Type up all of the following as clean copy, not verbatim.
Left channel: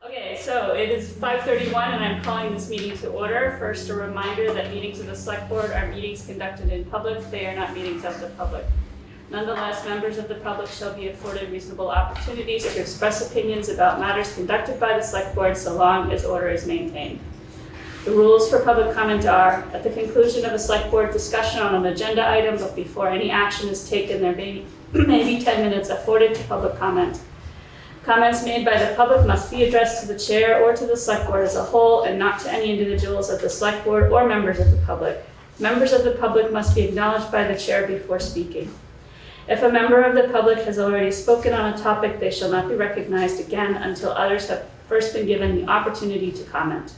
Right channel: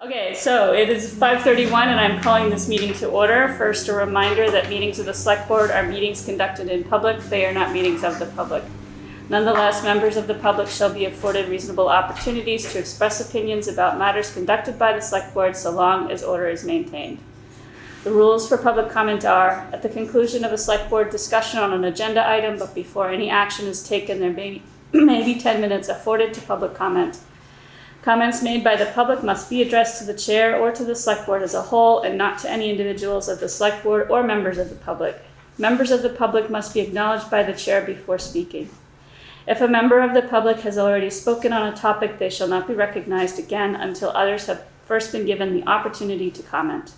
Okay, so it is 5:31 and I'm calling this meeting to order. First, a reminder that meetings of the Select Board are meetings conducted in public. They are not meetings of the public. Nonetheless, members of the public shall be afforded reasonable opportunities to express opinions about matters conducted by the Select Board so long as order is maintained. The rules for public comment are, at the conclusion of a Select Board discussion on an agenda item, but before any action is taken, there may be 10 minutes afforded to public comment. Comments made by the public must be addressed to the chair or to the Select Board as a whole and not to any individuals of the Select Board or members of the public. Members of the public must be acknowledged by the chair before speaking. If a member of the public has already spoken on a topic, they shall not be recognized again until others have first been given the opportunity to comment.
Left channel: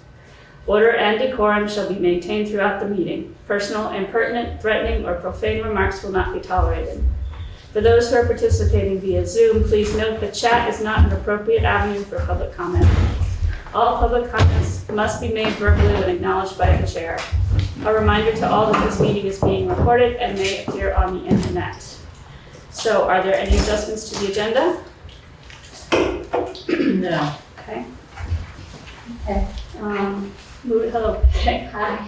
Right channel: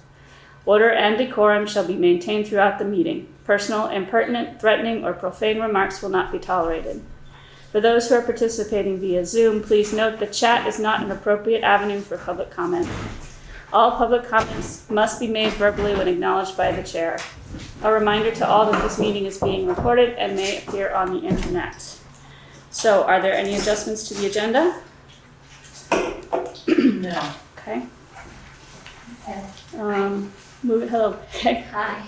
Order and decorum shall be maintained throughout the meeting. Personal, impertinent, threatening, or profane remarks will not be tolerated. For those who are participating via Zoom, please note that chat is not an appropriate avenue for public comment. All public comments must be made verbally when acknowledged by the chair. A reminder to all that this meeting is being recorded and may appear on the internet. So, are there any adjustments to the agenda? No. Okay. Okay. Hello. Hi.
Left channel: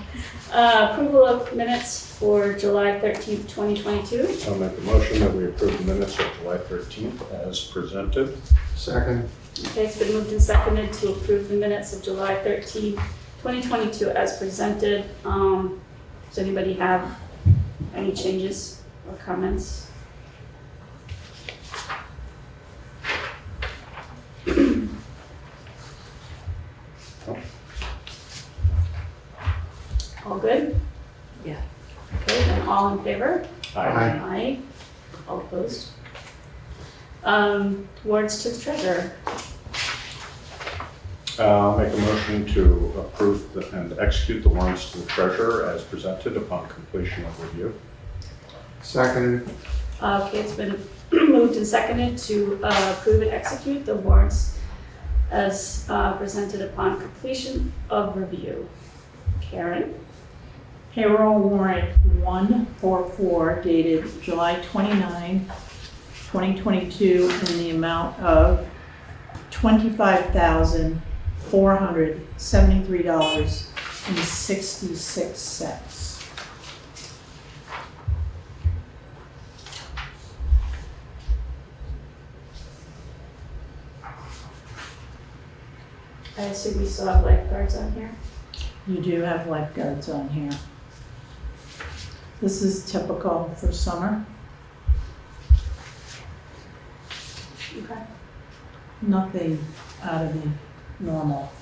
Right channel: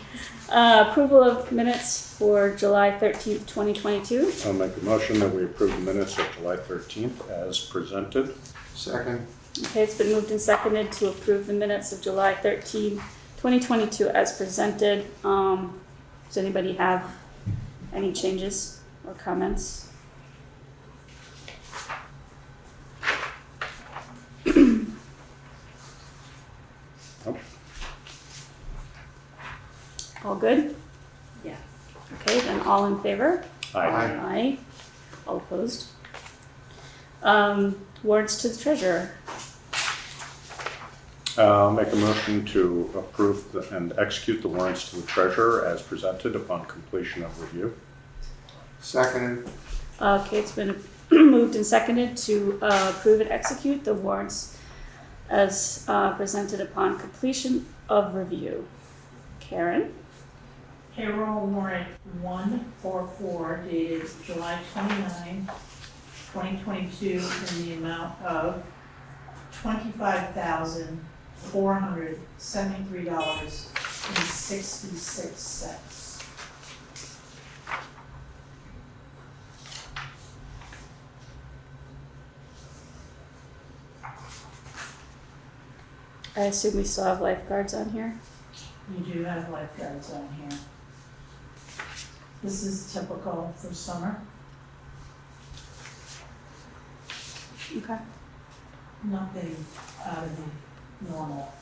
Approval of minutes for July 13th, 2022. I'll make a motion that we approve the minutes of July 13th as presented. Second. Okay, it's been moved and seconded to approve the minutes of July 13th, 2022 as presented. Does anybody have any changes or comments? All good? Yeah. Okay, then all in favor? Aye. Aye. All opposed? Warrants to the treasurer. Make a motion to approve and execute the warrants to the treasurer as presented upon completion of review. Seconded. Okay, it's been moved and seconded to approve and execute the warrants as presented upon completion of review. Karen? Payroll warrant 144 dated July 29, 2022 in the amount of $25,473.66. I assume we still have lifeguards on here. You do have lifeguards on here. This is typical for summer. Okay. Nothing out of the normal.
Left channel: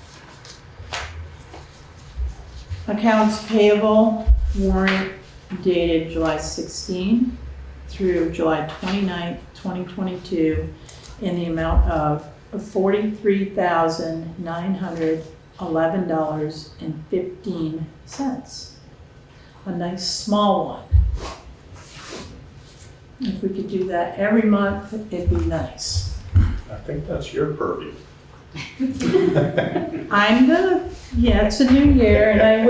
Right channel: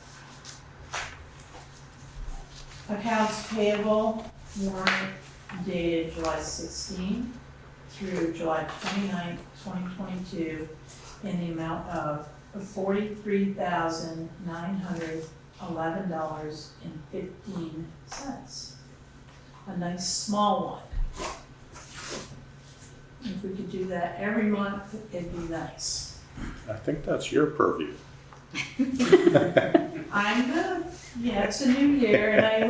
Accounts payable warrant dated July 16 through July 29, 2022 in the amount of $43,911.15. A nice small one. If we could do that every month, it'd be nice. I think that's your purview. I'm gonna, yeah, it's a new year and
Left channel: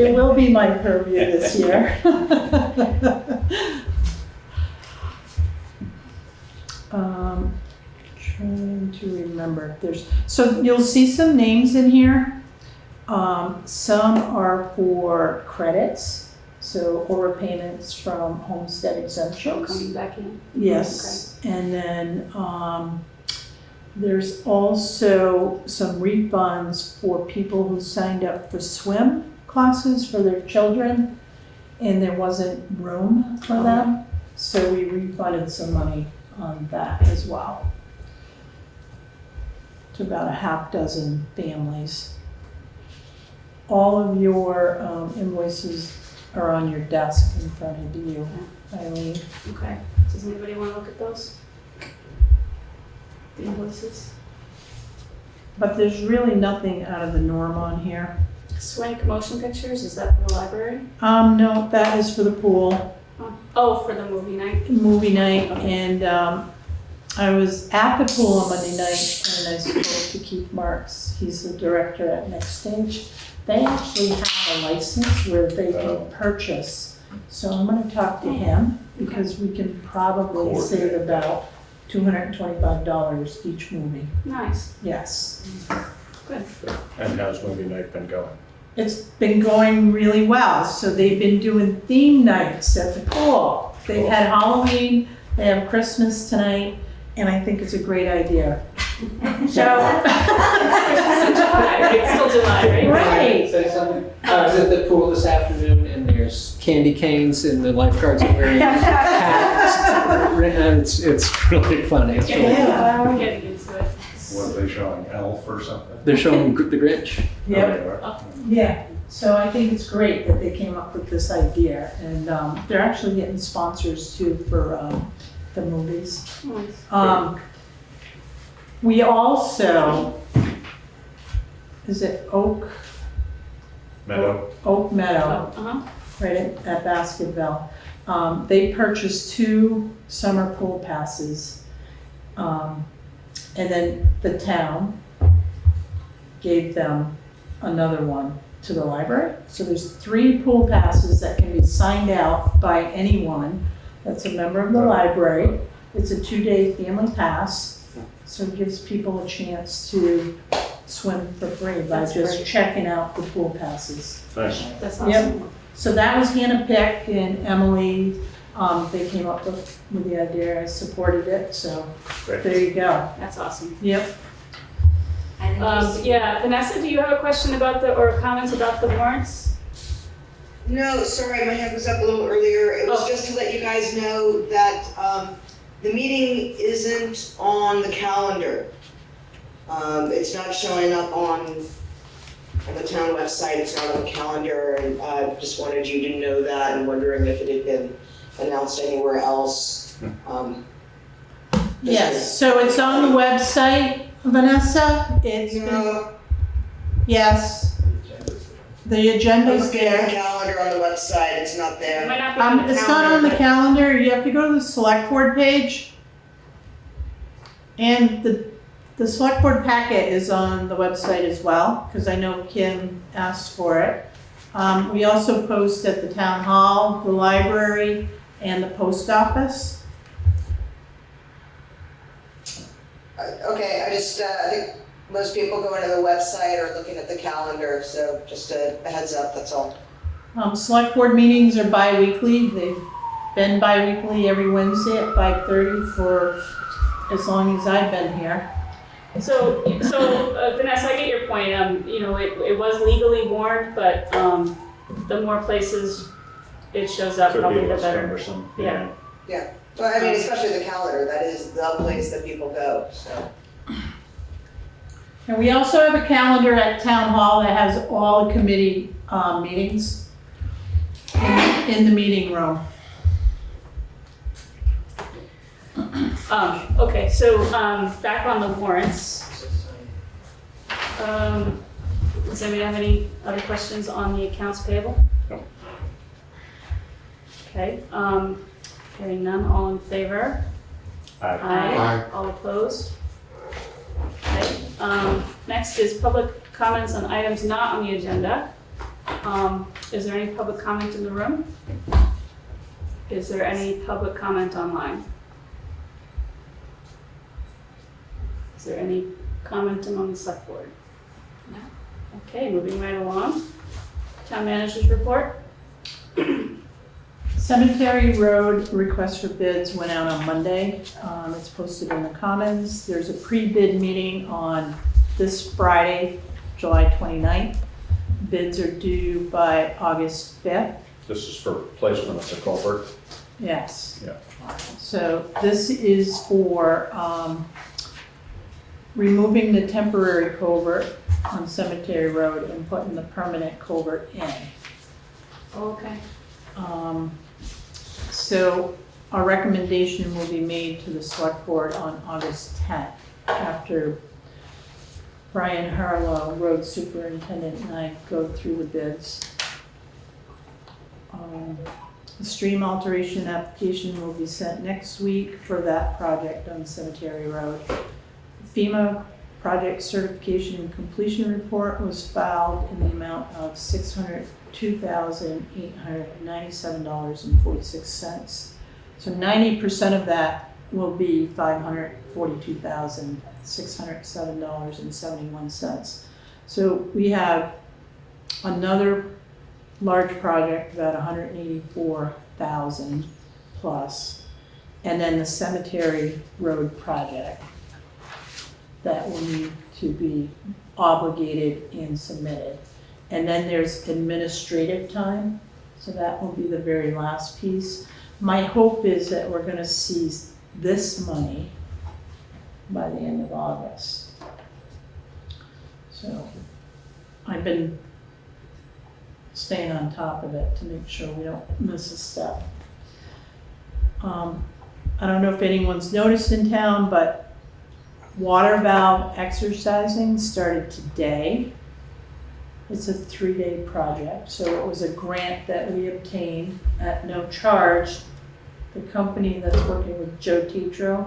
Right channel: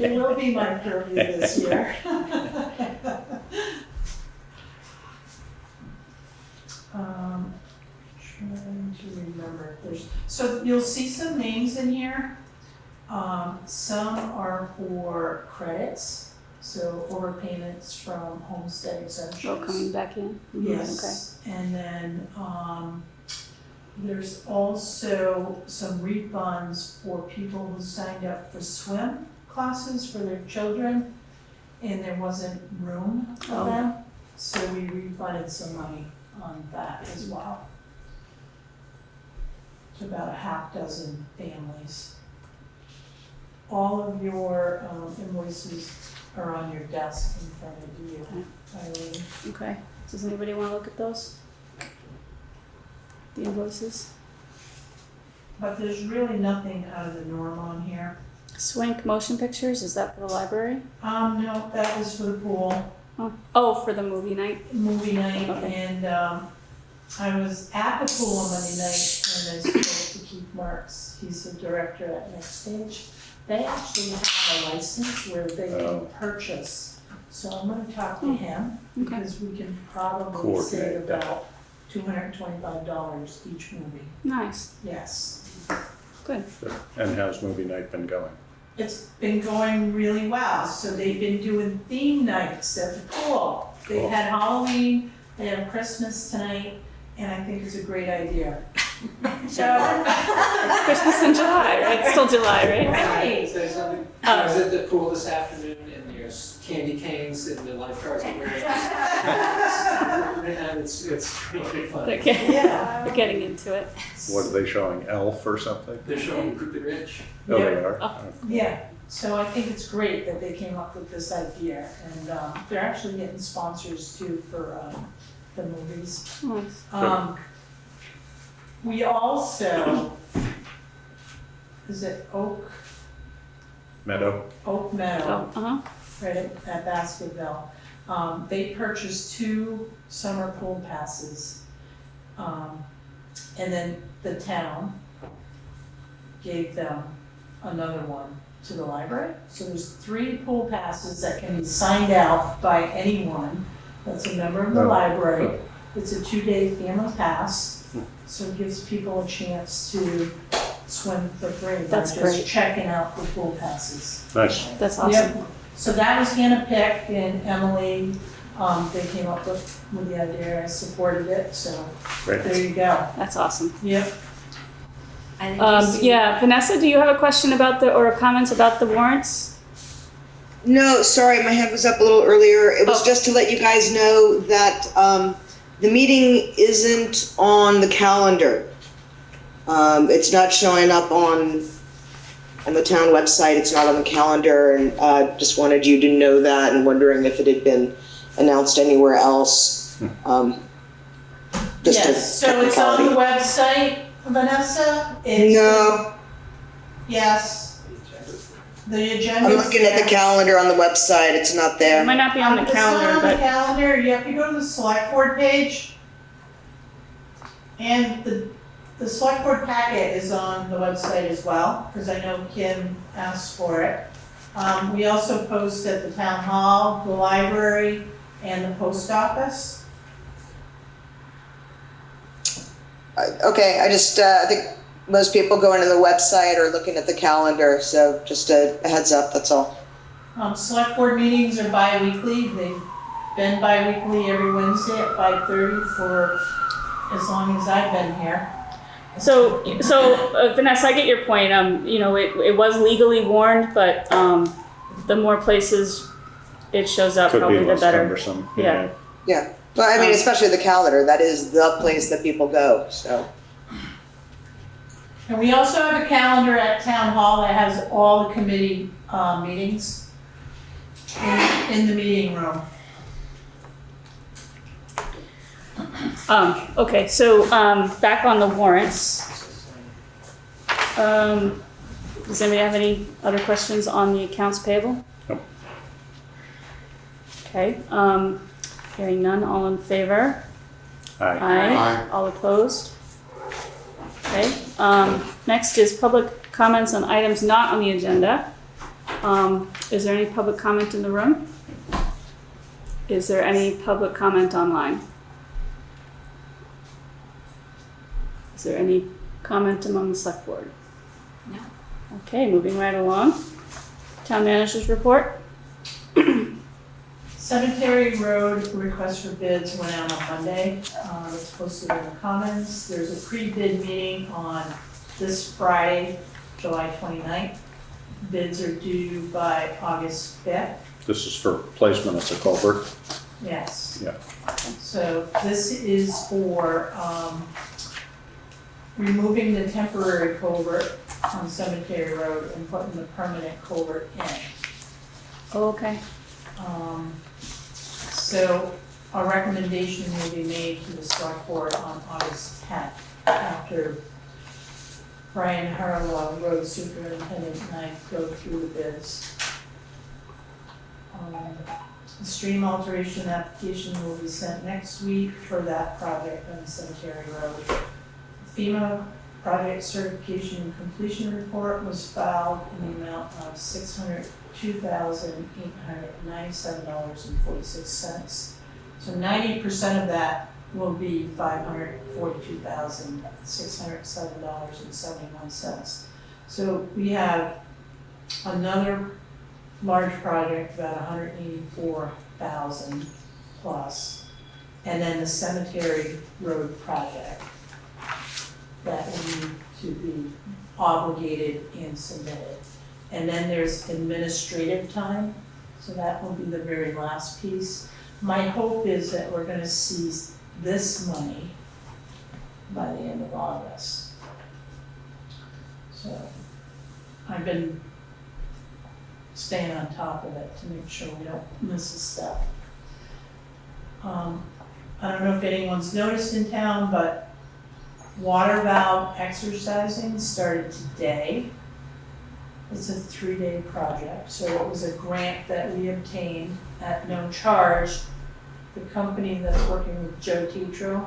it will be my purview this year. Trying to remember, so you'll see some names in here. Some are for credits, so overpayments from homestead exemptions. Coming back in. Yes, and then there's also some refunds for people who signed up for swim classes for their children and there wasn't room for them, so we refunded some money on that as well. To about a half dozen families. All of your invoices are on your desk in front of you, Eileen. Okay. Does anybody want to look at those? The invoices? But there's really nothing out of the norm on here. Swank motion pictures, is that for the library? No, that is for the pool, Oh, for the movie night? movie night, Okay. and I was at the pool on Monday night and I spoke to Keith Marks. He's the director at Next Stage. They actually have a license where they can purchase. So I'm gonna talk to him because we can probably save about $225 each movie. Nice. Yes. And how's movie night been going? It's been going really well. So they've been doing theme nights at the pool. They Cool. had Halloween, they have Christmas tonight, and I think it's a great idea. So, Christmas in July. It's still July, right? right. Say something. I was at the pool this afternoon and there's candy canes and the lifeguards are wearing hats. And it's really funny. Yeah. We're getting into it. What are they showing, Elf or something? They're showing the Grinch. Oh, Yeah. they are? Yeah, so I think it's great that they came up with this idea, and they're actually getting sponsors too for the movies. Nice. We also, is it Oak Meadow? Meadow, Uh-huh. right at Basketville? They purchased 2 summer pool passes, and then the town gave them another one to the library. So there's 3 pool passes that can be signed out by anyone that's a member of the Oh. library. It's a 2-day family pass, so it gives people a chance to swim for free by That's just great. checking out the pool passes. Nice. That's awesome. So that was Hannah Pick and Emily, they came up with the idea, I supported it, so there Great. you go. That's awesome. Yep. Yeah, Vanessa, do you have a question about or comments about the warrants? No, sorry, my hand was up a little earlier. It was Oh. just to let you guys know that the meeting isn't on the calendar. It's not showing up on the town website. It's not on the calendar, and just wanted you to know that and wondering if it had been announced anywhere else. Just a Yes, so it's on the website, Vanessa? It's No, Yes, the I'm agenda's looking at the there. calendar on the website. It's not It there. might not be on the It's not on calendar, the but calendar, you have to go to the select board page. And the select board packet is on the website as well, because I know Kim asked for it. We also post at the town hall, the library, and the post office. Okay, I just, I think most people go into the website or looking at the calendar, so just a heads up, that's all. Select board meetings are bi-weekly, they've been bi-weekly every Wednesday at 5:30 for as long as I've been here. so Vanessa, I get your point. It was legally warned, but the more places it shows up, Could probably be the less better. cumbersome. Yeah. Well, I mean, especially the calendar, that is the place that people go, so. And we also have a calendar at town hall that has all the committee meetings in the meeting room. Okay, so back on the warrants. Does anybody have any other questions on the accounts payable? No. Okay, hearing none, all in favor? Aye. Aye. All opposed? Okay, next is public comments on items not on the agenda. Is there any public comment in the room? Is there any public comment online? Is there any comment among the select board? No. Okay, moving right along. Town manager's report. Cemetery Road request for bids went out on Monday. It's posted in the Commons. There's a pre-bid meeting on this Friday, July 29th. Bids are due by August 5th. This is for placement of the culvert. Yes. Yeah. So this is for removing the temporary culvert on Cemetery Road and putting the permanent culvert in. Okay. So a recommendation will be made to the select board on August 10th after Brian Harlow, road superintendent, and I go through the bids. The stream alteration application will be sent next week for that project on Cemetery Road. FEMA project certification and completion report was filed in the amount of $602,897.46. So 90% of that will be $542,607.71. So we have another large project, about 184,000 plus, and then the cemetery road project that will need to be obligated and submitted. And then there's administrative time, so that will be the very last piece. My hope is that we're gonna see this money by the end of August. So I've been staying on top of it to make sure we don't miss a step. I don't know if anyone's noticed in town, but water valve exercising started today. It's a 3-day project, so it was a grant that we obtained at no charge. The company that's working with Joe Tetro,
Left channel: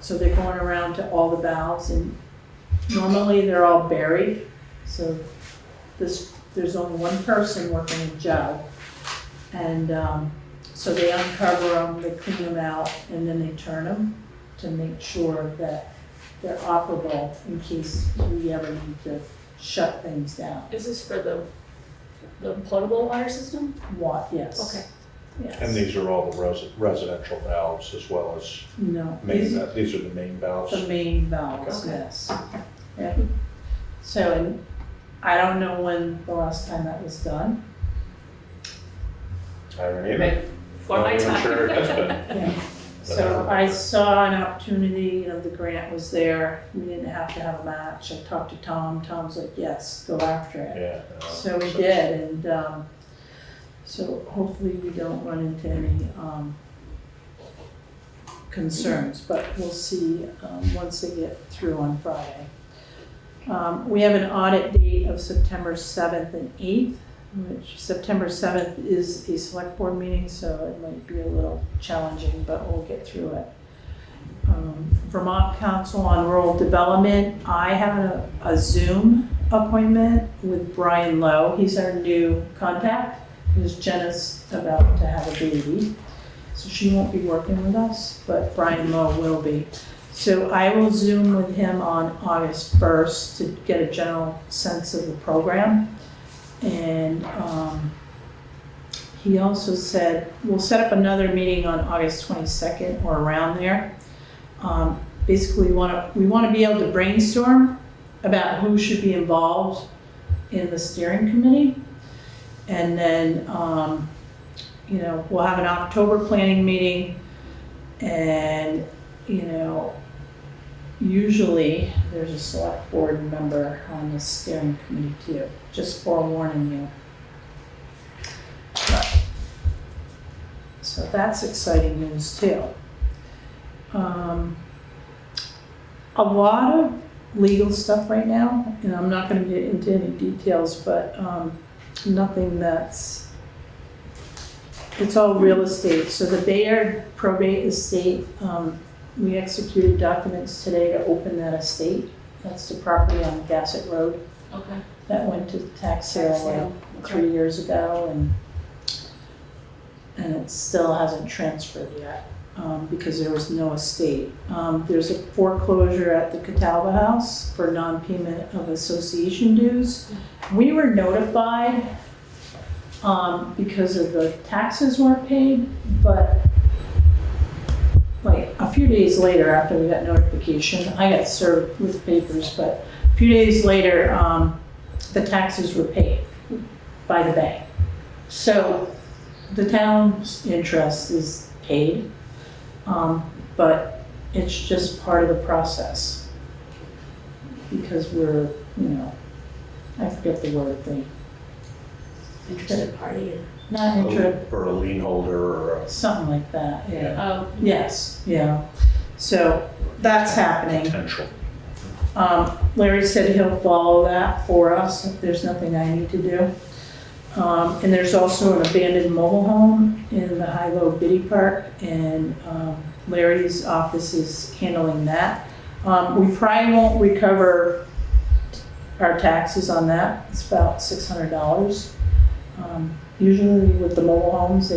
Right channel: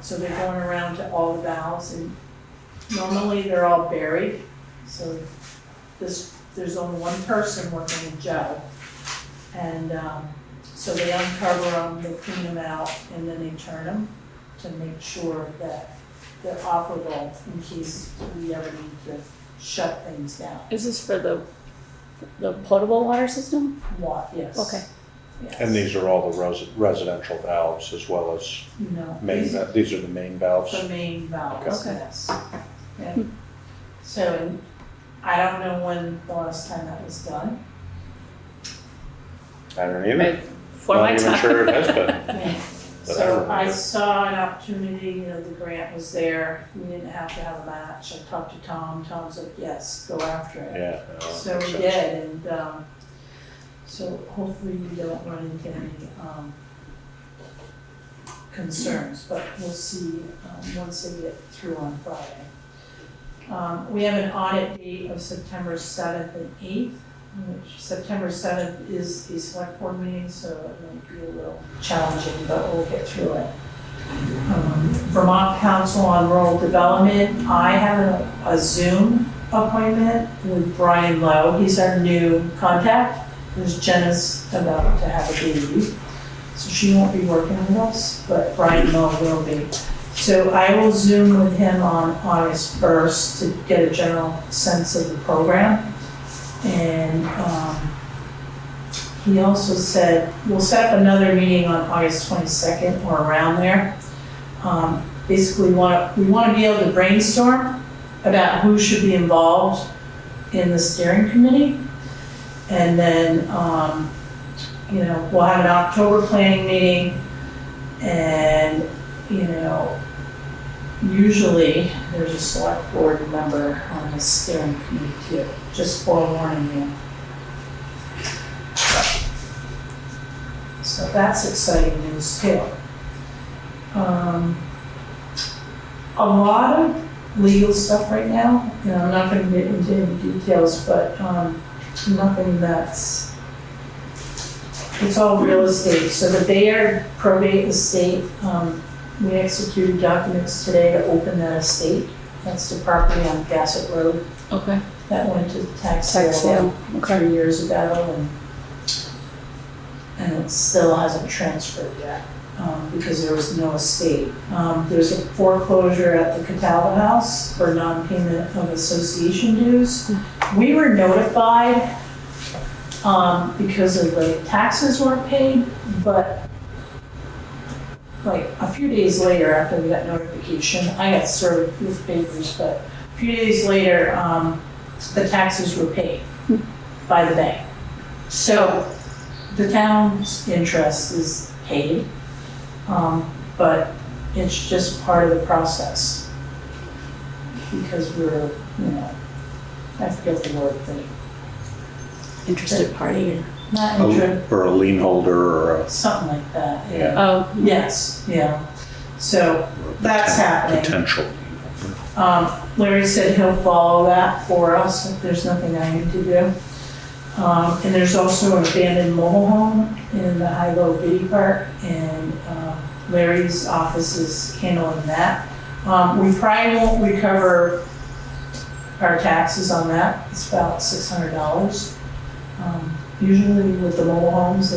so they're going around to all the valves, and normally they're all buried. So there's only one person working with Joe, and so they uncover them, they clean them out, and then they turn them to make sure that they're operable in case we ever need to shut things down. Is this for the potable water system? Yes. Okay. Yes. And these are all the residential valves as well as No, these are the main valves? the main valves, Okay. yes. Yeah. So I don't know when the last time that was done. I don't either. For Not my even time. sure it has been. Yeah. But So I- I saw an opportunity, the grant was there, we didn't have to have a match. I talked to Tom, Tom's like, yes, go after it. Yeah. So we did, and so hopefully we don't run into any concerns, but we'll see once they get through on Friday. We have an audit date of September 7th and 8th, which September 7th is a select board meeting, so it might be a little challenging, but we'll get through it. Vermont Council on Rural Development, I have a Zoom appointment with Brian Lowe. He's our new contact, because Jenna's about to have a baby, so she won't be working with us, but Brian Lowe will be. So I will Zoom with him on August 1st to get a general sense of the program. And he also said, we'll set up another meeting on August 22nd or around there. Basically, we want to be able to brainstorm about who should be involved in the steering committee. And then, we'll have an October planning meeting, and, usually there's a select board member on the steering committee too, just forewarning you. So that's exciting news too. A lot of legal stuff right now, and I'm not gonna get into any details, but nothing that's, it's all real estate. So the Bayard probate estate, we executed documents today to open that estate. That's the property on Gassett Road Okay. that went to tax Tax sale sale, okay. 3 years ago, and it still hasn't transferred yet, because there was no estate. There's a foreclosure at the Catalba House for non-payment of association dues. We were notified, because of the taxes weren't paid, but like a few days later after we got notification, I got served with papers, but a few days later, the taxes were paid by the bank. So the town's interest is paid, but it's just part of the process. Because we're, I forget the word, but Interested party. not interested, Or a lien holder or a something like that, yeah. Oh, Yes, yeah. So that's happening. potential. Larry said he'll follow that for us if there's nothing I need to do. And there's also an abandoned mobile home in the High-Low Biddy Park, and Larry's office is handling that. We probably won't recover our taxes on that. It's about $600. Usually with the mobile homes,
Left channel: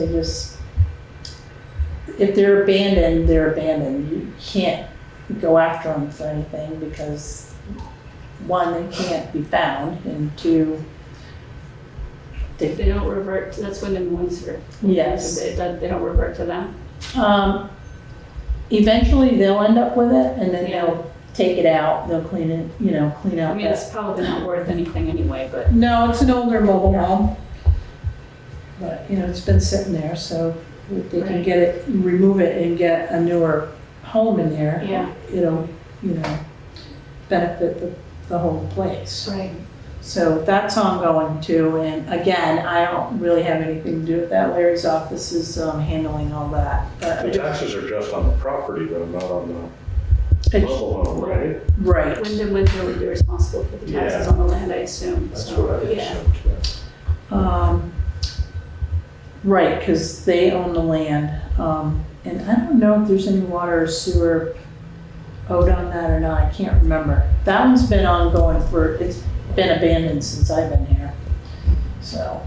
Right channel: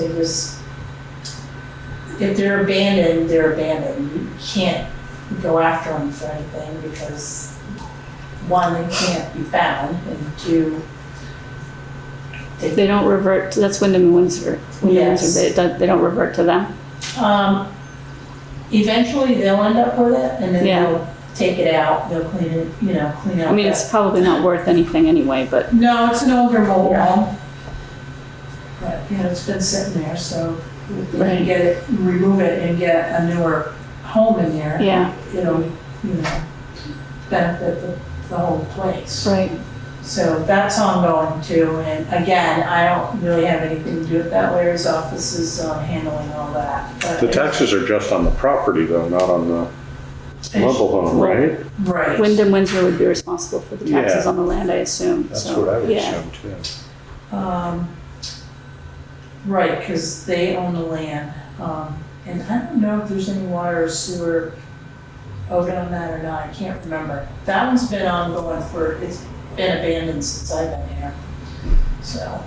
if they're abandoned, they're abandoned. You can't go after them for anything because one, they can't be found, and two, They don't revert to, that's Wyndham and Windsor. Yes. They don't revert to them. Eventually they'll end up with it and then Yeah. they'll take it out, they'll clean it, clean out. I mean, it's that- probably not worth anything anyway, but No, it's an older mobile home. But, it's been sitting there, so if we can Right. get it, remove it and get a newer home in there. yeah, It'll, benefit the whole place. right. So that's ongoing too, and again, I don't really have anything to do with that. Larry's office is handling all that. But The taxes are just on the property though, not on the mobile home, right? Right. Wyndham Windsor would be responsible for the taxes Yeah. on the land, I assume. That's So, what I would yeah. assume too. Right, because they own the land. And I don't know if there's any water or sewer owed on that or not, I can't remember. That one's been ongoing it's been abandoned since I've been here. So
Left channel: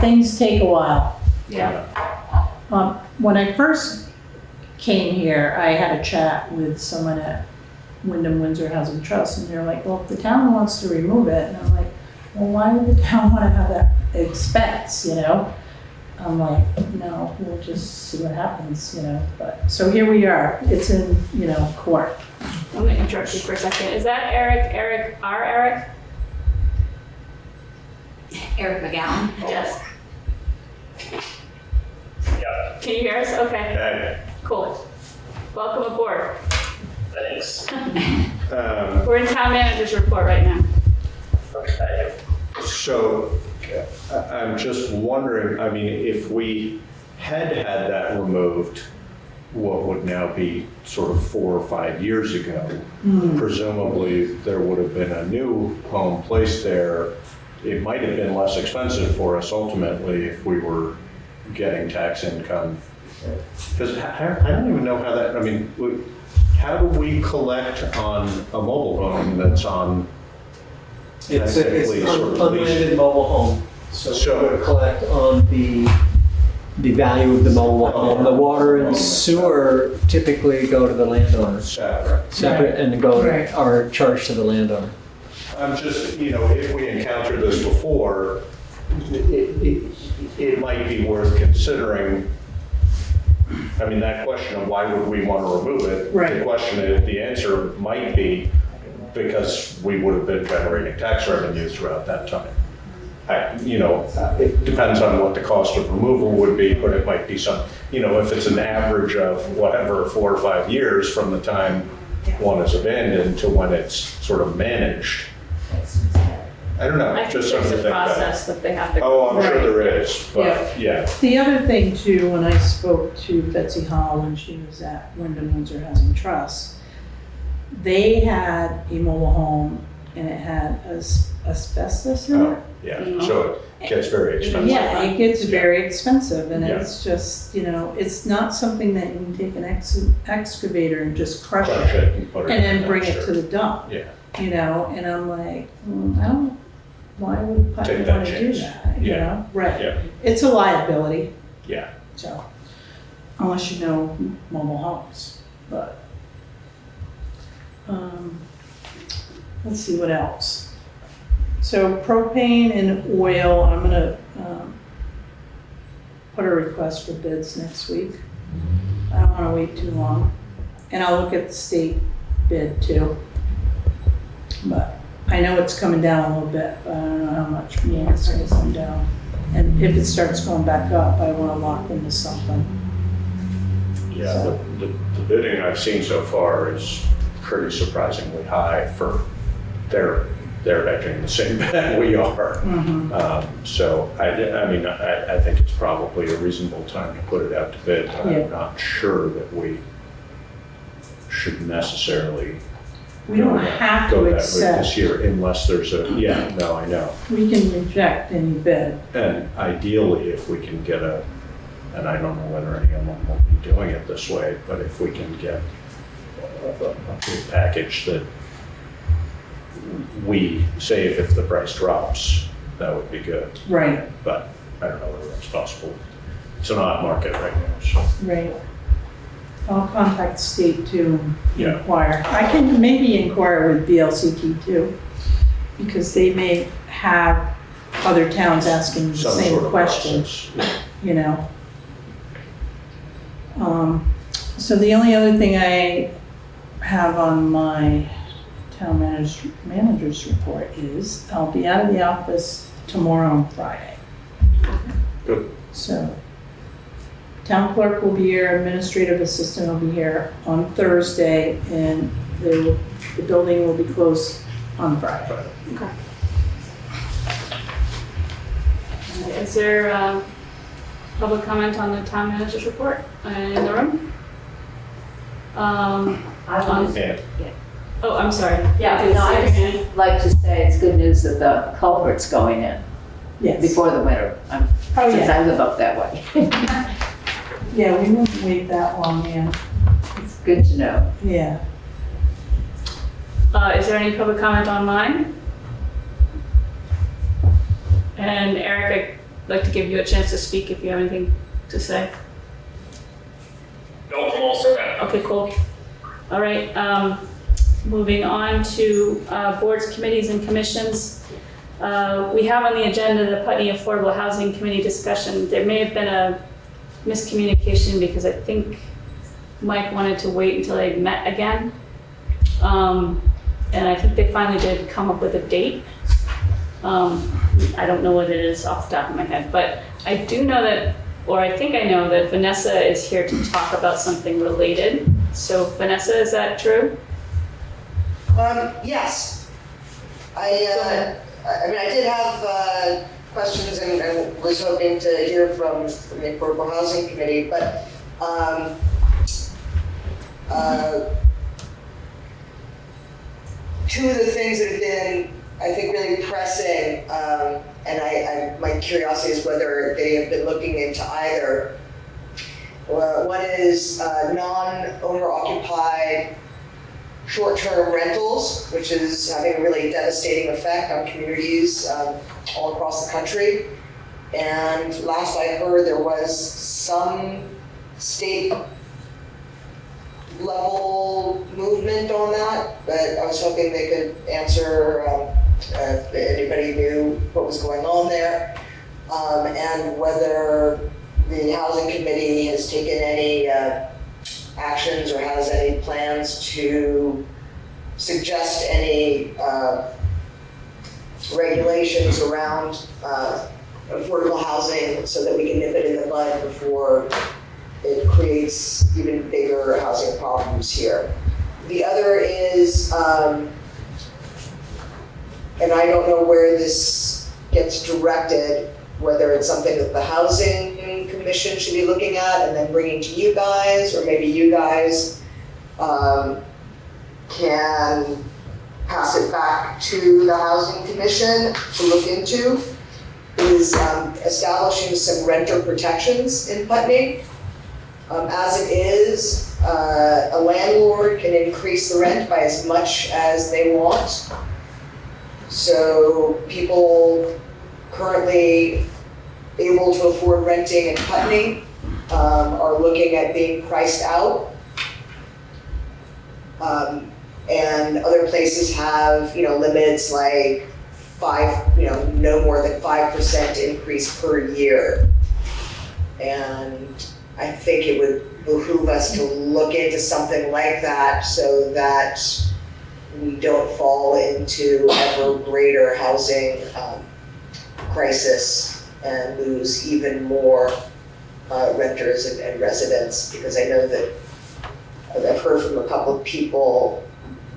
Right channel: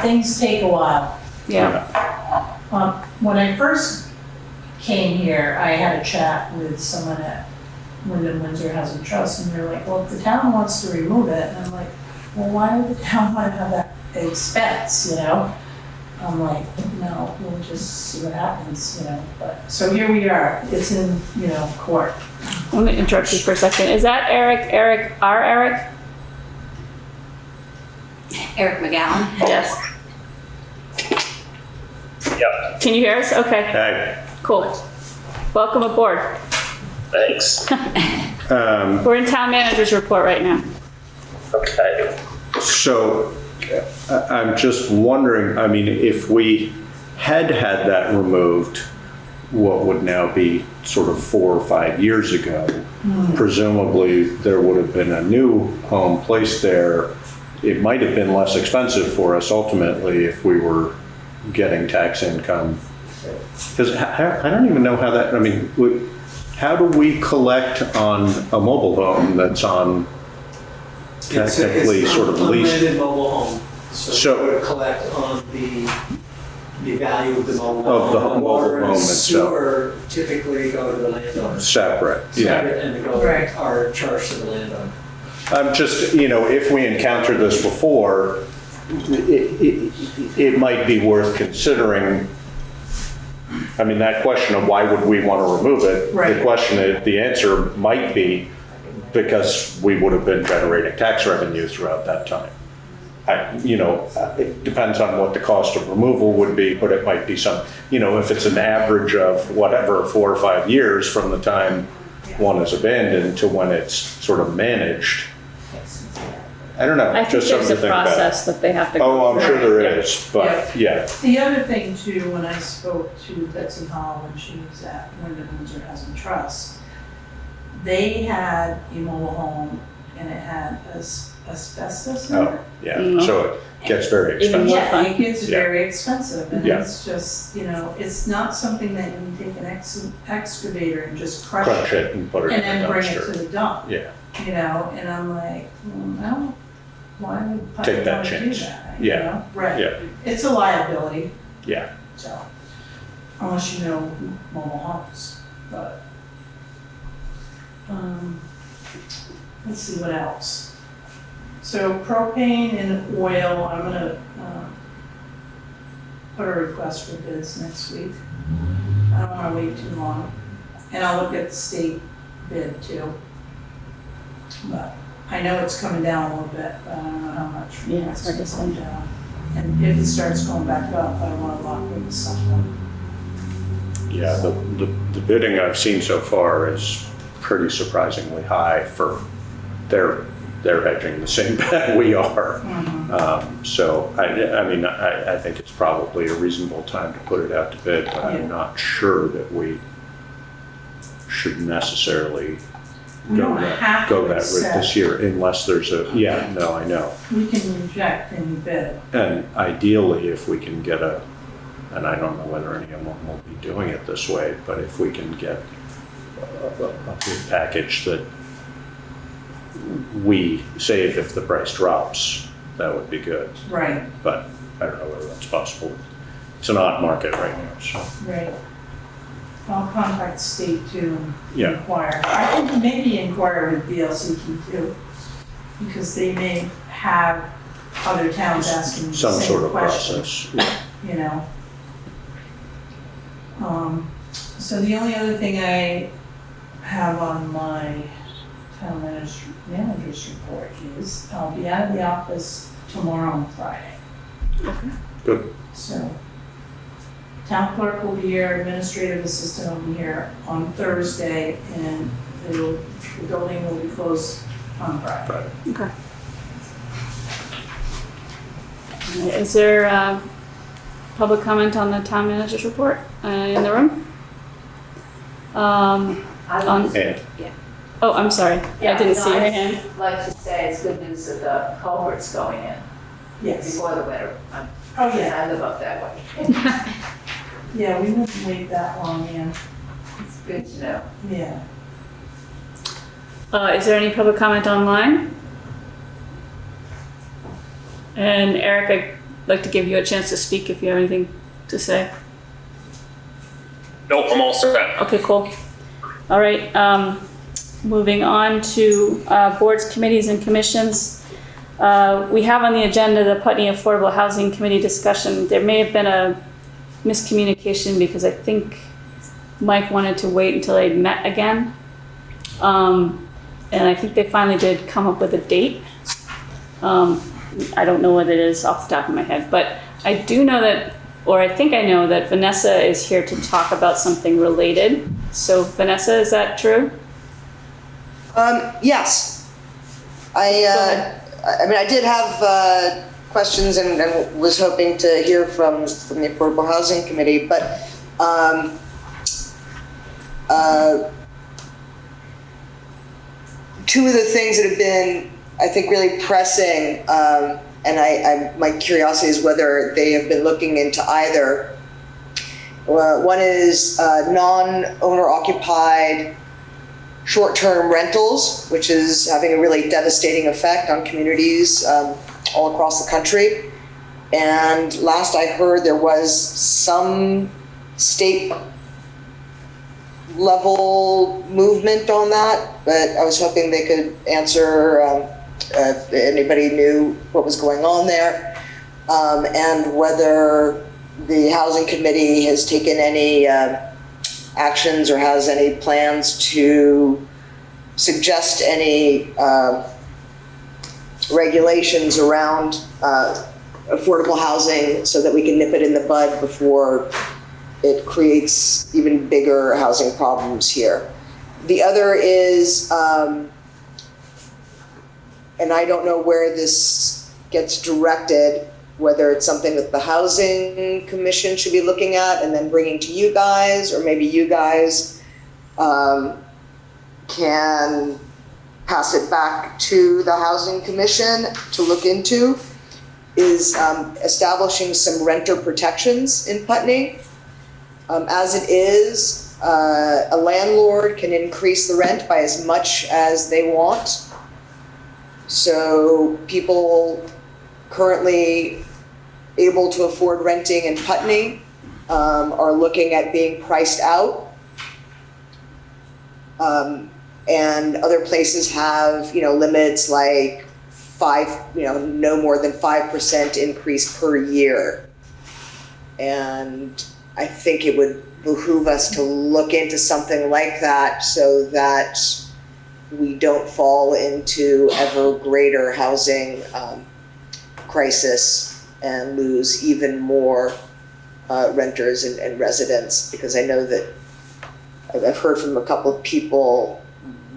things take a while. Yeah, When I first came here, I had a chat with someone at Wyndham Windsor Housing Trust, and they're like, well, if the town wants to remove it, and I'm like, well, why would the town want to have that expense, I'm like, no, we'll just see what happens, but, so here we are, it's in, court. I'm gonna interrupt you for a second. Is that Eric, our Eric? Eric McGowan. Yes. Yep. Can you hear us? Okay, Hey, cool. Welcome aboard. thanks. We're in town manager's report right now. Okay. So I'm just wondering, I mean, if we had that removed, what would now be sort of 4 or 5 years ago, presumably there would have been a new home placed there. It might have been less expensive for us ultimately if we were getting tax income. Because I don't even know how that, I mean, how do we collect on a mobile home that's on technically sort of leased? It's an unlimited mobile home, so we would collect on the value of the mobile Of home. the The water mobile and home sewer typically go to the landowner. Separate, yeah. Separate, and Right. are charged to the landowner. I'm just, if we encountered this before, it might be worth considering. I mean, that question of why would we want to remove it? Right. The question is, the answer might be because we would have been generating tax revenue throughout that time. It depends on what the cost of removal would be, but it might be some, if it's an average of whatever, 4 or 5 years from the time one is abandoned to when it's sort of managed. I don't know, I think just there's something to a think about. process that they have to Oh, go I'm through. sure there is, but yeah. The other thing too, when I spoke to Betsy Hall when she was at Wyndham Windsor Housing Trust, they had a mobile home and it had asbestos in it. Oh, yeah, so it gets very expensive. Yeah, it gets Yeah. very expensive and Yeah. it's just, it's not something that you can take an excavator and just crush Crush it it and put it and in then the bring it to dumpster. the dump. Yeah, And I'm like, I don't, why would I Take that want to do chance. that? Yeah. Right. yeah, It's a liability, yeah. so, unless you know mobile homes, but, let's see what else. So propane and oil, I'm gonna, put a request for bids next week. I don't wanna wait too long, and I'll look at the state bid too. But I know it's coming down a little bit, but I don't know how much more it's gonna come down. And if it starts going back up, I wanna lock into something. Yeah, the bidding I've seen so far is pretty surprisingly high for they're hedging the same bet we are. So I think it's probably a reasonable time to put it out to bid, but Yeah. I'm not sure that we should necessarily We don't have go to that route accept, this year unless there's I know. we can reject any bid. And ideally, if we can get and I don't know whether anyone will be doing it this way, but if we can get a bid package that we say if the price drops, that would be good. Right. But I don't know whether that's possible It's an odd market right now, so, Right. I'll contact state too and yeah. inquire. I can maybe inquire with VLCT too, because they may have other towns asking the Some same sort of question, process. Yeah. you know. So the only other thing I have on my town manager's report is I'll be out of the office tomorrow and Friday. Good. So, town clerk will be here, administrative assistant will be here on Thursday, and the building will be closed on Friday. Okay. Is there public comment on the town manager's report in the room? And Oh, I'm sorry. I Yeah, didn't no, see your I hand. just like to say it's good news that the culvert's going in Yes. before the winter, Oh, since yeah. I live up that way. Yeah, we wouldn't wait that long, yeah. It's good to know. Yeah. Is there any public comment online? And Eric, I'd like to give you a chance to speak if you have anything to say. Nope, I'm all set. Okay, cool. All right, moving on to boards, committees, and commissions. We have on the agenda the Putney Affordable Housing Committee discussion. There may have been a miscommunication because I think Mike wanted to wait until they met again. And I think they finally did come up with a date. I don't know what it is off the top of my head, but I do know that, or I think I know that Vanessa is here to talk about something related. So Vanessa, is that true? Yes. I did have questions and was hoping to hear from the Affordable Housing Committee, but two of the things that have been, I think, really pressing, and my curiosity is whether they have been looking into either. One is non-owner occupied short-term rentals, which is having a really devastating effect on communities all across the country. And last I heard, there was some state level movement on that, but I was hoping they could answer if anybody knew what was going on there, and whether the housing committee has taken any actions or has any plans to suggest any regulations around affordable housing so that we can nip it in the bud before it creates even bigger housing problems here. The other is, and I don't know where this gets directed, whether it's something that the Housing Commission should be looking at and then bringing to you guys, or maybe you guys can pass it back to the Housing Commission to look into, is establishing some renter protections in Putney. As it is, a landlord can increase the rent by as much as they want. So people currently able to afford renting in Putney are looking at being priced out. And other places have, limits like no more than 5% increase per year. And I think it would behoove us to look into something like that so that we don't fall into ever greater housing crisis and lose even more renters and residents, because I know that I've heard from a couple of people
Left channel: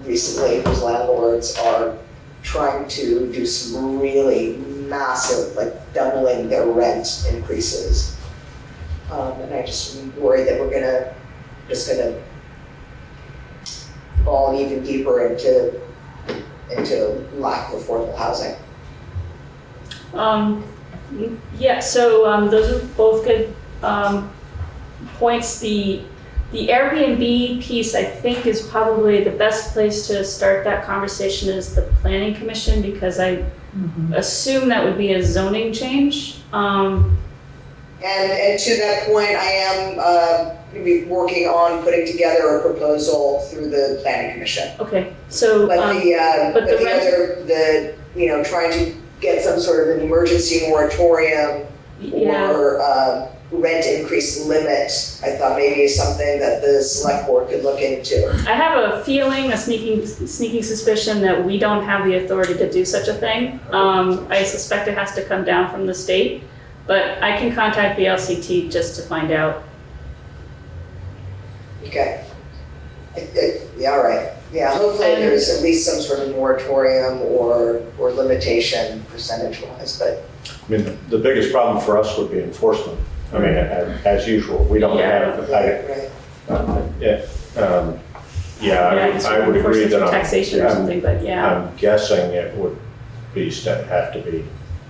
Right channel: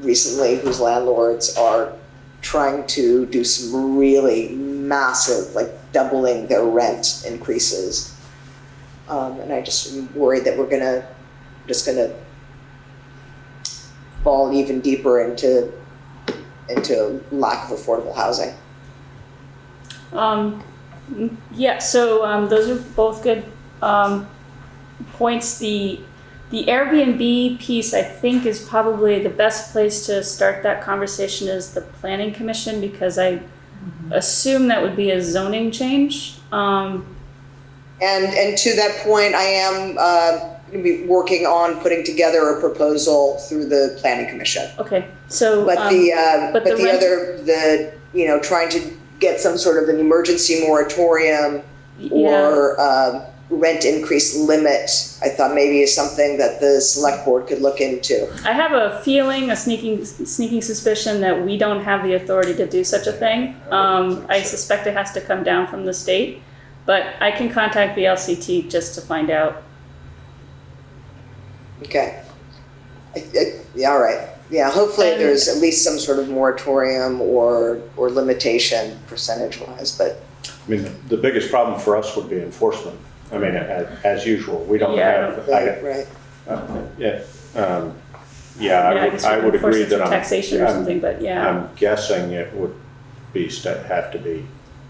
recently whose landlords are trying to do some really massive, like doubling their rent increases. And I just worry that we're just gonna fall even deeper into lack of affordable housing. Yeah, so those are both good points. The Airbnb piece, I think, is probably the best place to start that conversation is the Planning Commission, because I assume that would be a zoning change. And to that point, I am going to be working on putting together a proposal through the planning commission. Okay, so, But but the rent- trying to get some sort of an emergency moratorium yeah, or rent increase limit, I thought maybe is something that the select board could look into. I have a feeling, a sneaking suspicion that we don't have the authority to do such a thing. I suspect it has to come down from the state, but I can contact VLCT just to find out. Okay. Yeah, all right. Yeah, hopefully And- there's at least some sort of moratorium or limitation percentage-wise, but I mean, the biggest problem for us would be enforcement. I mean, as usual, we don't Yeah. have, right. I would agree that Taxation or something, but yeah, I'm guessing it would have to be,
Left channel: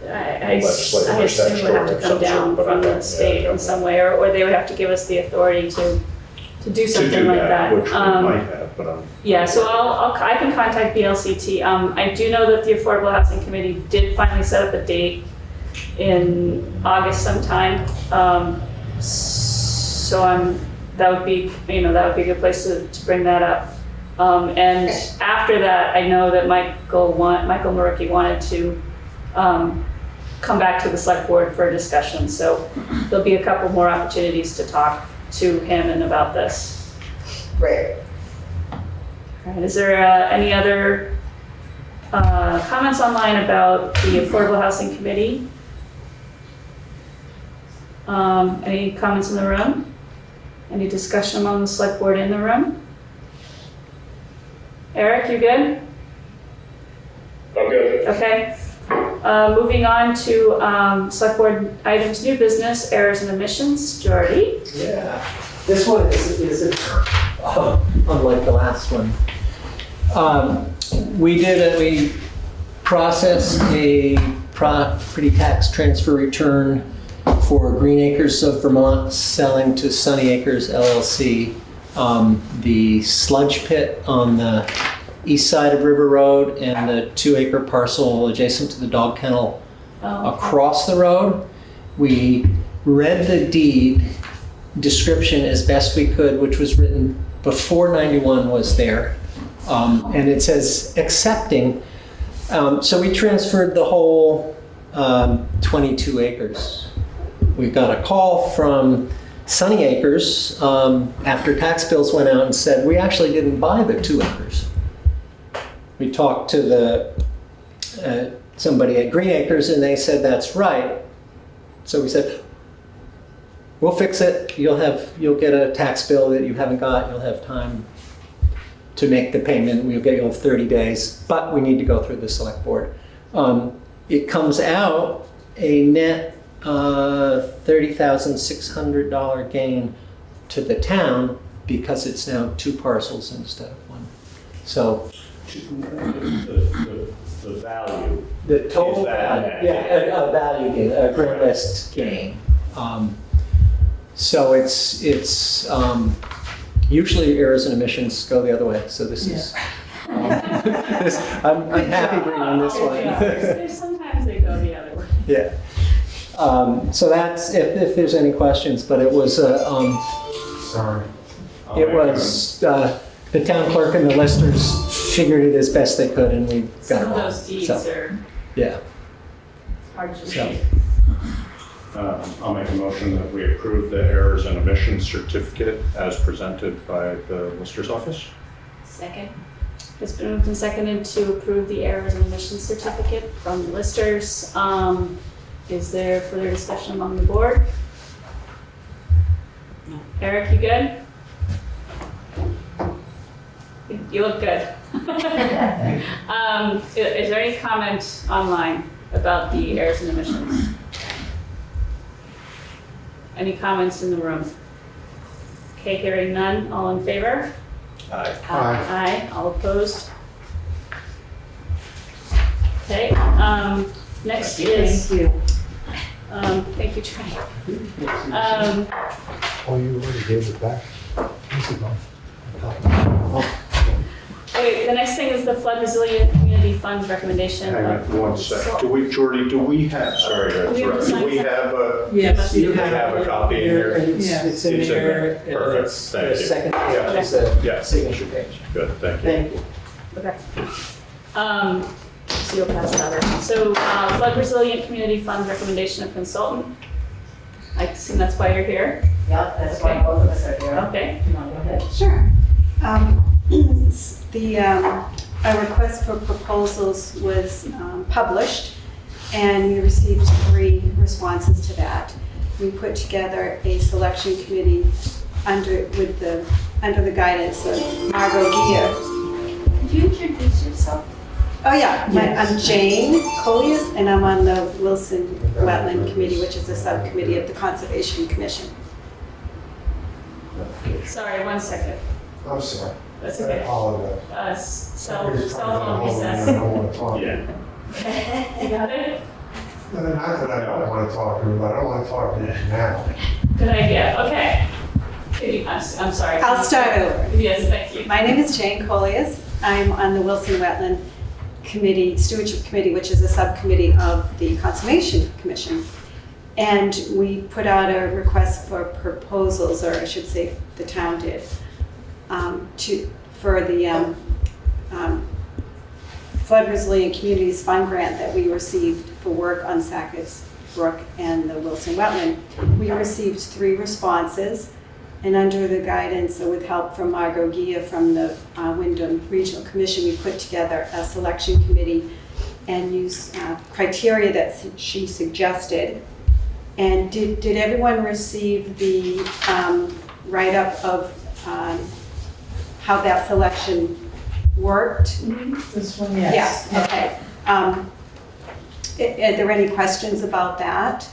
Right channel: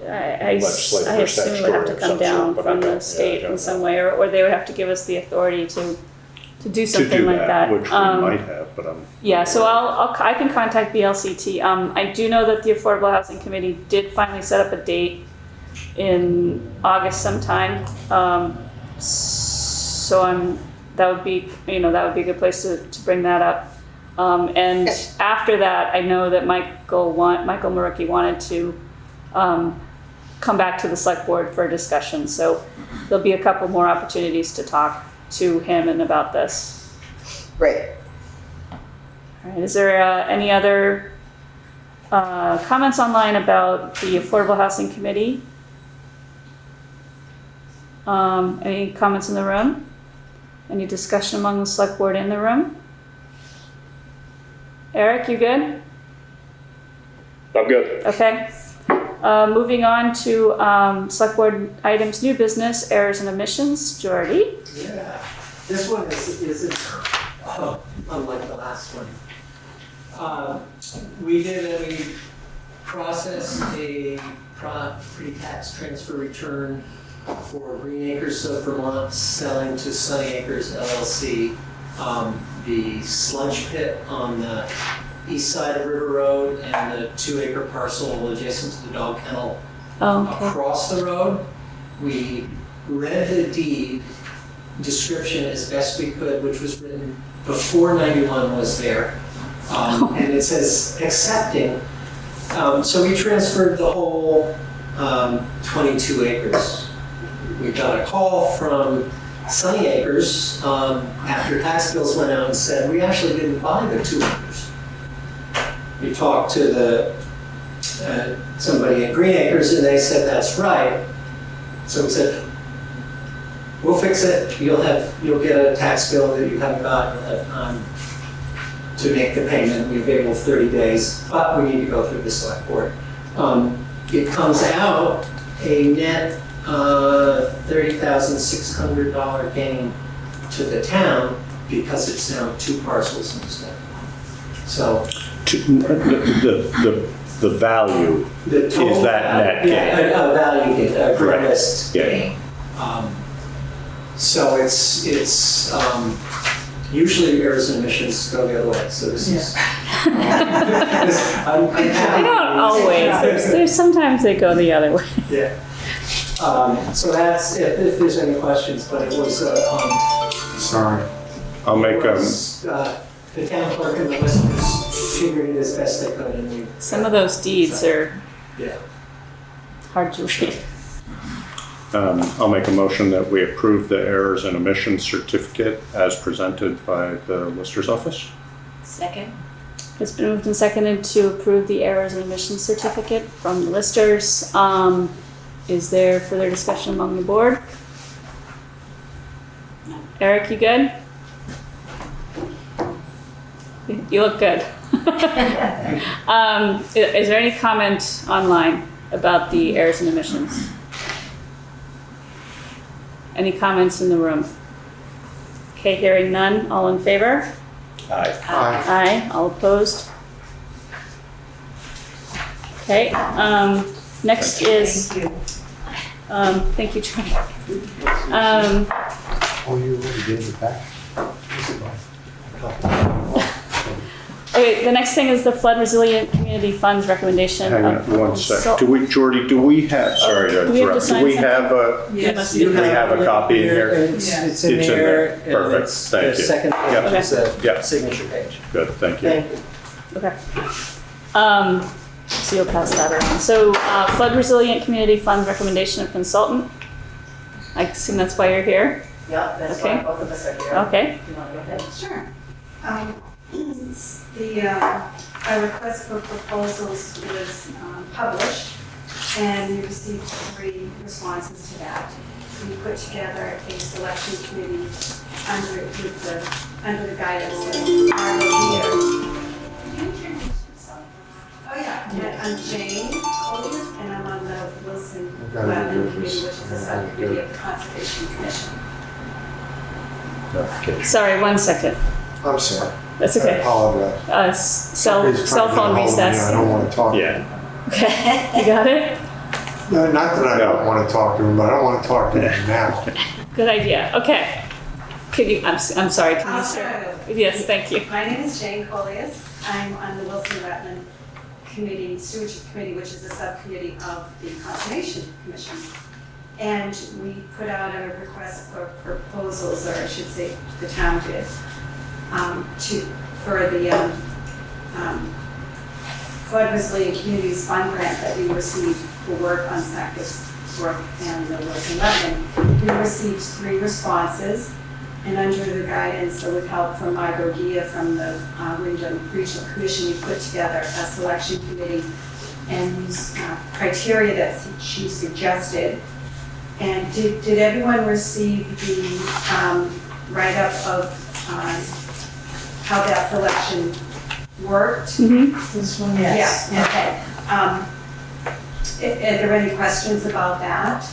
I legislative or assume it would have to statutory of come some down sort, but I from the don't- state yeah, in some way, or they would have to give us the authority to do to something do like that, that. which we might have, but I'm. Yeah, so I can contact BLCT. I do know that the Affordable Housing Committee did finally set up a date in August sometime. So that would be a good place to bring that up. And after that, I know that Michael Mrowicki wanted to come back to the select board for a discussion. So there'll be a couple more opportunities to talk to him and about this. Right. All right, is there any other comments online about the Affordable Housing Committee? Any comments in the room? Any discussion among the select board in the room? Eric, you good? I'm good. Okay. Moving on to select board items, new business, errors and omissions. Jordy? Yeah, this one isn't unlike the last one. We processed a property tax transfer return for Green Acres of Vermont selling to Sunny Acres LLC. The sludge pit on the east side of River Road and the 2-acre parcel adjacent to the dog kennel across the road. We read the deed description as best we could, which was written before 91 was there. And it says accepting. So we transferred the whole 22 acres. We got a call from Sunny Acres after tax bills went out and said, we actually didn't buy the 2 acres. We talked to somebody at Green Acres and they said, that's right. So we said, we'll fix it. You'll get a tax bill that you haven't got. You'll have time to make the payment. We have able 30 days, but we need to go through the select board. It comes out a net $30,600 gain to the town because it's now 2 parcels instead. So The value the total is that value, net gain. a value gain, a gross Yeah. gain. So it's usually errors and omissions go the other way. So this is. They don't always. There's sometimes they go the other way. Yeah. So that's if there's any questions, but it was Sorry. I'll make the town clerk and the listers figured it as best they could, and we Some got of those deeds are yeah. hard to read. I'll make a motion that we approve the errors and omissions certificate as presented by the Lister's office. Second. It's been moved and seconded to approve the errors and omissions certificate from the listers. Is there further discussion among the board? Eric, you good? You look good. Is there any comment online about the errors and omissions? Any comments in the room? Okay, hearing none. All in favor? Aye. Aye. All opposed? Okay, next is, Thank you. thank you, Trey. Oh, you already gave it back? This is mine. Okay, the next thing is the flood resilient community funds recommendation. Hang on of for one sec. consult- Do we, Jordy, do we have, sorry to Do we have to interrupt, sign do we something? have a, Yes, do we have a copy in here? It's Yes. it's in It's in there. there. Perfect. and it's Thank the you. second Yeah. page is a Yeah. signature page. Good, thank you. Thank you. Okay. So you'll pass that around. So flood resilient community fund recommendation of consultant. I assume that's why you're here. Yeah, that's why Okay. both of us are here. Okay. You wanna go ahead? Sure. Our request for proposals was published, and we received 3 responses to that. We put together a selection committee under the guidance of Margot here. Could you introduce yourself? Oh, yeah, I'm Jane Colliers, and I'm on the Wilson Wetland Committee, which is a subcommittee of the Conservation Commission. Sorry, 1 second. I'm sorry. That's I okay. apologize. Cell Somebody's phone trying to get a hold of me, recess. I don't want to talk to Yeah. them. Okay, you got it? No, not that I don't want to talk to them, but I don't want to talk to them now. Good idea. Okay. Could you? I'm sorry. can I'll you start over. Yes, thank you. My name is Jane Colliers. I'm on the Wilson Wetland Committee, Stewardship Committee, which is a subcommittee of the Conservation Commission. And we put out a request for proposals, or I should say the town did, for the Flood Resilient Communities Fund grant that we received for work on Sackers Brook and the Wilson Wetland. We received 3 responses. And under the guidance or with help from Margot Gia from the Wyndham Regional Commission, we put together a selection committee and used criteria that she suggested. And did everyone receive the write-up of how that selection worked? This one, yes. Yeah, okay. Are there any questions about that?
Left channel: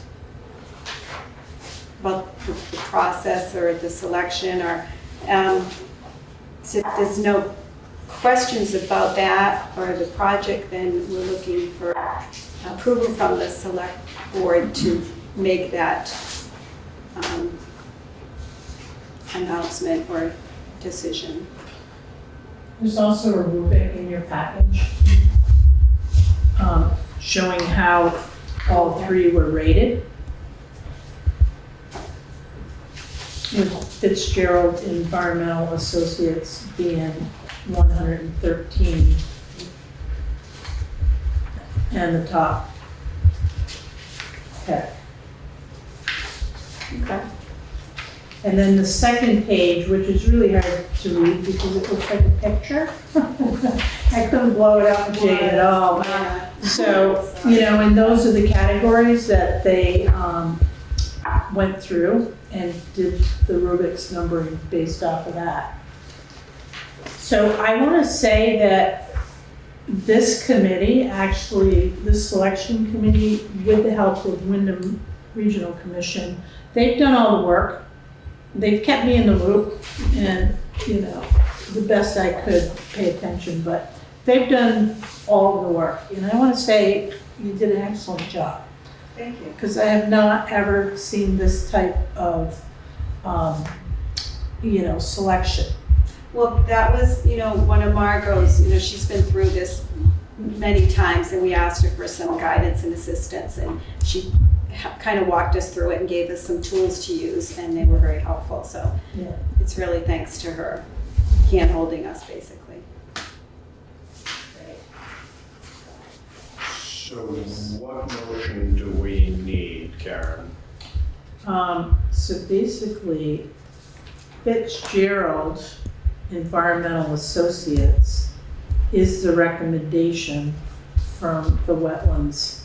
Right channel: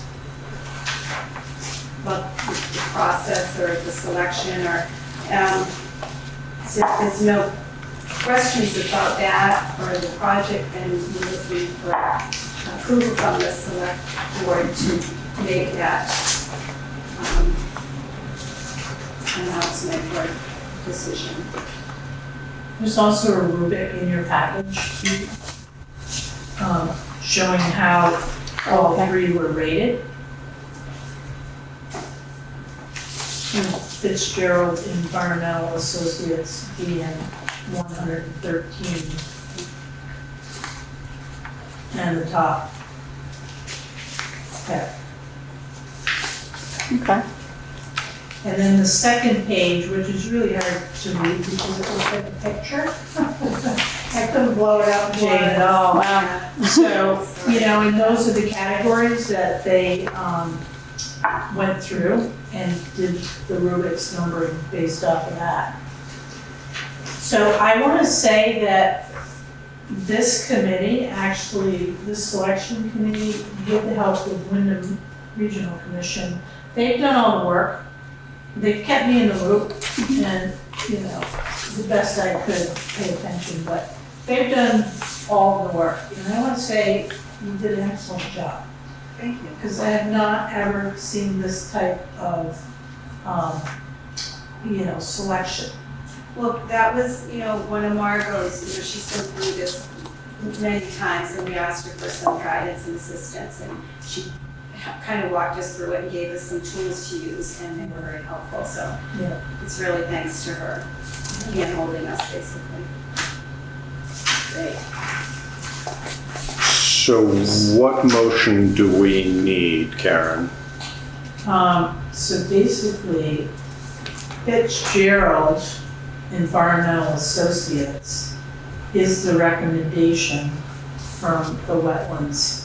About the process or the selection, or so if there's no questions about that or the project, then we're looking for approval from the select board to make that announcement or decision. There's also a rubric in your package showing how all 3 were rated. Fitzgerald Environmental Associates being 113 and the top pick. Okay. And then the second page, which is really hard to read because it looks like a picture. I couldn't blow it up, Jane, at all. So, and those are the categories that they went through and did the rubrics numbering based off of that. So I want to say that this committee, actually, this selection committee, with the help of Wyndham Regional Commission, they've done all the work. They've kept me in the loop and, the best I could pay attention, but they've done all the work. And I want to say you did an excellent job. Thank you. Because I have not ever seen this type of, selection. Well, that was, one of Margot's, she's been through this many times, and we asked her for some guidance and assistance, and she kind of walked us through it and gave us some tools to use, and they were very helpful, so Yeah. it's really thanks to her hand-holding us, basically. Great. So what motion do we need, Karen? So basically, Fitzgerald Environmental Associates is the recommendation from the Wetlands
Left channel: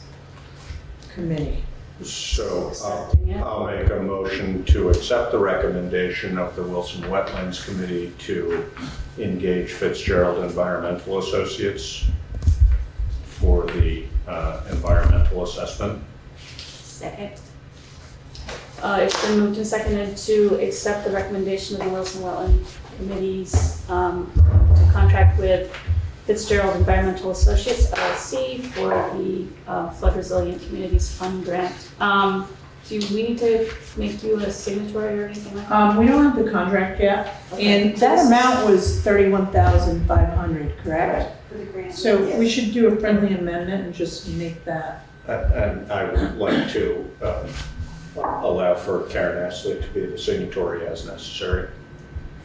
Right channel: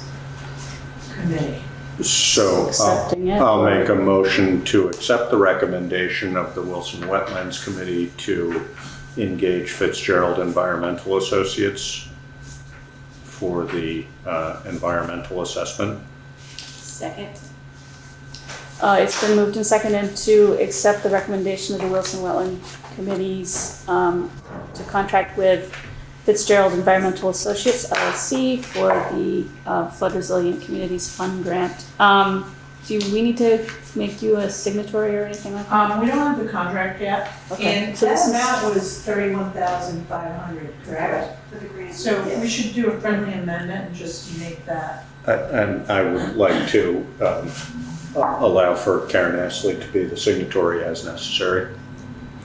Committee. So Accepting it. I'll make a motion to accept the recommendation of the Wilson Wetlands Committee to engage Fitzgerald Environmental Associates for the environmental assessment. Second. It's been moved and seconded to accept the recommendation of the Wilson Wetland Committees to contract with Fitzgerald Environmental Associates LLC for the Flood Resilient Communities Fund grant. Do we need to make you a signatory or anything like that? We don't have the contract yet, Okay. and that amount was $31,500. correct? For the grant. So we should do a friendly amendment and just make that. And I would like to allow for Karen Astley to be the signatory as necessary.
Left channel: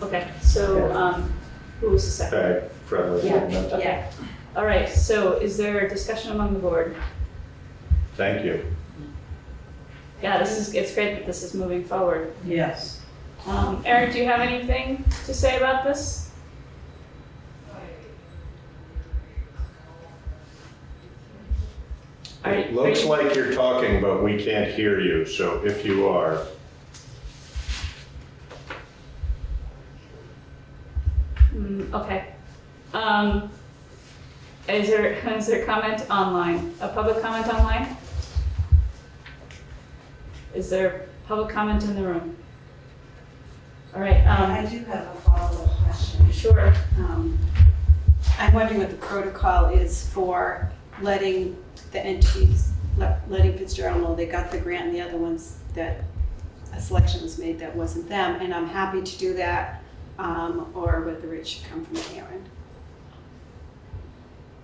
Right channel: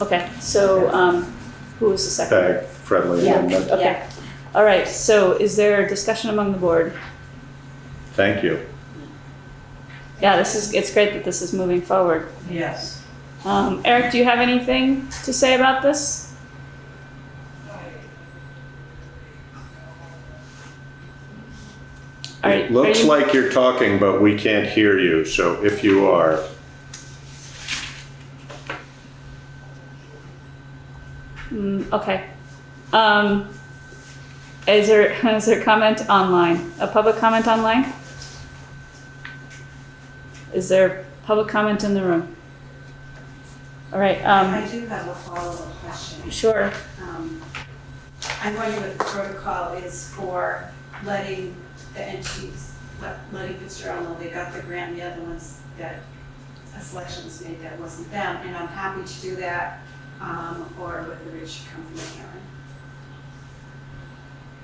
Okay, so, who was the second? Okay, friendly Yeah. amendment. Okay. All right, so is there discussion among the board? Thank you. Yeah, it's great that this is moving forward. Yes. Eric, do you have anything to say about this? It looks like you're talking, but we can't hear you, so if you are. Okay. Is there comment online? A public comment online? Is there public comment in the room? All right, I do have a follow-up question. sure. I'm wondering what the protocol is for letting the entities, letting Fitzgerald know they got the grant, the other ones that a selection was made that wasn't them, and I'm happy to do that, or whether it should come from Karen.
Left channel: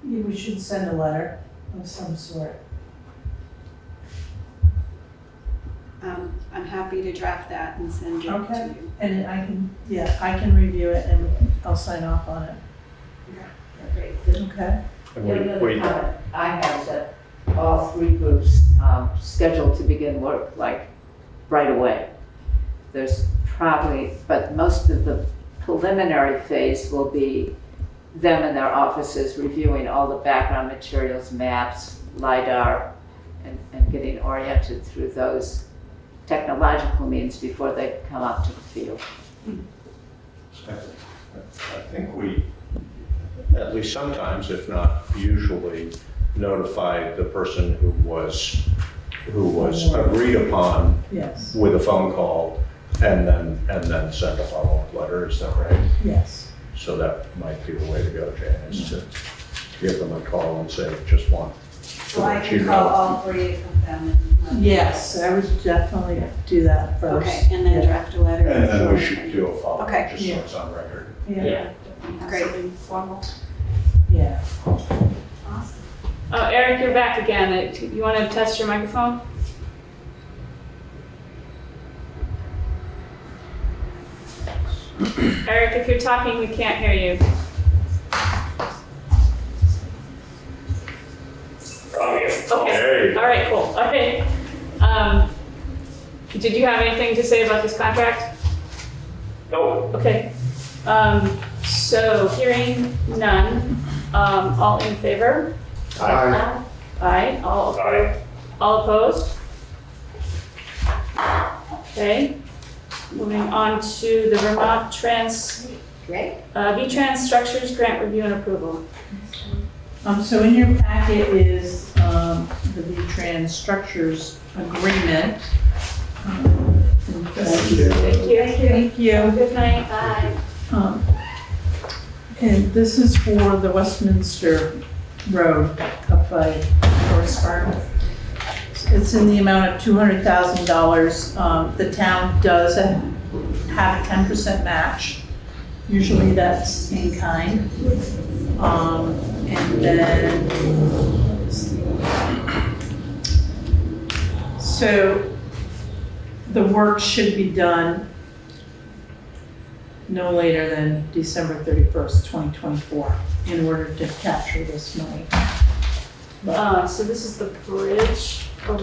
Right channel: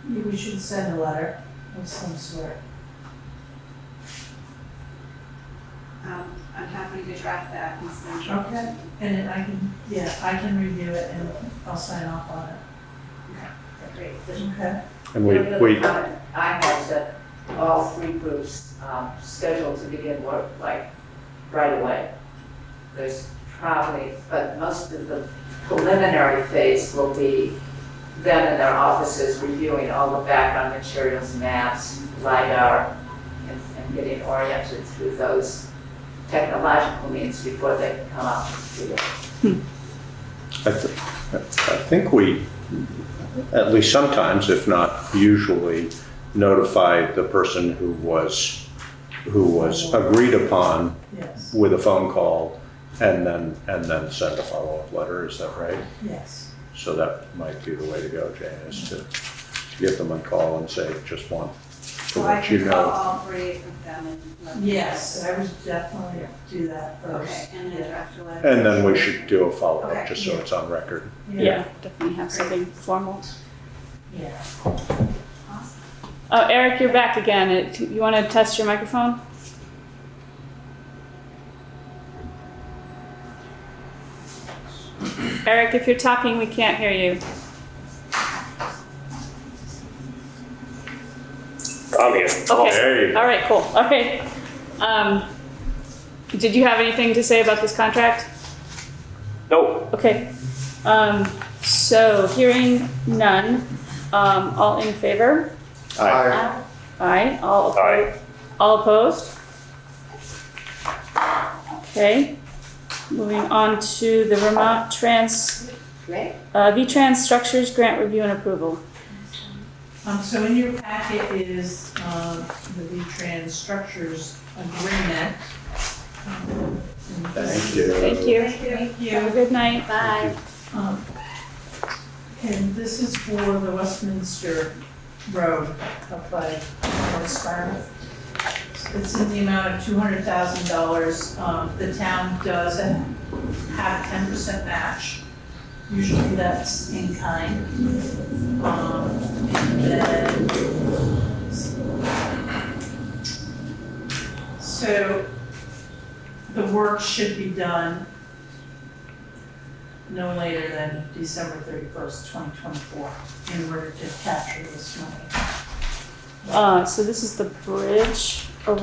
Maybe we should send a letter of some sort. I'm happy to draft that and send it to Okay. you. And I can review it and I'll sign off on it. Great. The Okay? And only other comment I had that all three groups scheduled to begin work like right away. There's probably, but most of the preliminary phase will be them in their offices reviewing all the background materials, maps, LiDAR, and getting oriented through those technological means before they come out to the field. I think we, at least sometimes, if not usually, notify the person who was agreed upon Yes. with a phone call and then send a follow-up letter, is that right? Yes. So that might be the way to go, Jane, is to give them a call and say, just want to So I let you can call know. all three of them and let them know. Yes, I would definitely do that first. Okay, and then Yeah. draft a letter. And then we should do a follow-up, Okay. just so it's on record. Yeah, definitely have Great. something formal. Yeah. Awesome. Oh, Eric, you're back again. You want to test your microphone? Eric, if you're talking, we can't hear you. I'm here. Okay. There you go. All right, cool. All right. Did you have anything to say about this contract? No, Okay. So hearing none, all in favor? Aye. Aye. Aye. All opposed? Okay. Moving on to the Vermont V-Trans Structures Grant Review and Approval. So in your packet is, the V-Trans Structures Agreement. Thank you. Thank you. Have a good night. Bye. And this is for the Westminster Road up by Forest Farm. It's in the amount of $200,000. The town does have a 10% match. Usually that's in kind. And then, so the work should be done no later than December 31st, 2024, in order to capture this money. So this is the bridge over.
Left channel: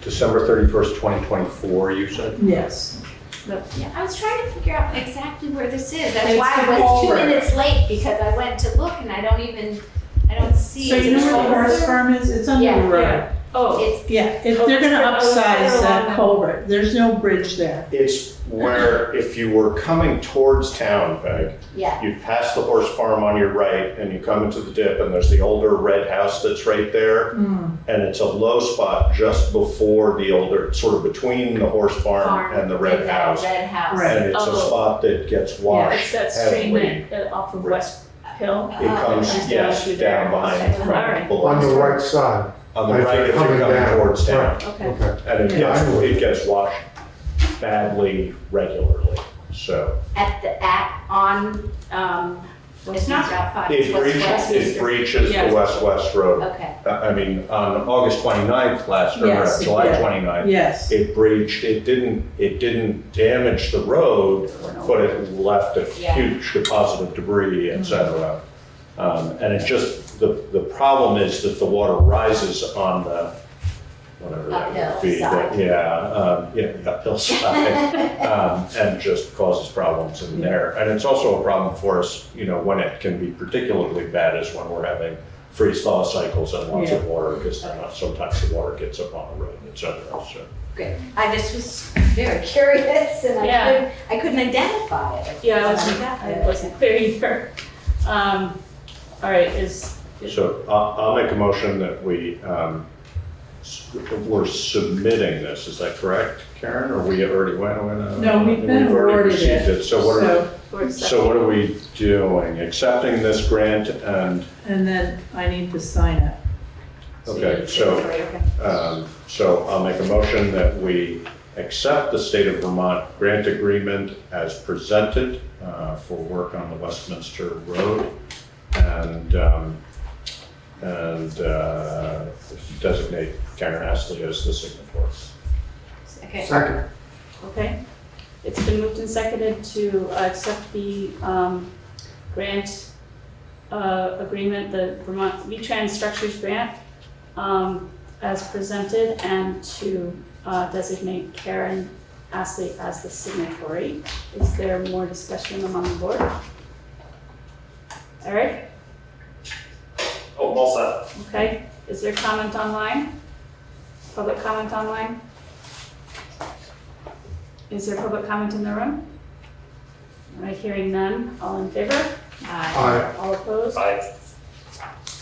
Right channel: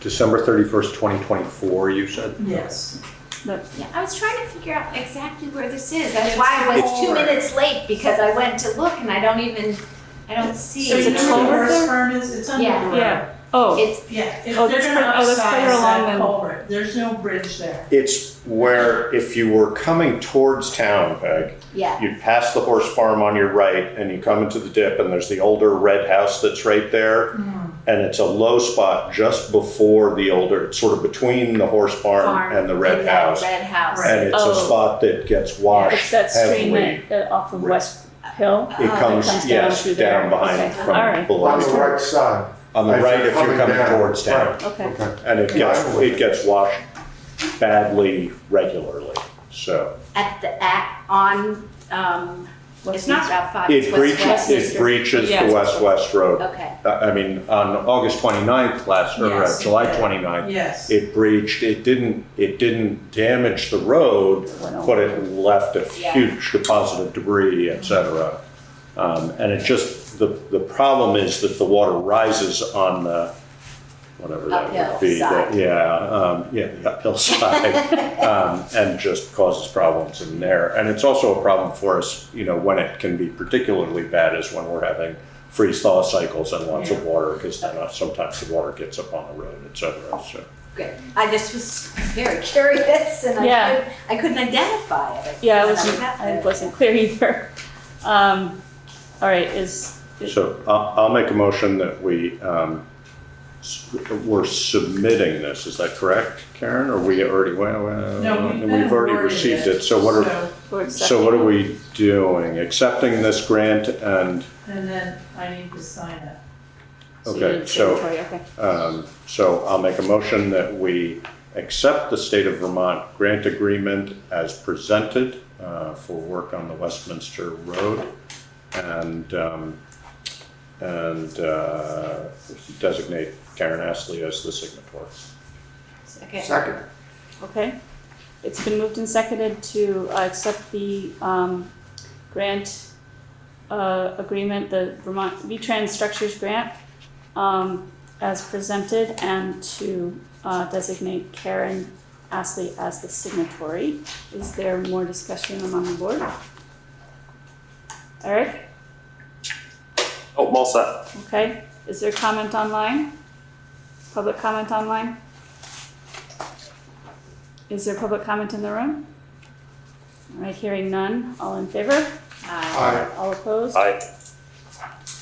December 31st, 2024, you said? Yes. Yeah, I was trying to figure out exactly where this is. That's It's why I was 2 forward. minutes late, because I went to look and I don't see So it. you know where the culvert Forest there? Farm is? It's under Yeah, the road. Yeah. Oh, It's, Yeah, if Oh, they're that's gonna further upsize along that the- culvert, there's no bridge there. It's where, if you were coming towards town, Peg, yeah, you pass the horse farm on your right and you come into the dip and there's the older red house that's right there. And it's a low spot just before the older, sort of between the horse farm and the red house. Red house. Right. And it's Oh. a spot that gets it's washed that street heavily. that off of West Hill. It comes, comes down yes, through there. down behind, Okay. from All right. below. On the right side. On the right if you're Coming coming down. towards town. Okay. Okay. And it gets washed badly regularly, so. On It's not Route 5. It it's West breaches, West. it breaches Yeah. the West Road. Okay. I mean, on August 29th Yes, it July did. 29th, Yes. it breached, it didn't damage the road, but it left a huge deposit of debris, et cetera. And it just, the problem is that the water rises on the, whatever that would Uphill be. side. The uphill side, and just causes problems in there. And it's also a problem for us, when it can be particularly bad is when we're having freeze-thaw cycles and lots of water, because then sometimes the water gets up on the road, et cetera, so. Good. I just was very curious and Yeah. I couldn't identify it. Yeah, Exactly. I wasn't clear either. All right, So I'll make a motion that we're submitting this, is that correct, Karen? Or we already, No, we've been already awarded received it. it, so what are, we're so what are we doing? Accepting this grant and, And then I need to sign it. okay, so I'll make a motion that we accept the State of Vermont grant agreement as presented for work on the Westminster Road and designate Karen Astley as the signatory. Okay. Second. Okay, it's been moved and seconded to accept the grant agreement, the Vermont VTrans Structures Grant, as presented, and to designate Karen Astley as the signatory. Is there more discussion among the board? Eric? Oh, well set. Okay, is there comment online? Public comment online? Is there public comment in the room? All right, hearing none, all in favor? Aye. All opposed? Aye.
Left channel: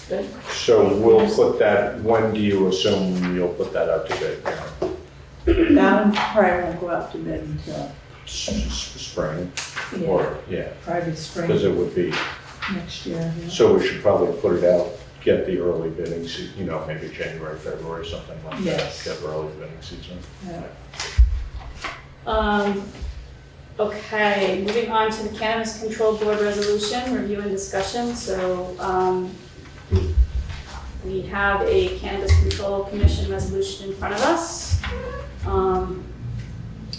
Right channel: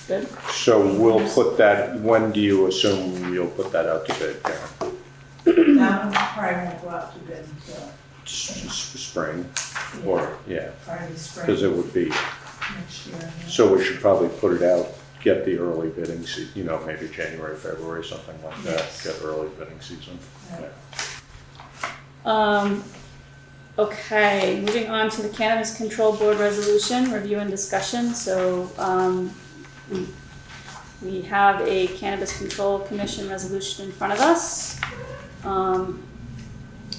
Good. So we'll put that, when do you assume you'll put that out to bid, Karen? That one probably won't go out to bid until, Spring, yeah, or, yeah, probably because spring it would be, next year. Yeah. so we should probably put it out, get the early bidding season, maybe January, February, something like that, Yes. get early bidding season. Yeah. Okay, moving on to the Cannabis Control Board resolution, review and discussion. So, we have a Cannabis Control Commission resolution in front of us.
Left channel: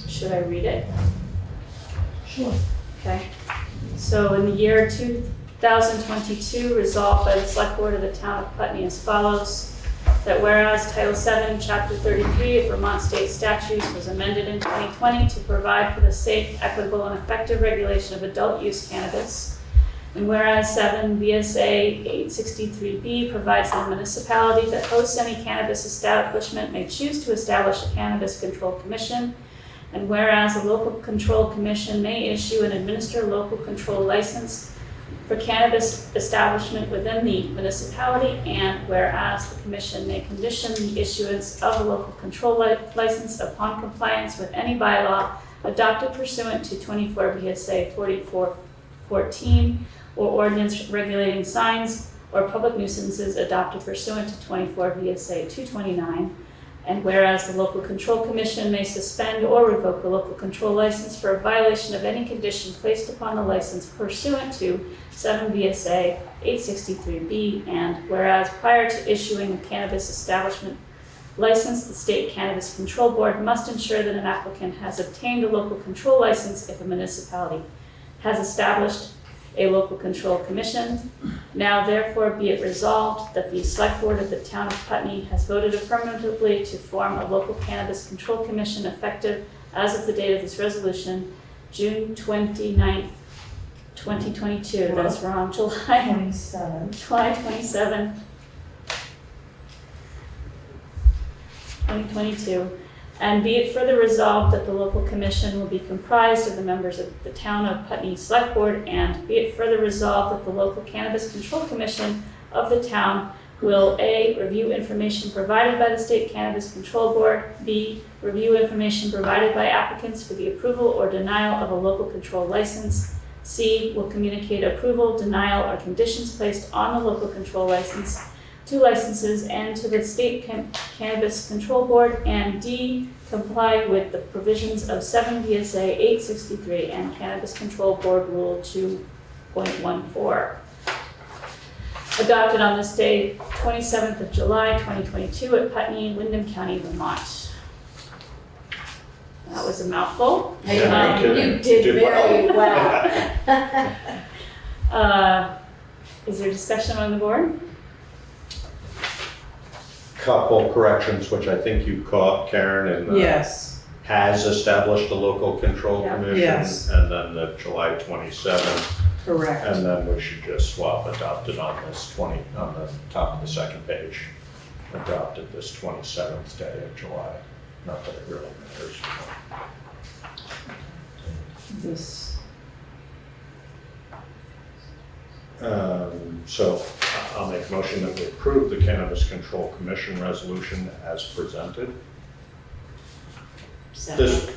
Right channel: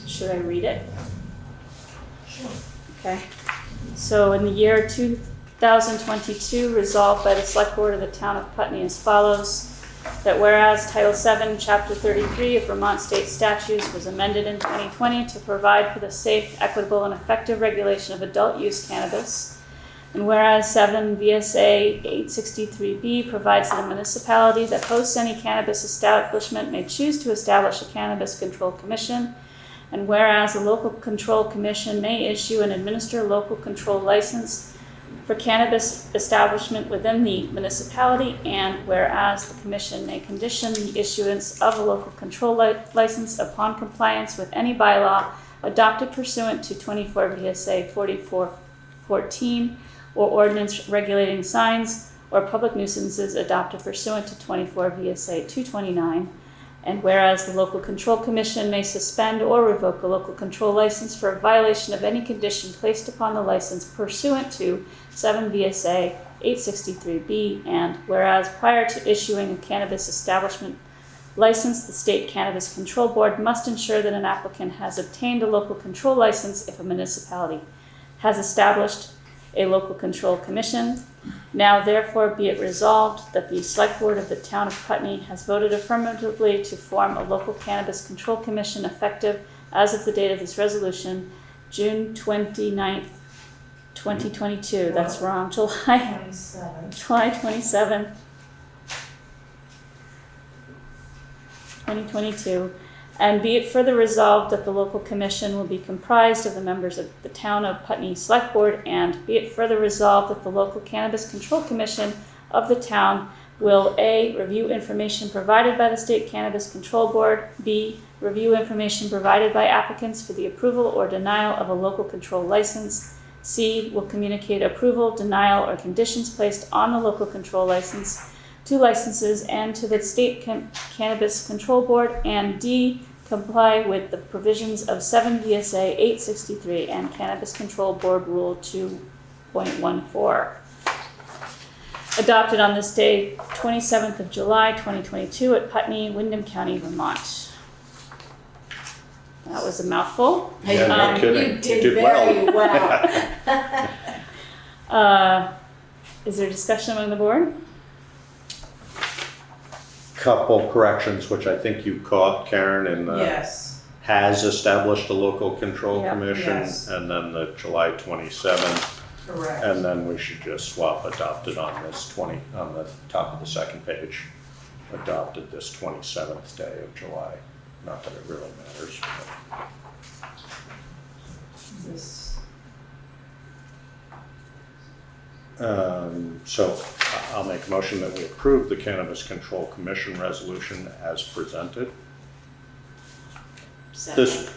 Should I read it? Sure. Okay. So in the year 2022, resolved by the Select Board of the Town of Putney as follows. That whereas Title 7, Chapter 33 of Vermont State Statutes was amended in 2020 to provide for the safe, equitable, and effective regulation of adult use cannabis. And whereas 7 V.S.A. 863B provides that a municipality that hosts any cannabis establishment may choose to establish a Cannabis Control Commission. And whereas a local control commission may issue and administer local control license for cannabis establishment within the municipality, and whereas the commission may condition the issuance of a local control license upon compliance with any bylaw adopted pursuant to 24 V.S.A. 4414 or ordinance regulating signs or public nuisances adopted pursuant to 24 V.S.A. 229. And whereas the local control commission may suspend or revoke a local control license for a violation of any condition placed upon the license pursuant to 7 V.S.A. 863B, and whereas prior to issuing a cannabis establishment license, the State Cannabis Control Board must ensure that an applicant has obtained a local control license if a municipality has established a local control commission. Now therefore be it resolved that the Select Board of the Town of Putney has voted affirmatively to form a local cannabis control commission effective as of the date of this resolution, June 29th, 2022. That's wrong, July 27. 27, 2022. And be it further resolved that the local commission will be comprised of the members of the Town of Putney Select Board, and be it further resolved that the local Cannabis Control Commission of the town will A, review information provided by the State Cannabis Control Board, B, review information provided by applicants for the approval or denial of a local control license, C, will communicate approval, denial, or conditions placed on the local control license to licenses and to the State Cannabis Control Board, and D, comply with the provisions of 7 V.S.A. 863 and Cannabis Control Board Rule 5.14. Adopted on this day, 27th of July, 2022 at Putney, Windham County, Vermont. That was a mouthful. Yeah, no kidding. You did very well. Is there discussion among the board? Couple corrections, which I think you caught, Karen, and Yes, has established a local control Yeah. commission, Yes. and then the July 27th, correct. and then we should just swap adopted on this on the top of the second page. Adopted this 27th day of July. Not that it really matters. This, So I'll make a motion that we approve the Cannabis Control Commission resolution as presented. This,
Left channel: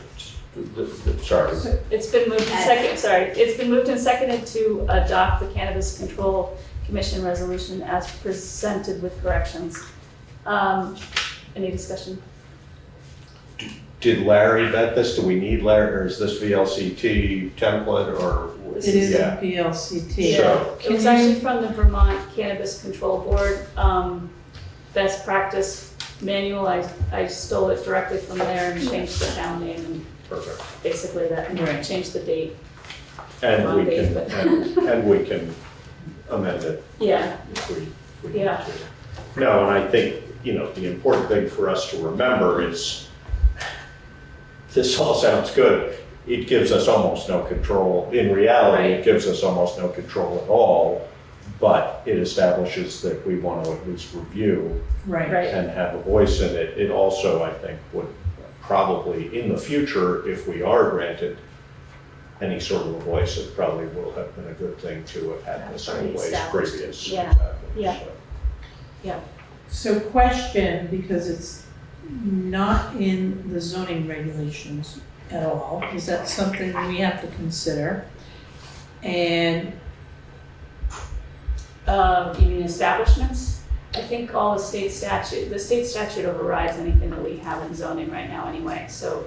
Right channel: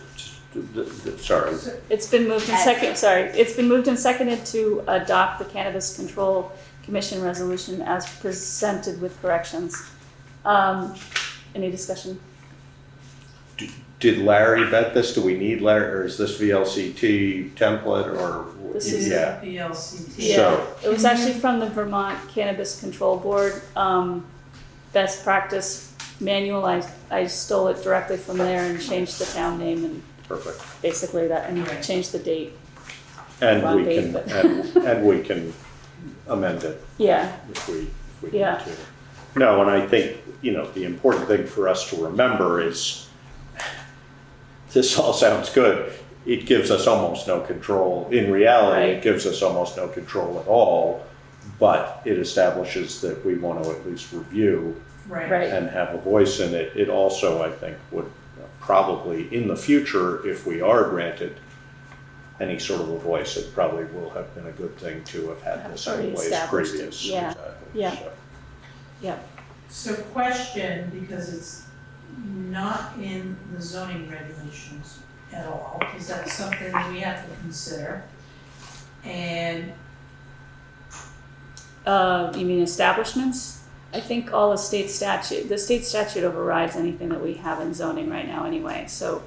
sorry, It's been moved and it's been moved and seconded to adopt the Cannabis Control Commission resolution as presented with corrections. Any discussion? did Larry vet this? Do we need Larry, or is this VLCT template, or? This it is Yeah. a VLCT. So- It was actually from the Vermont Cannabis Control Board, best practice manual. I stole it directly from there and changed the town name and Perfect. basically that, Right. changed the date. And we Monday, can, but- and we can amend it Yeah, if we need Yeah. to. No, and I think, the important thing for us to remember is, this all sounds good. It gives us almost no control. In reality, Right. it gives us almost no control at all, but it establishes that we want to at least review Right. right. and have a voice in it. It also, I think, would probably, in the future, if we are granted any sort of a voice, it probably will have been a good thing to have had this in Already place established. previous. Yeah. Exactly. Yeah. So, So question, because it's not in the zoning regulations at all, is that something we have to consider? And, You mean establishments? I think all the state statute overrides anything that we have in zoning right now anyway, so.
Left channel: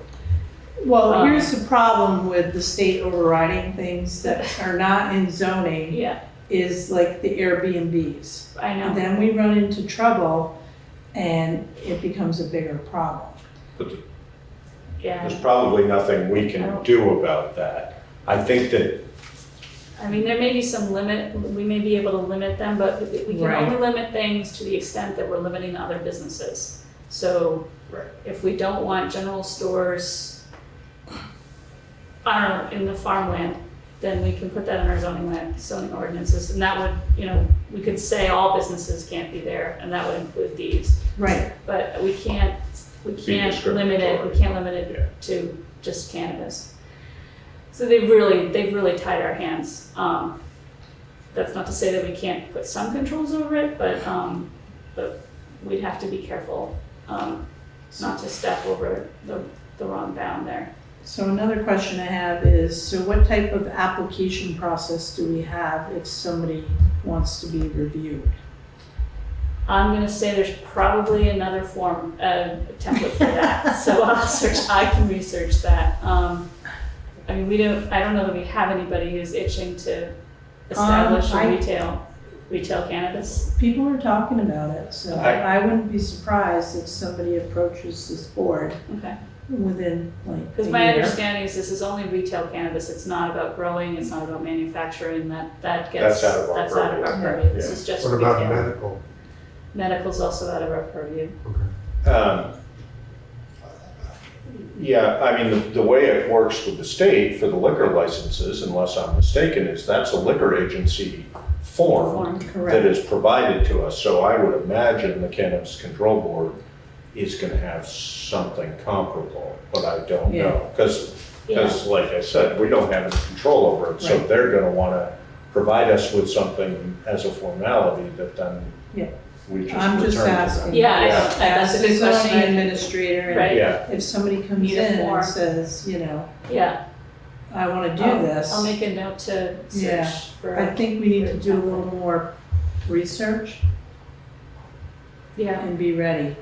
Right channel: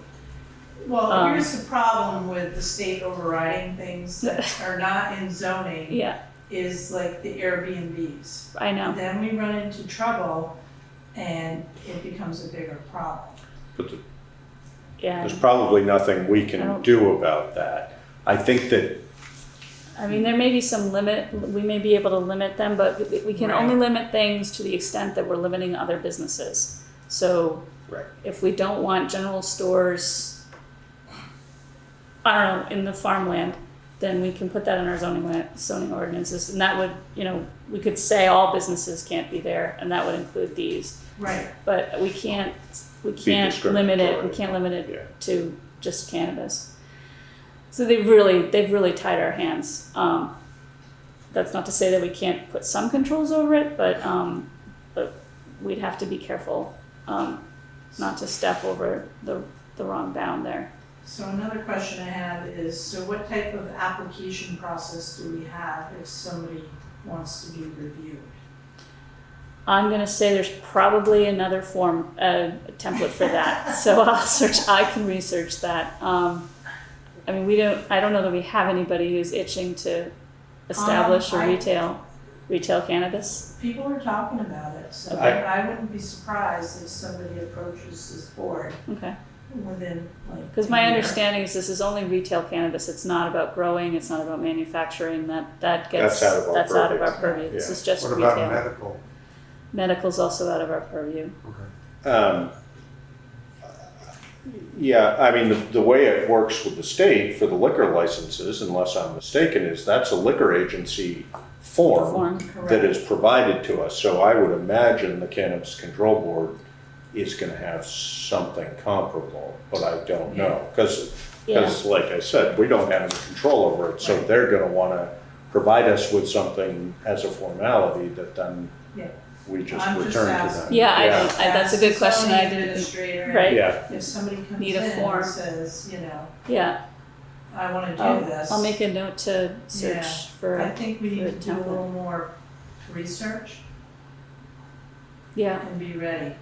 well, here's the problem with the state overriding things that are not in zoning, Yeah, is like the Airbnbs. I know. Then we run into trouble and it becomes a bigger problem. But Yeah, there's probably nothing we can do about that. I think that, I mean, there may be some limit, we may be able to limit them, but we can Right. only limit things to the extent that we're limiting other businesses. So Right. if we don't want general stores, I don't know, in the farmland, then we can put that in our zoning ordinances, and that would, we could say all businesses can't be there, and that would include these. Right. But we can't limit it, discriminatory. we can't limit it to just cannabis. So they've really tied our hands. That's not to say that we can't put some controls over it, but we'd have to be careful, not to step over the wrong bound there. So another question I have is, so what type of application process do we have if somebody wants to be reviewed? I'm gonna say there's probably another form, template for that, so I can research that. I mean, I don't know that we have anybody who's itching to establish or retail cannabis. People are talking about it, so I wouldn't be surprised if somebody approaches this board Okay. within like Because a my year. understanding is this is only retail cannabis, it's not about growing, it's not about manufacturing, that's out of our purview, this is just What retail. about medical? Medical's also out of our purview. Yeah, I mean, the way it works with the state for the liquor licenses, unless I'm mistaken, is that's a liquor agency form that Correct. is provided to us. So I would imagine the Cannabis Control Board is gonna have something comparable, but I don't know. Because like I said, we don't have any control over it, so Right. they're gonna wanna provide us with something as a formality that then Yeah. we just I'm return just to them. asking. Yeah, I know, Ask that's a good the question. zoning administrator, Right. and Yeah, if somebody comes Need a in form. and says, Yeah, I wanna do this. I'll make a note to Yeah. search for, I think we need to do a little more research yeah, and be ready.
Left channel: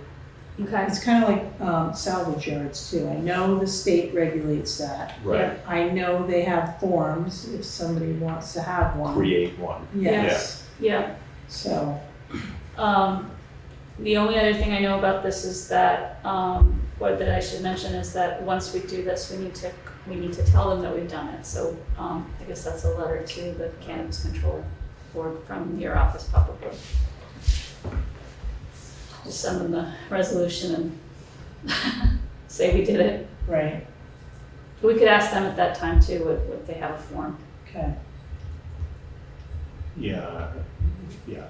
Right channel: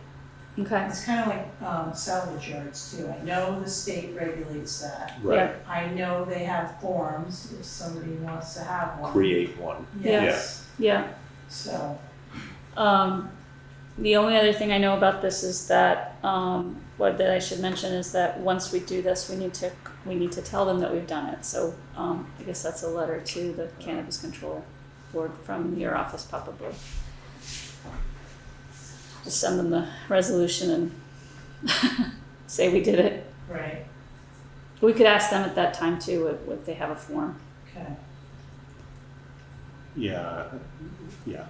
Okay. It's kind of like salvage yards too. I know the state regulates that. Right. I know they have forms if somebody wants to have one. Create one. Yes. Yeah. So, The only other thing I know about this is that, that I should mention is that once we do this, we need to tell them that we've done it. So, I guess that's a letter to the Cannabis Control Board from your office probably. Just send them the resolution and say we did it. right, We could ask them at that time too, if they have a form. okay. Yeah, yeah.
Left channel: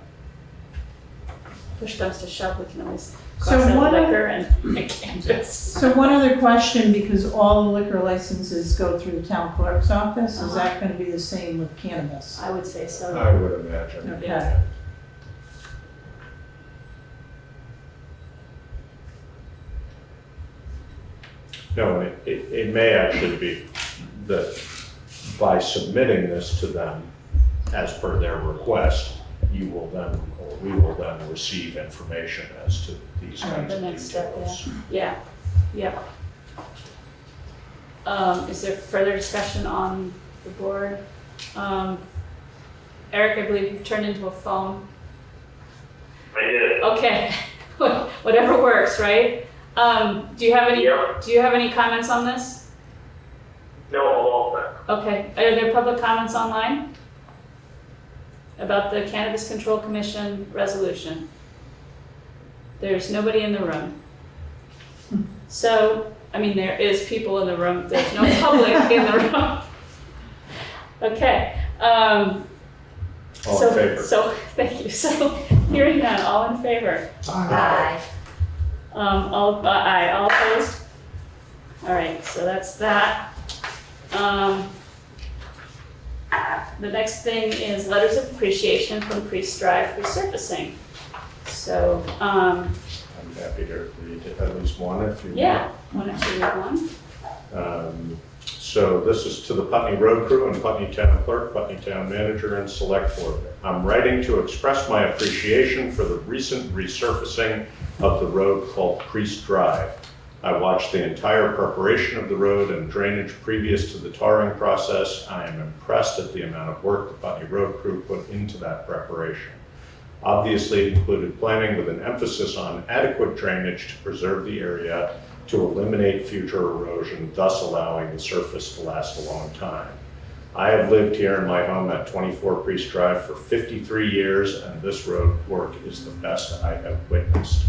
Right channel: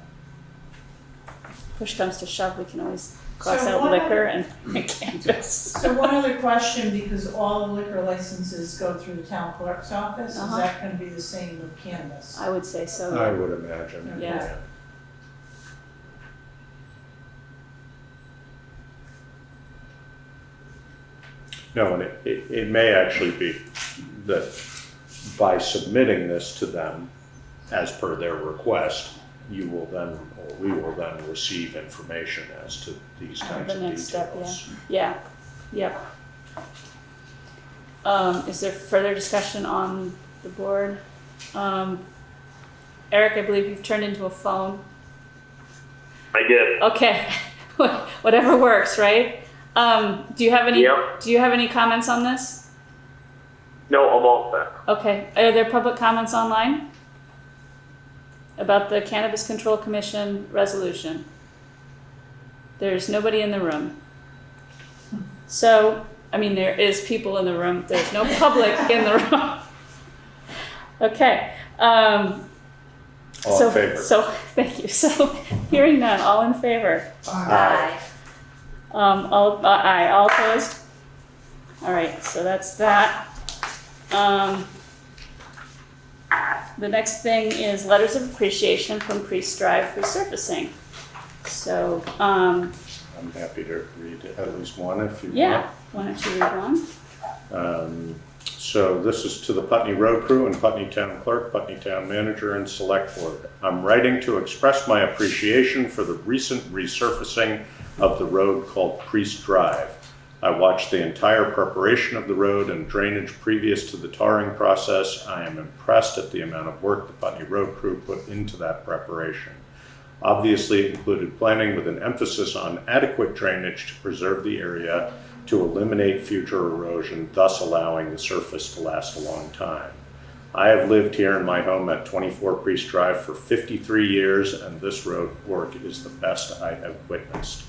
Push comes to shove, we can always So cross out what- liquor and cannabis. So one other question, because all the liquor licenses go through the town clerk's office, is that gonna be the same with cannabis? I would say so. I would imagine. Yeah. No, and it may actually be that by submitting this to them as per their request, you will then, or we will then receive information as to these kinds The of next step, details. Yeah, yeah. Is there further discussion on the board? Eric, I believe you've turned into a phone. I did. Okay, whatever works, right? Do you have any? Yep. Do you have any comments on this? No, I'm all set. Okay, are there public comments online about the Cannabis Control Commission resolution? There's nobody in the room. So, I mean, there is people in the room, there's no public in the room. Okay, All in favor? So, thank you. So, hearing none, all in favor? Aye. Aye, all opposed? All right, so that's that. The next thing is letters of appreciation from Priest Drive Resurfacing. So, I'm happy to read at least one if you want. yeah, why don't you read one? So this is to the Putney Road Crew and Putney Town Clerk, Putney Town Manager, and Select Board. I'm writing to express my appreciation for the recent resurfacing of the road called Priest Drive. I watched the entire preparation of the road and drainage previous to the tarring process. I am impressed at the amount of work the Putney Road Crew put into that preparation. Obviously, it included planning with an emphasis on adequate drainage to preserve the area to eliminate future erosion, thus allowing the surface to last a long time. I have lived here in my home at 24 Priest Drive for 53 years, and this road work is the best I have witnessed.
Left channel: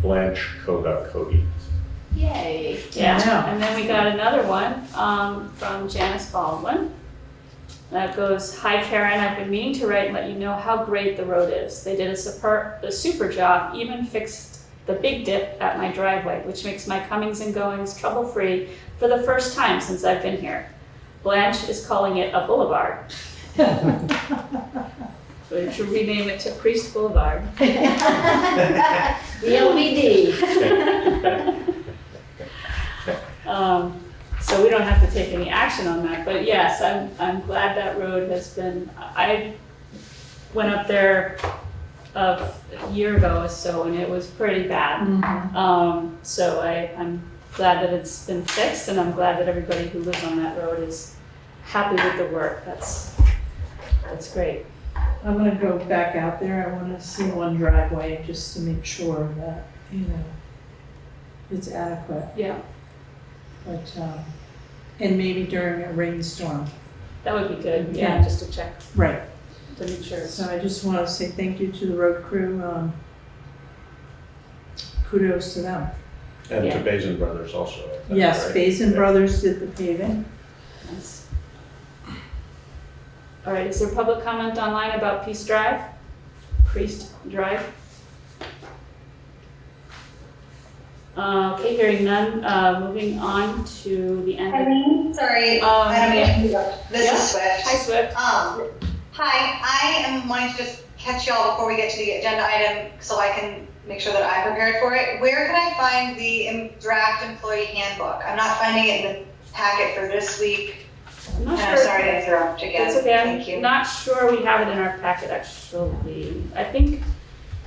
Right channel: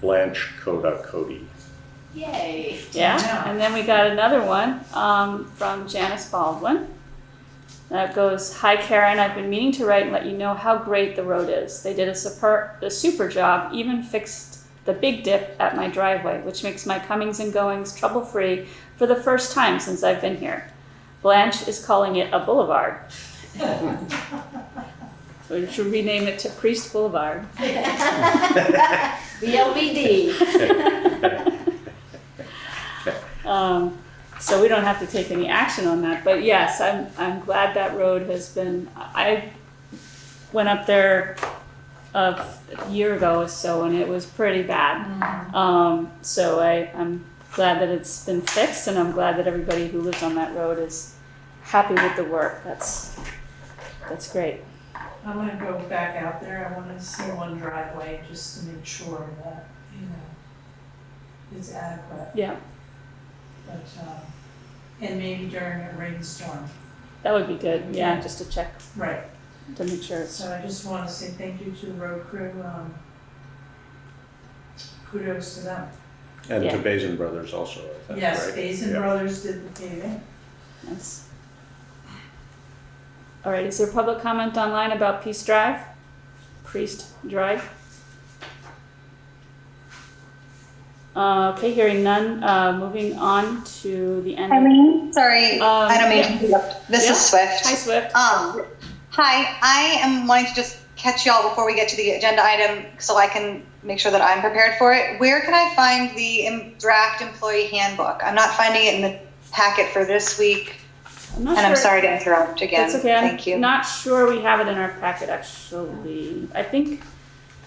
Blanche Coda Cody. Yay. Yeah, Yeah. and then we got another one from Janice Baldwin. That goes, "Hi Karen, I've been meaning to write and let you know how great the road is. They did a super job, even fixed the big dip at my driveway, which makes my comings and goings trouble-free for the first time since I've been here. Blanche is calling it a boulevard." We should rename it to Priest Boulevard. BOBD. So we don't have to take any action on that, but yes, I'm glad that road has been, I went up there a year ago or so and it was pretty bad. So I'm glad that it's been fixed and I'm glad that everybody who lives on that road is happy with the work. That's great. I'm gonna go back out there, I wanna see one driveway just to make sure that, it's adequate, Yeah, but, and maybe during a rainstorm. that would be good, yeah, Yeah. just to check, Right. to be sure. So I just wanna say thank you to the road crew, kudos to them. And Yeah. to Bazin Brothers also, I think, Yes, right? Basin Yeah. Brothers did the paving. Nice. All right, is there public comment online about Priest Drive? Okay, hearing none, moving on to the end. Irene, sorry, I don't mean yeah. to interrupt. This Yeah. is Swift. Hi, Swift. Hi, I am wanting to just catch y'all before we get to the agenda item so I can make sure that I'm prepared for it. Where can I find the draft employee handbook? I'm not finding it in the packet for this week, I'm not and I'm sure- sorry to interrupt again. That's okay, Thank you. I'm not sure we have it in our packet actually. I think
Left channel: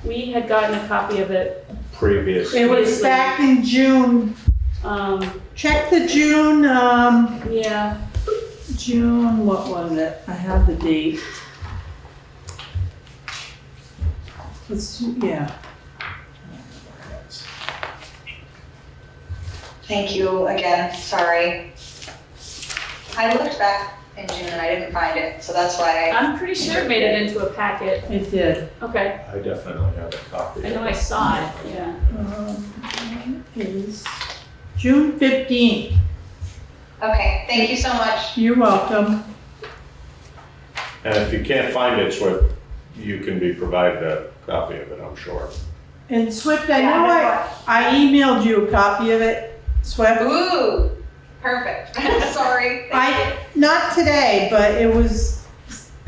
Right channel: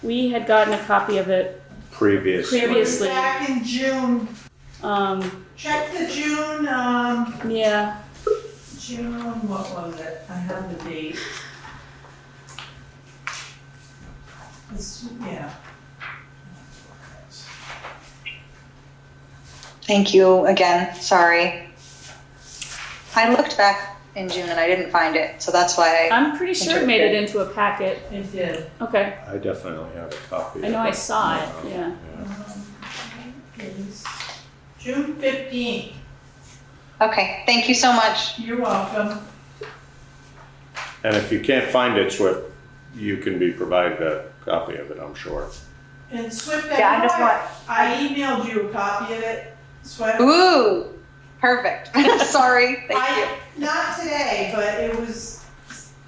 we had gotten a copy of it previous. It was back in June. Um, Check the June, yeah, June, what was it? I have the date. Yeah. Thank you again, sorry. I looked back in June and I didn't find it, so that's why. I'm pretty sure it made it into a packet. It did. Okay, I definitely have a copy. I know I saw it, yeah. It was June 15th. Okay, thank you so much. You're welcome. And if you can't find it, Swift, you can be provided a copy of it, I'm sure. And Swift, Yeah, I just I emailed you a copy of it, Swift. Ooh, perfect. Sorry. Thank you. Not today, but it was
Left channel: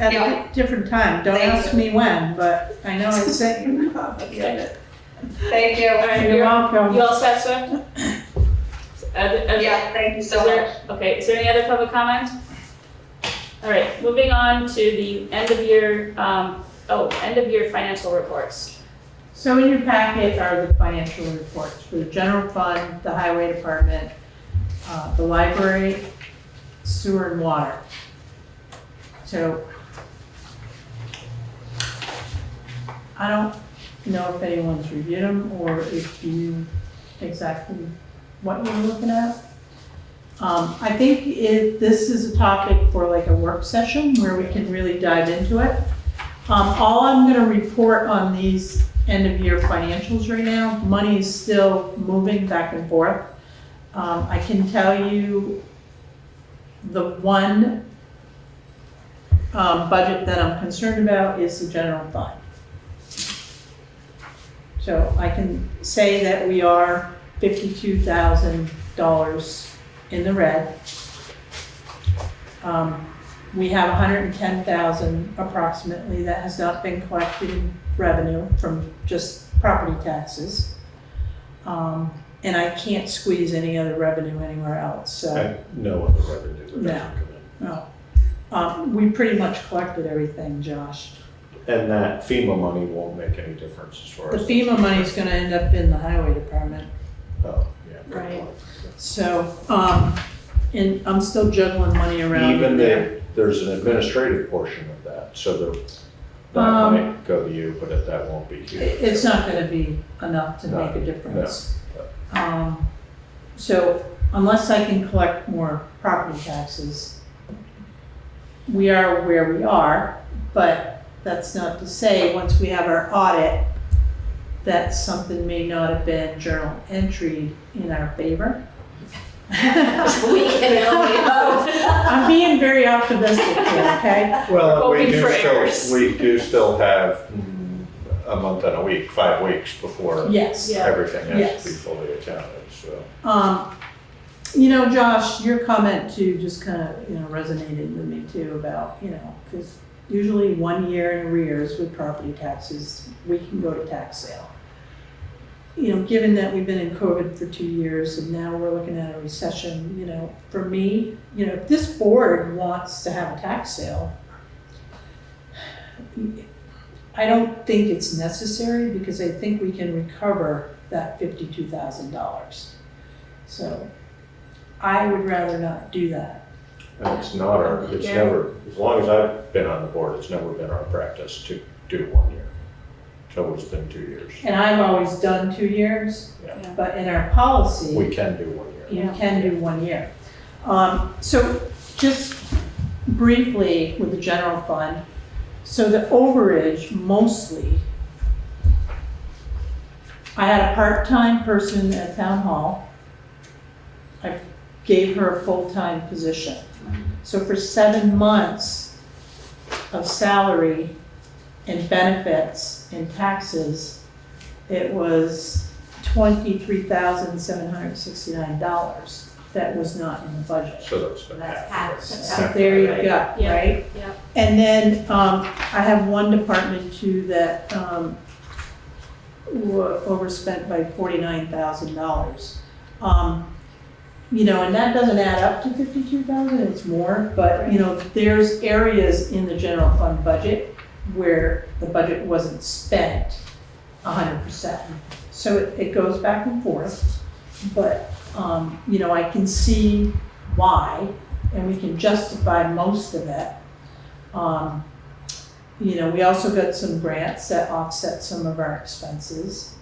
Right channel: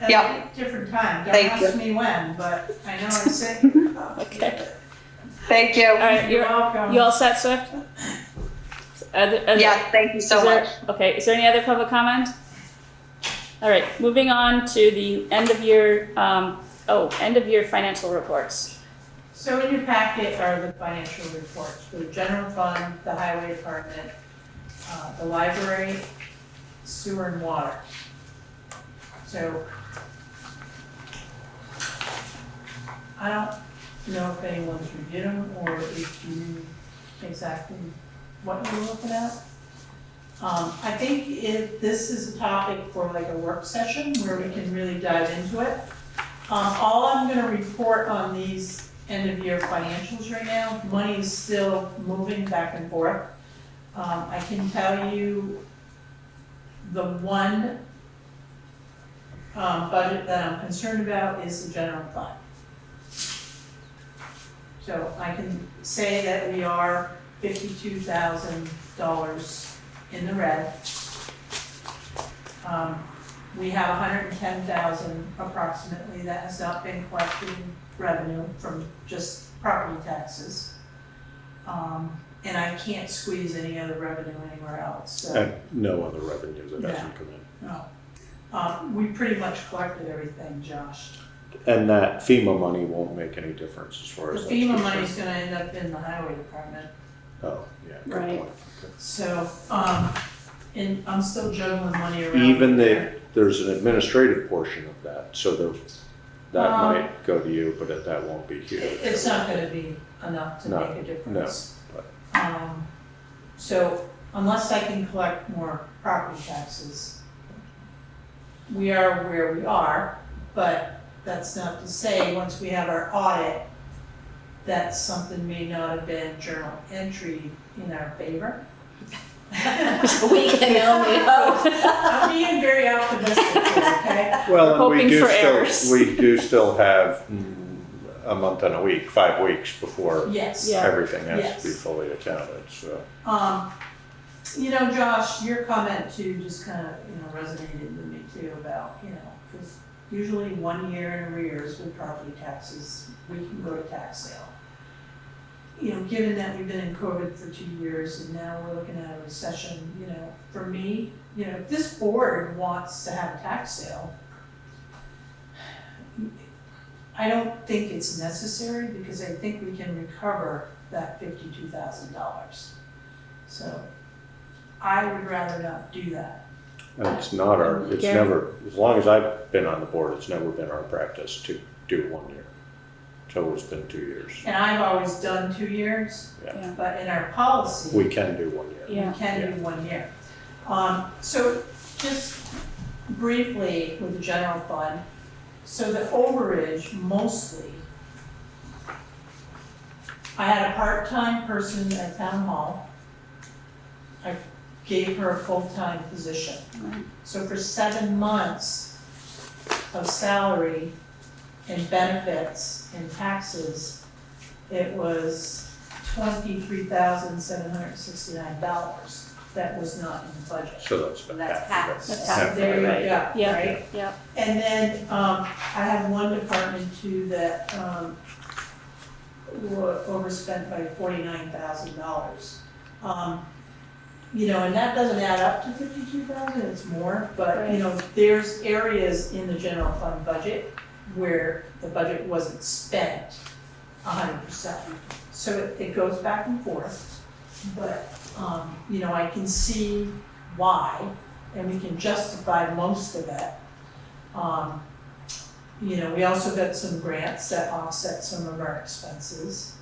at Yeah. a different time. Don't Thank ask me when, but I know I sent you a copy of it. Thank you. All right, You're welcome. You all set, Swift? Yeah, thank you so much. Okay, is there any other public comment? All right, moving on to the end of year financial reports. So in your packet are the financial reports for the general fund, the highway department, the library, sewer and water. So I don't know if anyone's reviewed them or if you exactly what you're looking at. I think this is a topic for like a work session where we can really dive into it. All I'm gonna report on these end of year financials right now, money is still moving back and forth. I can tell you the one budget that I'm concerned about is the general fund. So I can say that we are $52,000 in the red. We have 110,000 approximately that has not been collected in revenue from just property taxes. And I can't squeeze any other revenue anywhere else, so. And no other revenue that No. doesn't come in. No. We pretty much collected everything, Josh. And that FEMA money won't make any difference as far The as. FEMA money's gonna end up in the highway department. Oh, yeah. good Right. point. So, and I'm still juggling money around. Even there. there's an administrative portion of that, so that might go to you, but that won't be huge. It's not gonna be enough to No, make a difference. no, So unless I can collect more property taxes, we are where we are, but that's not to say, once we have our audit, that something may not have been journal entered in our favor. We can only hope. I'm being very optimistic here, okay? Well, Hoping for errors. we do still have a month and a week, 5 weeks before Yes. Yeah. everything has Yes. to be fully accounted, so. You know, Josh, your comment too just kind of, resonated with me too about, because usually 1 year in arrears with property taxes, we can go to tax sale. Given that we've been in COVID for 2 years and now we're looking at a recession, for me, if this board wants to have a tax sale, I don't think it's necessary because I think we can recover that $52,000. So I would rather not do that. And it's not it's Yeah. never, as long as I've been on the board, it's never been our practice to do 1 year. It's always been 2 years. And I've always done 2 years, Yeah. but in our policy, We can do 1 year. Yeah. we can do 1 year. So just briefly with the general fund, so the overage mostly, I had a part-time person at town hall. I gave her a full-time position. So for 7 months of salary and benefits and taxes, it was $23,769 that was not in the budget. So that's the That's half. half. That's half half. There you right. go, Yeah. right? Yeah. And then, I have one department too that, overspent by $49,000. And that doesn't add up to 52,000, it's more, but, there's areas in the general fund budget where the budget wasn't spent 100%. So it goes back and forth, but, you know, I can see why, and we can justify most of it. You know, we also got some grants that offset some of our expenses.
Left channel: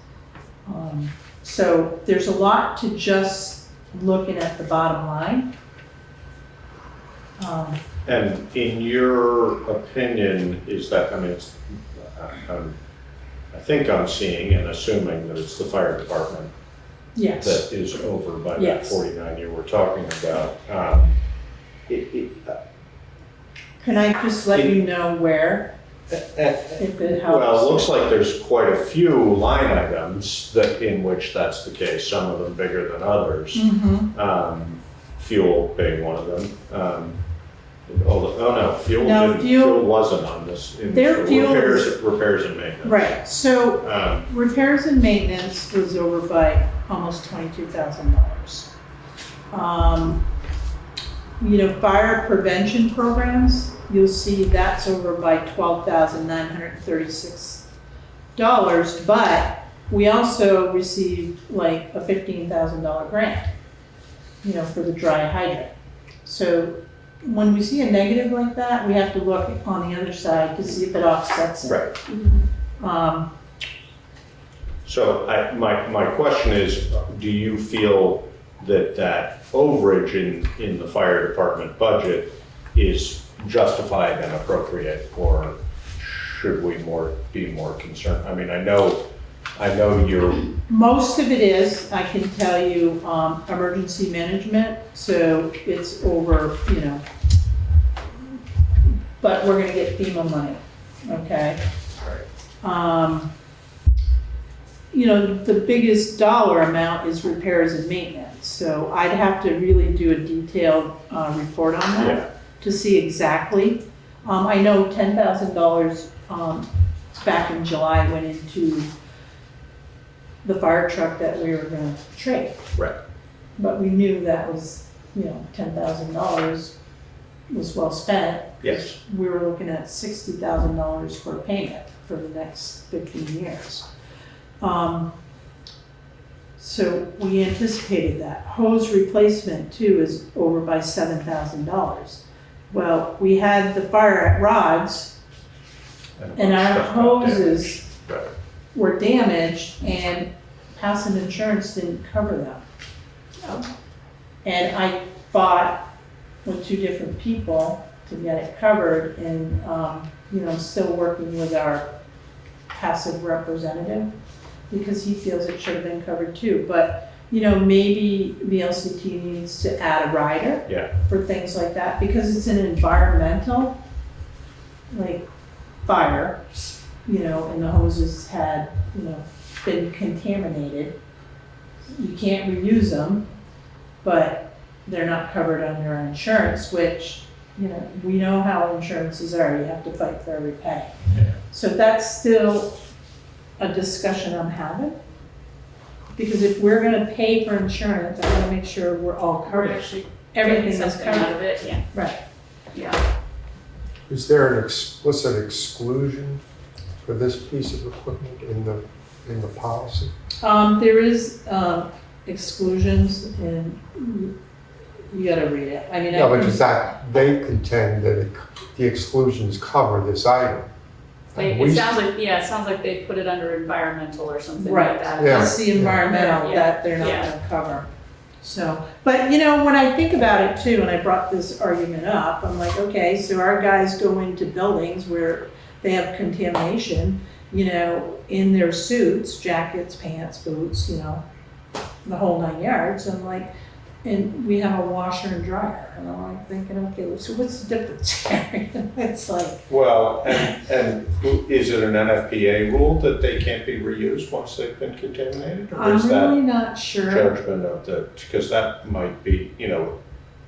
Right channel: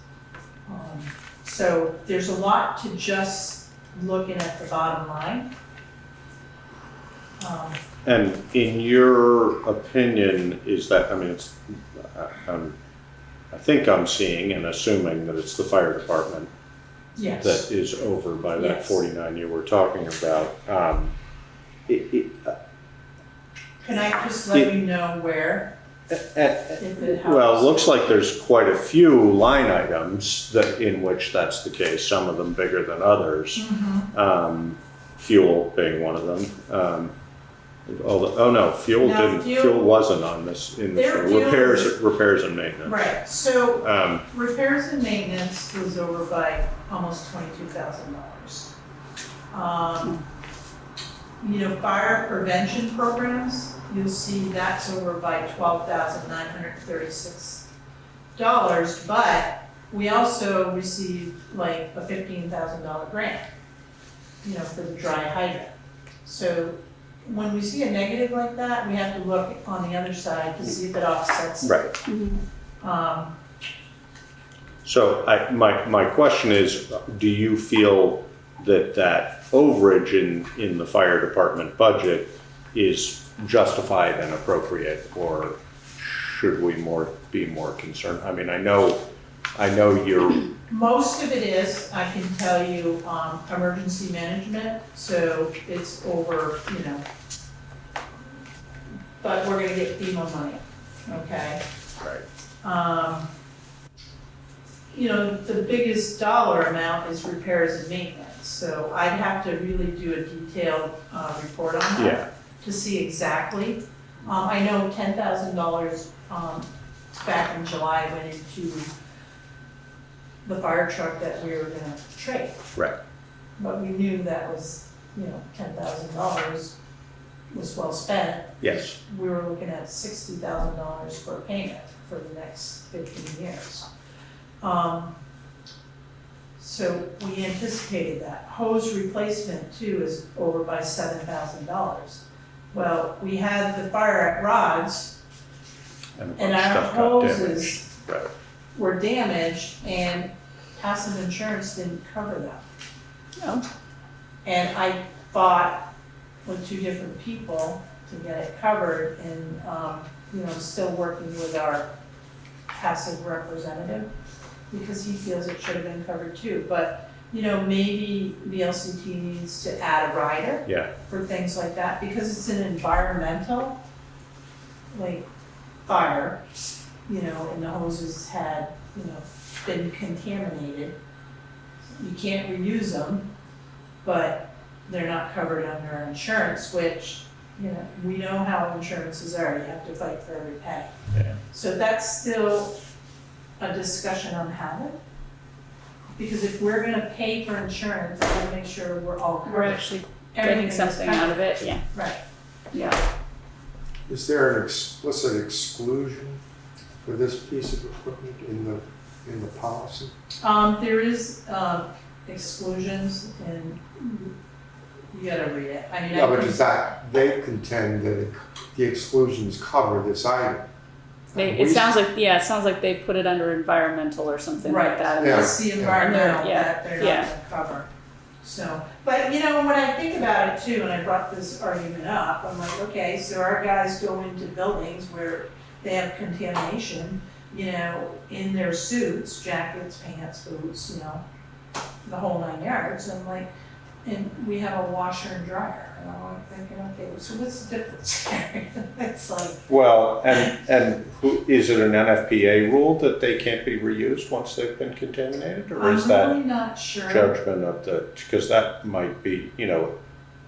So there's a lot to just looking at the bottom line. And in your opinion, is that, I mean, it's, I think I'm seeing and assuming that it's the fire department Yes. that is over by that Yes. 49 you were talking about. Can I just let you know where, if it helps? Well, it looks like there's quite a few line items that, in which that's the case, some of them bigger than others. Mhm. Fuel being one of them. Fuel No, didn't, fuel- fuel wasn't on this. In Their fuel- repairs and maintenance. Right, so Um, repairs and maintenance was over by almost $22,000. You know, fire prevention programs, you'll see that's over by $12,936. But we also received like a $15,000 grant, you know, for the dry hydrant. So when we see a negative like that, we have to look on the other side to see if it offsets it. Right. So my question is, do you feel that overage in the fire department budget is justified and appropriate, or should we be more concerned? I mean, I know you're. Most of it is, I can tell you, emergency management, so it's over, you know. But we're gonna get FEMA money, okay? You know, the biggest dollar amount is repairs and maintenance, so I'd have to really do a detailed, report on Yeah. that to see exactly. I know $10,000, back in July went into the fire truck that we were gonna trade. Right. But we knew that was, you know, $10,000 was well spent. Yes. We were looking at $60,000 for a payment for the next 15 years. So we anticipated that. Hose replacement too is over by $7,000. Well, we had the fire at Rod's a bunch and of our stuff got damaged. hoses Right. were damaged and passive insurance didn't cover them. Oh. And I fought with two different people to get it covered and, you know, still working with our passive representative because he feels it should have been covered too. But, you know, maybe the LCT needs to add a rider Yeah. for things like that because it's an environmental, like, fire, you know, and the hoses had, you know, been contaminated. You can't reuse them, but they're not covered under insurance, which, you know, we know how insurances are, you have to fight for every pay. Yeah. So that's still a discussion I'm having. Because if we're gonna pay for insurance, I gotta make sure we're all We're covered. actually Everything getting is something out covered. of it, yeah. Right. Yeah. Is there an explicit exclusion for this piece of equipment in the policy? There is, exclusions and you gotta read it. I mean, I No, but can- is that, they contend that the exclusions cover this item. It We- sounds like they put it under environmental or something Right. like that. Yeah. It's the environmental Yeah. that they're not Yeah. gonna cover. So, but you know, when I think about it too, and I brought this argument up, I'm like, okay, so our guys go into buildings where they have contamination, you know, in their suits, jackets, pants, boots, you know, the whole 9 yards, and like, and we have a washer and dryer, and I'm like thinking, okay, so what's the difference? It's like, Well, and is it an NFPA rule that they can't be reused once they've been contaminated, or I'm is that really not sure. judgment of the, because that might be, you know,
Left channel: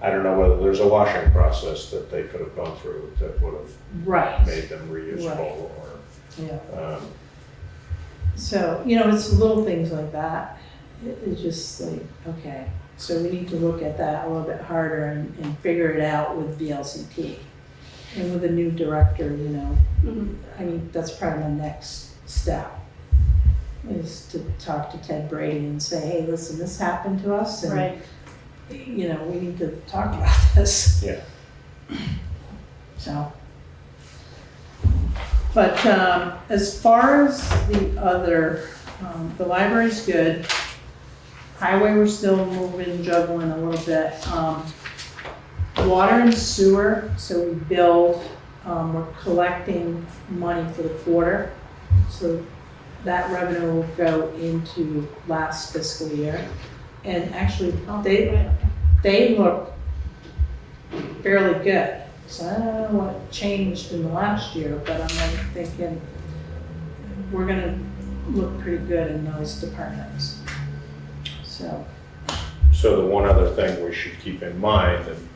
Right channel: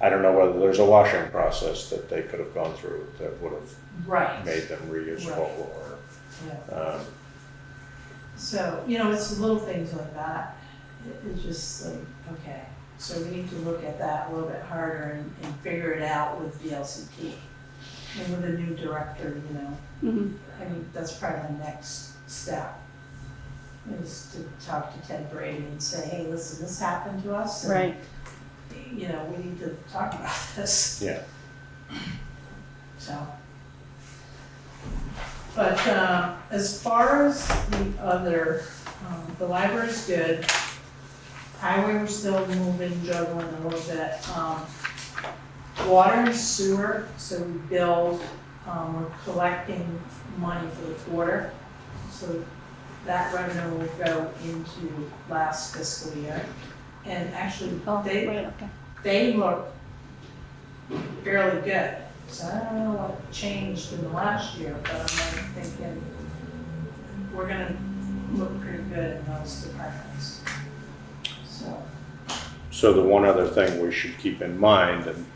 I don't know whether there's a washing process that they could have gone through that would have Right, made them reusable, Right. or, yeah. So, you know, it's little things like that. It's just like, okay, so we need to look at that a little bit harder and figure it out with VLCT. And with a new director, you know, Mhm. I mean, that's probably my next step. is to talk to Ted Brady and say, hey, listen, this happened to us, and, Right. you know, we need to talk about this. Yeah. So. But, as far as the other, the library's good. Highway, we're still moving, juggling a little bit. Water and sewer, so we build, we're collecting money for the quarter. So that revenue will go into last fiscal year. And actually, Oh, they, right, okay. they look fairly good. So I don't know what changed in the last year, but I'm like thinking we're gonna look pretty good in those departments. So the one other thing we should keep in mind, and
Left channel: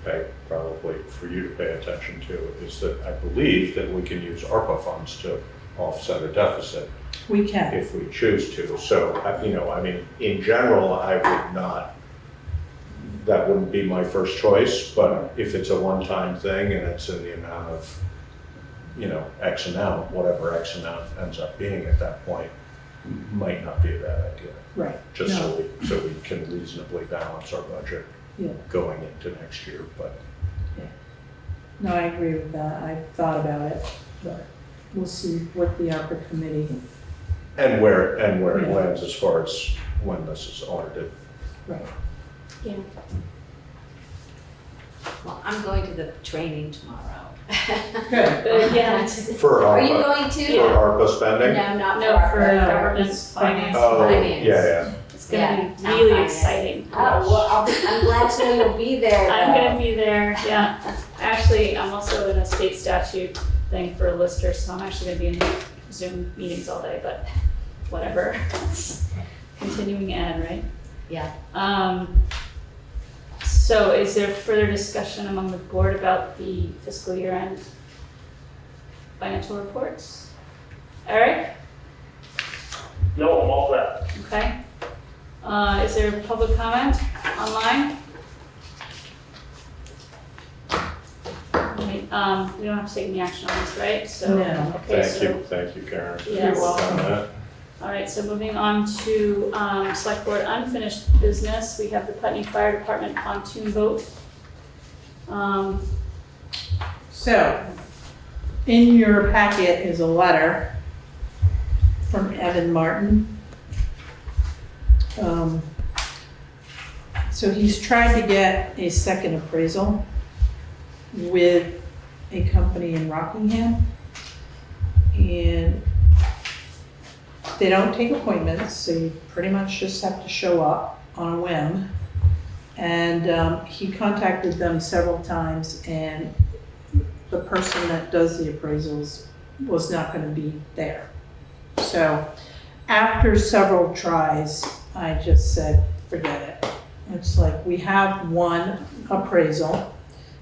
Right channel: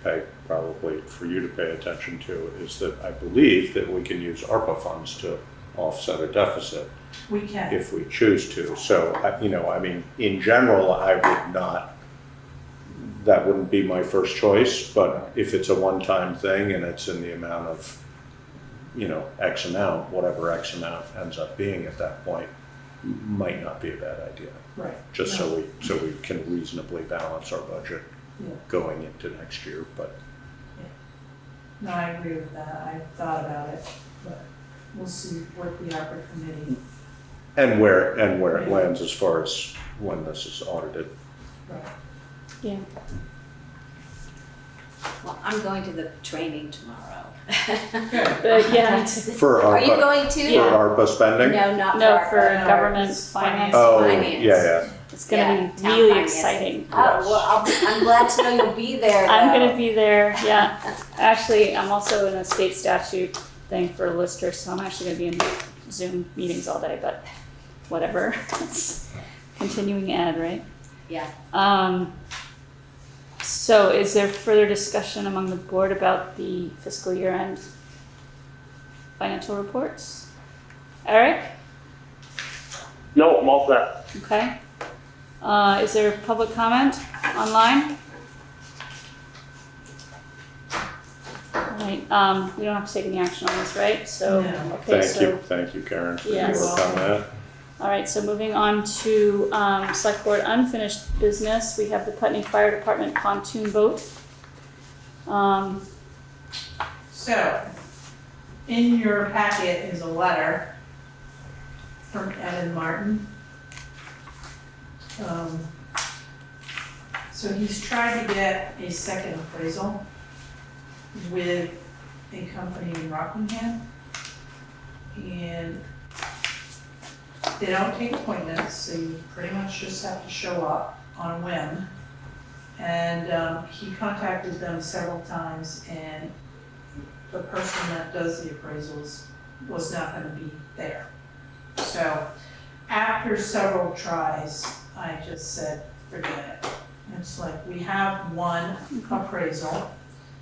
probably for you to pay attention to, is that I believe that we can use ARPA funds to offset a deficit we can. if we choose to. So, you know, I mean, in general, I would not, that wouldn't be my first choice, but if it's a one-time thing and it's in the amount of, you know, X amount, whatever X amount ends up being at that point, might not be a bad idea. Right. Just so we can reasonably balance our budget Yeah. going into next year, but. No, I agree with that. I thought about it, but we'll see what the ARPA committee. And where it Yeah. lands as far as when this is audited. Right. Yeah. Well, I'm going to the training tomorrow. Good. But yeah, For Are you ARPA, going for to? ARPA spending? No, not no, for. for No, government it's finance. Oh, Finance. yeah, It's gonna Yeah, be town really finance. exciting. Oh, well, I'm glad to know you'll be there. I'm though. gonna be there, yeah. Actually, I'm also in a state statute thing for Lister, so I'm actually gonna be in Zoom meetings all day, but whatever. It's continuing ed, right? Yeah. So is there further discussion among the board about the fiscal year end financial reports? Eric? No, I'm all set. Okay. Is there public comment online? Alright, we don't have to take any action on this, right? So, No. okay, so, thank you, Karen, for your Yes. work on that. alright, so moving on to, Selectboard Unfinished business, we have the Putney Fire Department pontoon boat. So, in your packet is a letter from Evan Martin. So he's tried to get a second appraisal with a company in Rockingham. And they don't take appointments, so you pretty much just have to show up on a whim. And he contacted them several times, and the person that does the appraisals was not gonna be there. So after several tries, I just said, forget it. It's like, we have one appraisal.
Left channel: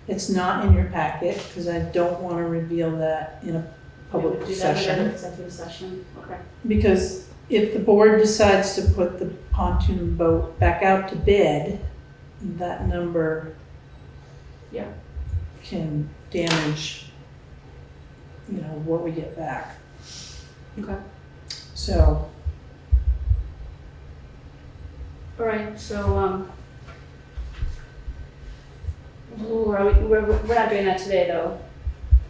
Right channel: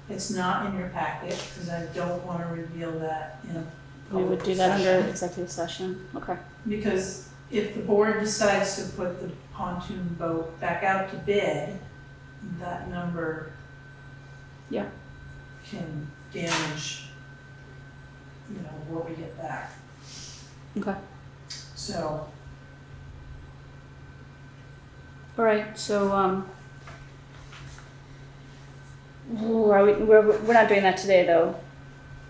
It's not in your packet, because I don't wanna reveal that in a We public would do that in session. an executive session, okay. Because if the board decides to put the pontoon boat back out to bid, that number Yeah. can damage, you know, what we get back. Okay. So, Alright, so, we're not doing that today though,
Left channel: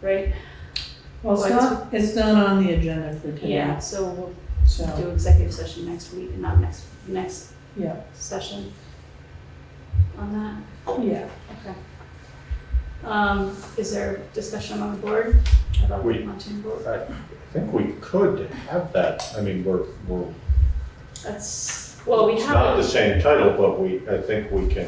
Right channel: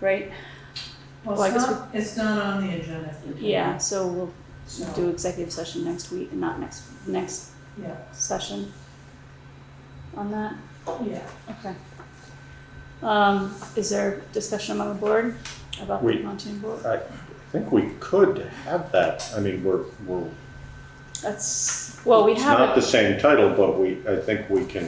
right? well, Well, I guess it's not on the agenda for today. Yeah, so we'll So, do executive session next week, and not next yeah, session on that, yeah. okay. Is there discussion on the board about the We- pontoon board? I think we could have that, I mean, we're, That's, well, we it's have not the it, same title, but I think we can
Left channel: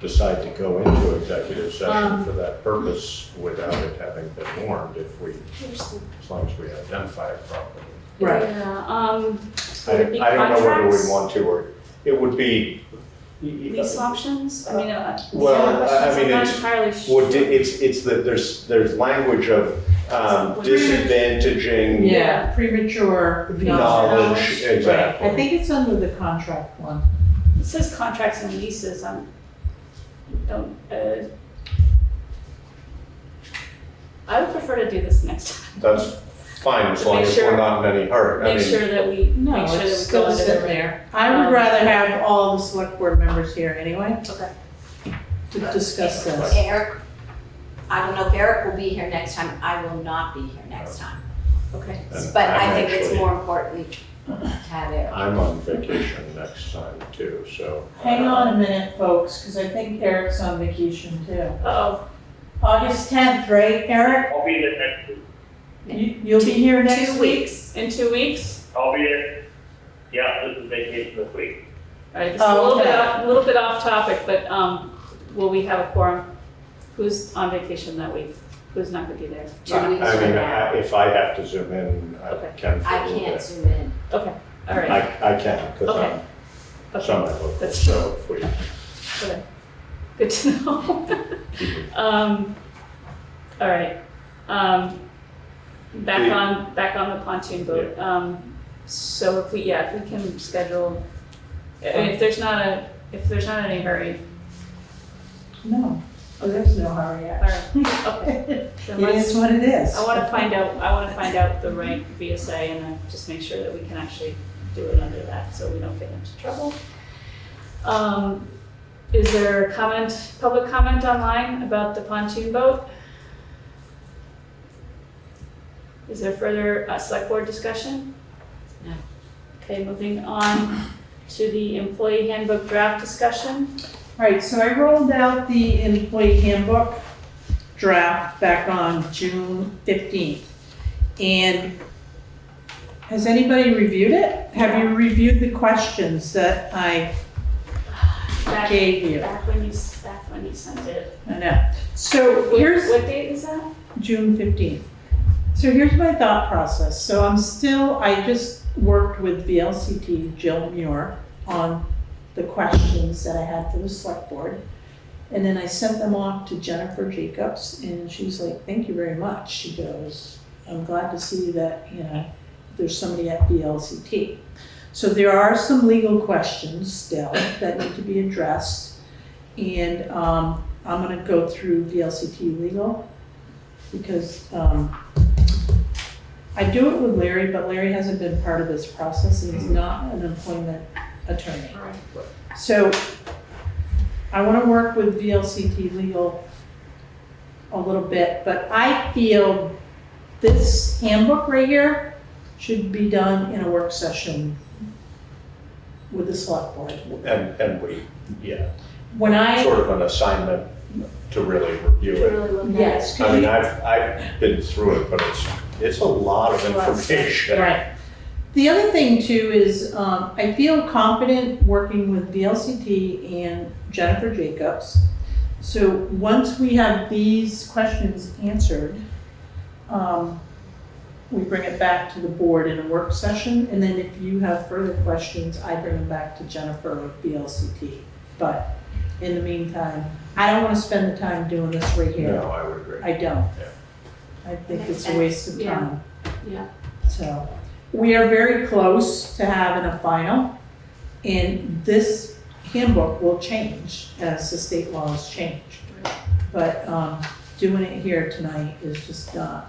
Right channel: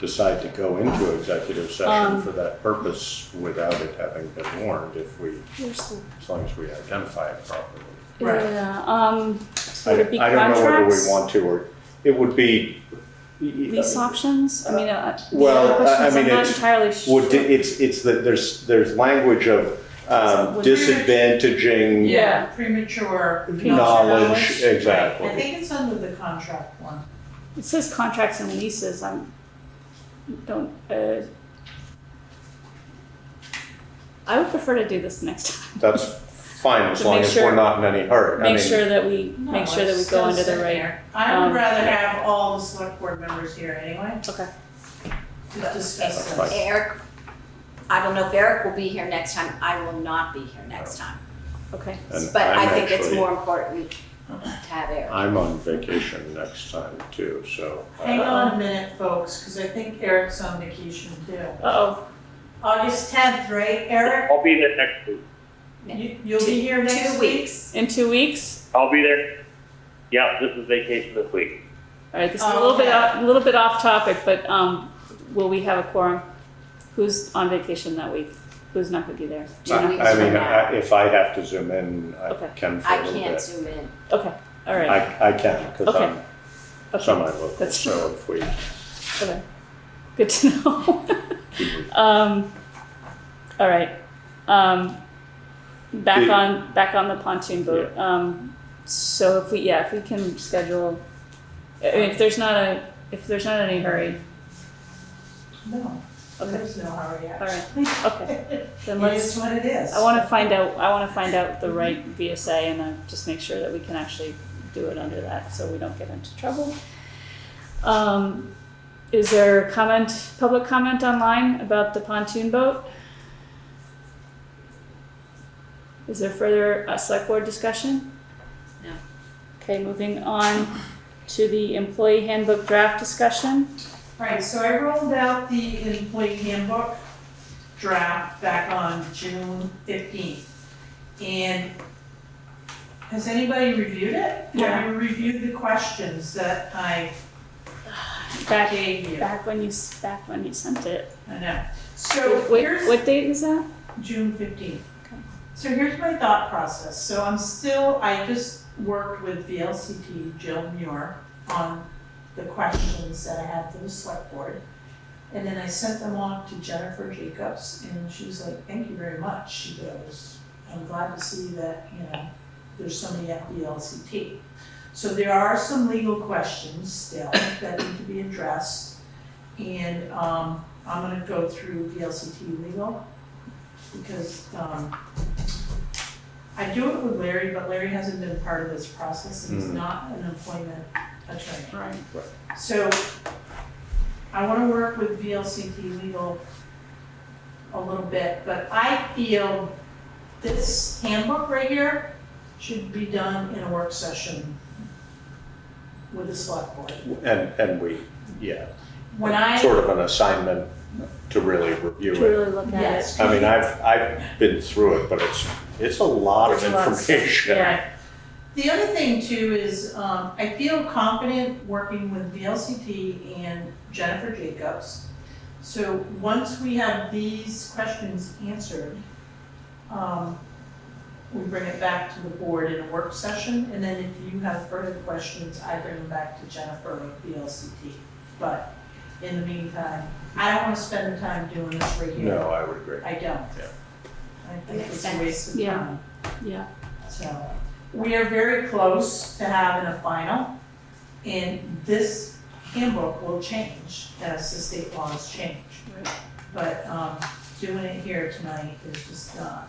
decide to go into executive session for that purpose without it having been warned if we, as long as we identify it properly. Right. Yeah, I would it be I don't know whether contracts? we want to, or it would be. Lease options, I mean, Well, the other I questions, mean, I'm not it's- entirely sure. It's that there's language of disadvantaging Yeah, premature knowledge, exactly. I think it's under the contract one. It says contracts and leases, I would prefer to do this next time. That's fine, as But long make as sure- we're not in any hurry. I Make mean, sure that we, No, make sure that it's we go gonna under sit the right. there. I would rather have all the select board members here anyway Okay. to discuss That's this. Eric, I don't know if Eric will be here next time, I will not be here next time. Okay. and But I I'm think it's actually- more important to have Eric. I'm on vacation next time too, so. Hang on a minute, folks, because I think Eric's on vacation too. Uh-oh. August 10th, right, Eric? I'll be there next week. You'll be here next 2 week? weeks. In 2 weeks? I'll be there. Yeah, this is vacation this week. All right, this is a little bit off topic, but will we have a quorum? Who's on vacation that week? Who's not gonna be there? 2 I weeks mean, from now. if I have to zoom in, I Okay. can for a I little can't bit. zoom in. Okay, all right. I can, because Okay. I'm Okay. semi-local, That's- so if we. Okay, good to know. All right, back on the pontoon boat. So if we can schedule, if there's not any hurry, No, there's no hurry all yet. right, okay. Then It let's, is what it is. I wanna find out the right V.S.A. and then just make sure that we can actually do it under that, so we don't get into trouble. Is there public comment online about the pontoon boat? Is there further select board discussion? No. Okay, moving on to the employee handbook draft discussion. Right, so I rolled out the employee handbook draft back on June 15th. And has anybody reviewed it? Have you reviewed the questions that I gave you? Back when you sent it. I know. So here's What date is that? June 15th. So here's my thought process. So I just worked with VLCT, Jill Muir, on the questions that I had for the select board. And then I sent them off to Jennifer Jacobs, and she's like, thank you very much. She goes, I'm glad to see that, there's somebody at VLCT. So there are some legal questions still that need to be addressed. And I'm gonna go through VLCT legal because I do it with Larry, but Larry hasn't been part of this process and he's not an employment attorney. So I wanna work with VLCT legal a little bit, but I feel this handbook right here should be done in a work session with the select board. And we, When I, sort of an assignment to really review To it. really look at it. yes. I mean, I've been through it, but it's a lot of It's a lot of stuff. information. Right. The other thing too is, I feel confident working with VLCT and Jennifer Jacobs. So once we have these questions answered, we bring it back to the board in a work session, and then if you have further questions, I bring them back to Jennifer with VLCT. But in the meantime, I don't wanna spend the time doing this right here. No, I would agree. I don't. Yeah. I think Makes it's a waste of Yeah. time. Yeah. So, we are very close to having a final, and this handbook will change as the state laws change. But, doing it here tonight is just not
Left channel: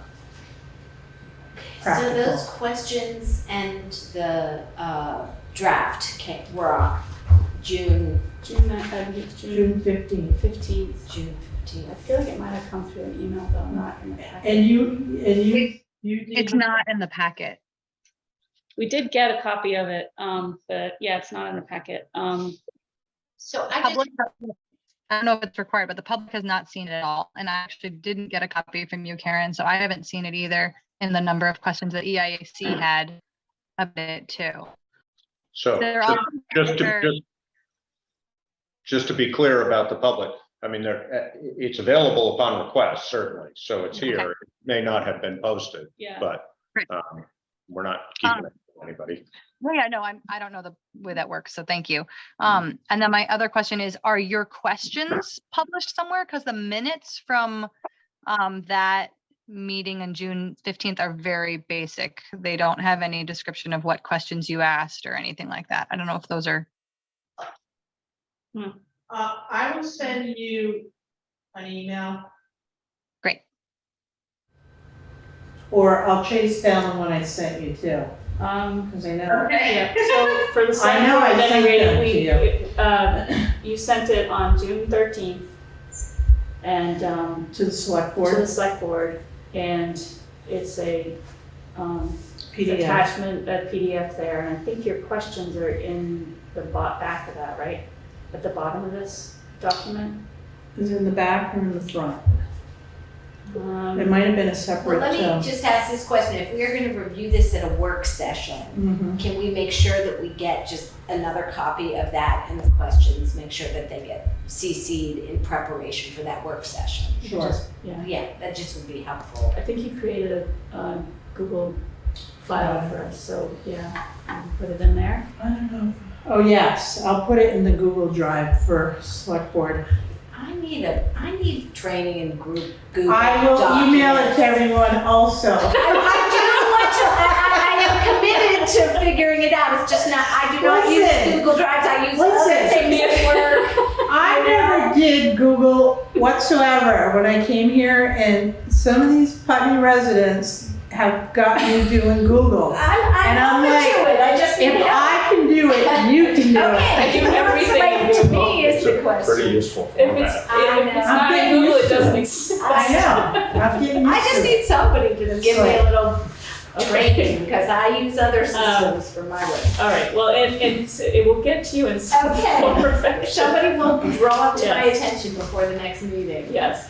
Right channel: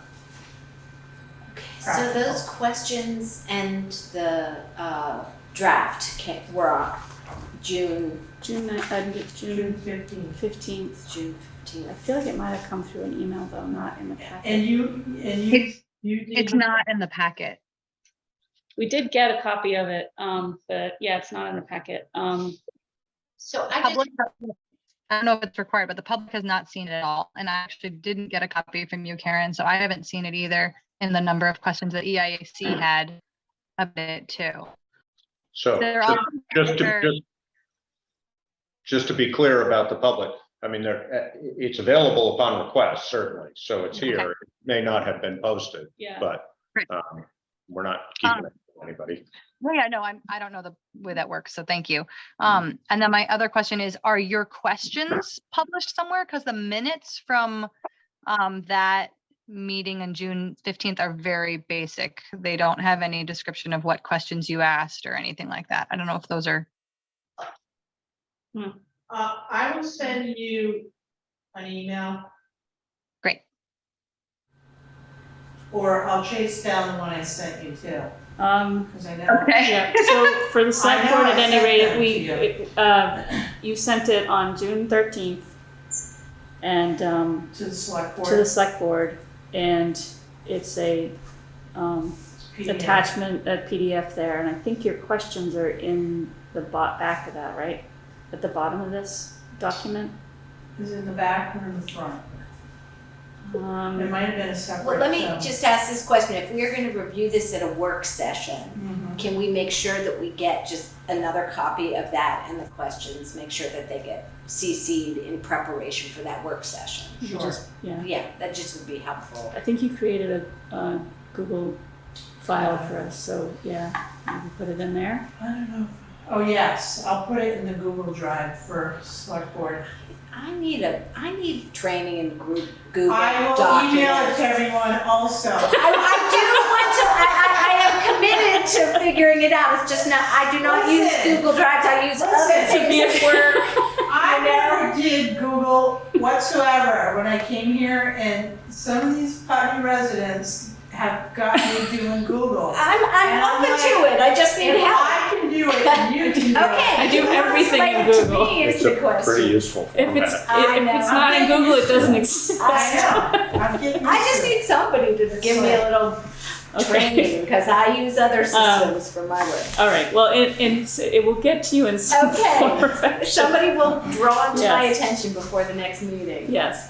So those practical. questions and the draft were on June June June 15th. 15th. June I 15th. feel like it might have come through an email, though, not in the packet. And you did. It's not in the packet. We did get a copy of it, but yeah, it's not in the packet. So I Public, I don't know if it's required, but the public has not seen it at all. And I actually didn't get a copy from you, Karen, so I haven't seen it either in the number of questions that EIAC had about it too. So, They're all- just to be clear about the public, I mean, it's available upon request, certainly, so it's here. Okay. It may not have been posted, Yeah. but Great. we're not keeping it from anybody. Well, yeah, no, I don't know the way that works, so thank you. And then my other question is, are your questions published somewhere? Because the minutes from that meeting on June 15th are very basic. They don't have any description of what questions you asked or anything like that. I don't know if those are. I will send you an email. Great. Or I'll chase down the one I sent you too, because I know. Yeah, so for the select I know board, I at sent any that rate, to you sent it on June 13th. And, To the select to the board, select board, and it's a, PDF. attachment, a PDF there, and I think your questions are in the back of that, right? At the bottom of this document? Is it in the back or in the front? It Um, might have been a Well, separate. let me just ask this question, if we're gonna review this at a work session, Mhm. can we make sure that we get just another copy of that and the questions, make sure that they get CC'd in preparation for that work session? Sure. just- Yeah, Yeah, that just would be helpful. I think you created a Google file for us, so yeah, you can put it in there. I don't know. Oh, yes, I'll put it in the Google Drive for select board. I need training in group Google I will email it documents. to everyone also. I am committed to figuring it out, it's just not, I do not use Listen. Google Drives, I use other Listen. things at work. I never did Google whatsoever when I came here, and some of these Putney residents have got me doing Google. And I'm I'm open like, to it, I just need If help. I can do it, you can do Okay, it. I do what's everything right in to Google. me is It's the a pretty question. useful If it's, format. I if it's know. not in I'm getting Google, it used to doesn't it. exist. I know, I'm getting I used just to it. need somebody to give me a little Okay. training, because I use other systems for my work. All right, well, it will get to you in some Okay. form or fashion. Somebody will draw to my Yes. attention before the next meeting. Yes.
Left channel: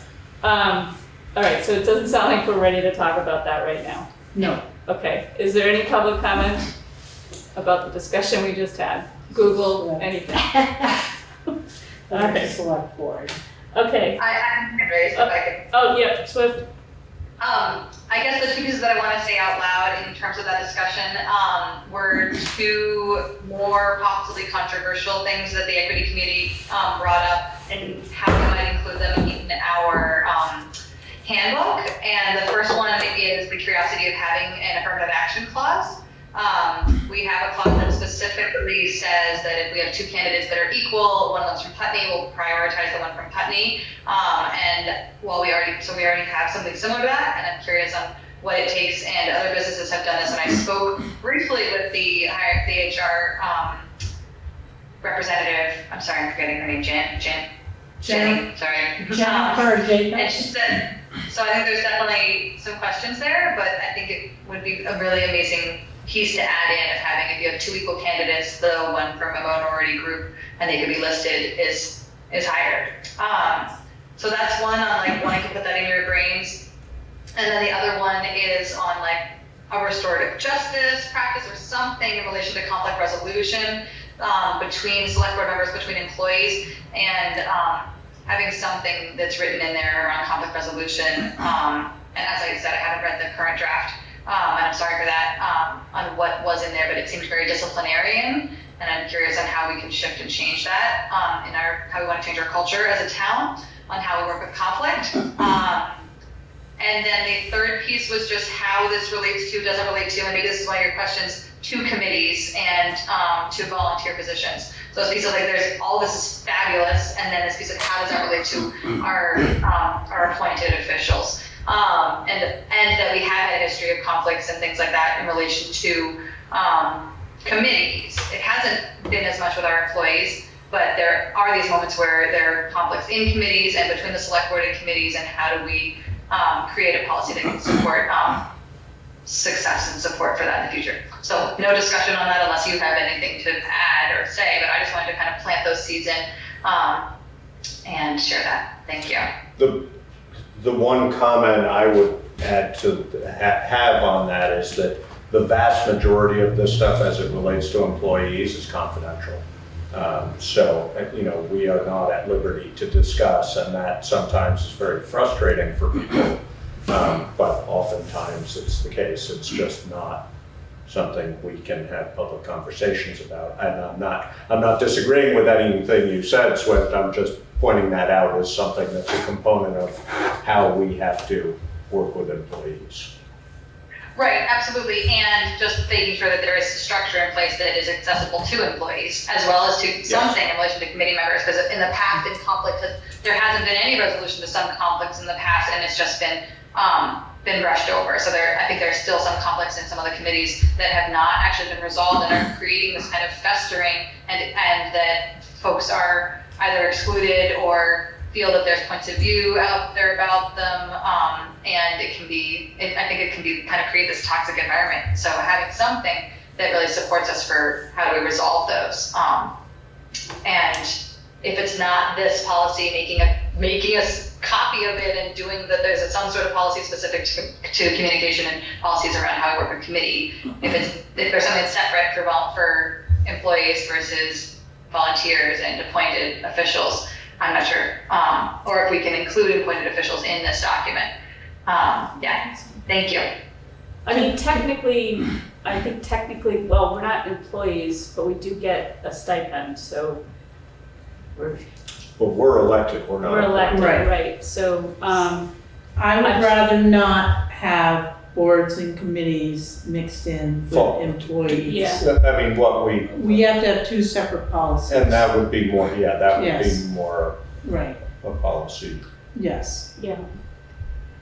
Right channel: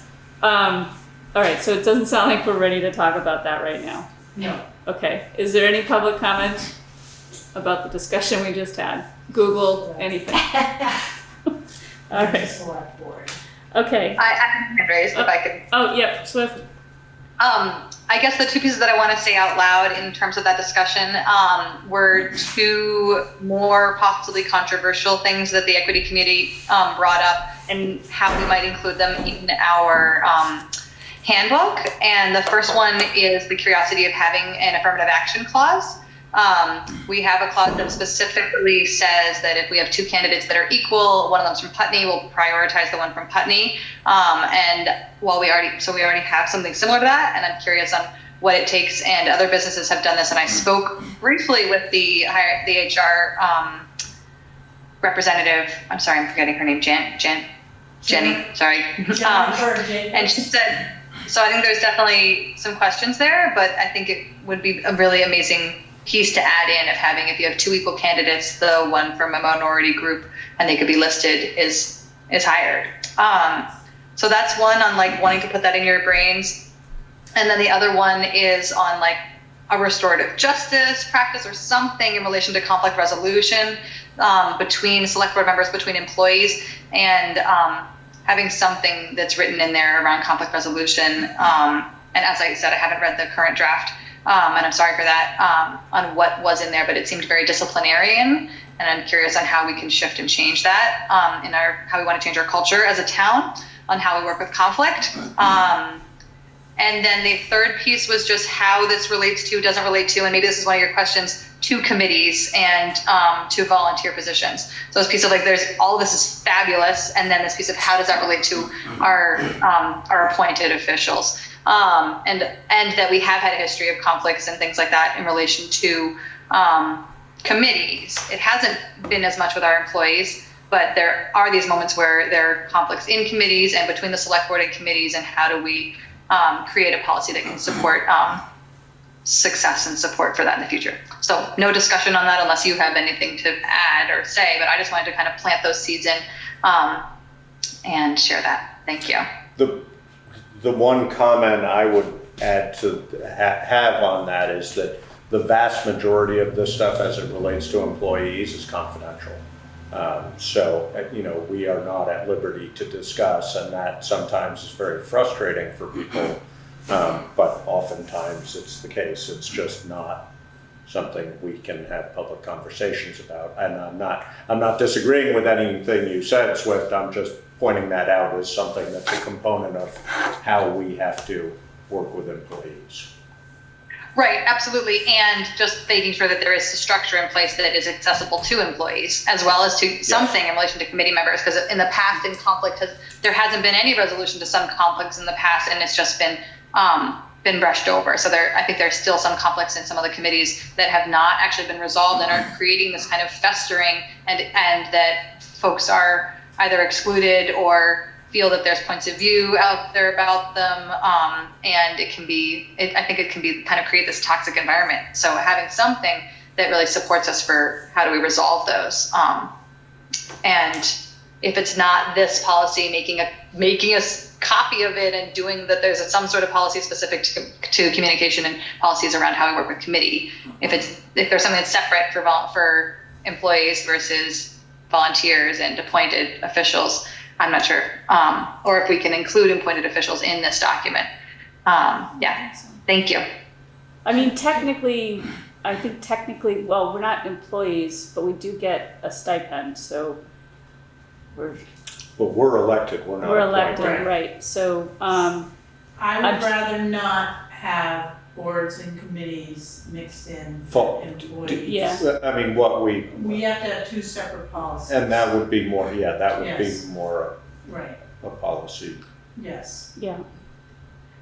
All right, so it doesn't sound like we're ready to talk about that right now. No. Okay, is there any public comment about the discussion we just had? Google, anything? All right, Select board. okay. I have hand raised, if I could. Oh, yeah, Swift. I guess the two pieces that I want to say out loud in terms of that discussion were two more possibly controversial things that the equity committee brought up and how we might include them in our handbook. And the first one is the curiosity of having an affirmative action clause. We have a clause that specifically says that if we have two candidates that are equal, one of them's from Putney, we'll prioritize the one from Putney. And while we already have something similar to that, and I'm curious on what it takes, and other businesses have done this, and I spoke briefly with the HR representative, I'm sorry, I'm forgetting her name, Jenny, sorry. And she said, so I think there's definitely some questions there, but I think it would be a really amazing piece to add in of having, if you have two equal candidates, the one from a minority group and they could be listed is hired. So that's one on like wanting to put that in your brains. And then the other one is on like a restorative justice practice or something in relation to conflict resolution between select board members, between employees, and having something that's written in there around conflict resolution. And as I said, I haven't read the current draft, and I'm sorry for that, on what was in there, but it seemed very disciplinarian, and I'm curious on how we can shift and change that in how we want to change our culture as a town on how we work with conflict. And then the third piece was just how this doesn't relate to, and maybe this is one of your questions, to committees and to volunteer positions. So this piece of like, all of this is fabulous, and then this piece of how does that relate to our appointed officials, and that we have had a history of conflicts and things like that in relation to committees. It hasn't been as much with our employees, but there are these moments where there are conflicts in committees and between the select board and committees, and how do we create a policy that can support success and support for that in the future. So no discussion on that unless you have anything to add or say, but I just wanted to kind of plant those seeds in and share that. Thank you. The one comment I would add to have on that is that the vast majority of this stuff as it relates to employees is confidential. So, we are not at liberty to discuss, and that sometimes is very frustrating for people. But oftentimes it's the case. It's just not something we can have public conversations about. And I'm not disagreeing with anything you said, Swift. I'm just pointing that out as something that's a component of how we have to work with employees. Right, absolutely, and just making sure that there is a structure in place that is accessible to employees, as well as to something in relation to committee members, because in the past, there hasn't been any resolution to some conflicts in the past, and it's just been been brushed over. So I think there's still some conflicts in some of the committees that have not actually been resolved and are creating this kind of festering, and that folks are either excluded or feel that there's points of view out there about them, and I think it can be kind of create this toxic environment. So having something that really supports us for how do we resolve those, and if it's not this policy making a copy of it and doing that, there's some sort of policy specific to communication and policies around how we work with committee. If there's something that's separate for employees versus volunteers and appointed officials, I'm not sure. Or if we can include appointed officials in this document. Yeah, thank you. I mean, technically, well, we're not employees, but we do get a stipend, so we're elected, we're not. we're elected, Right. right? So, I would rather not have boards and committees mixed in Full. with employees. Yeah. I mean, We have to have two separate policies. and that would be more, that would Yes. be more Right, a policy. yes. yeah.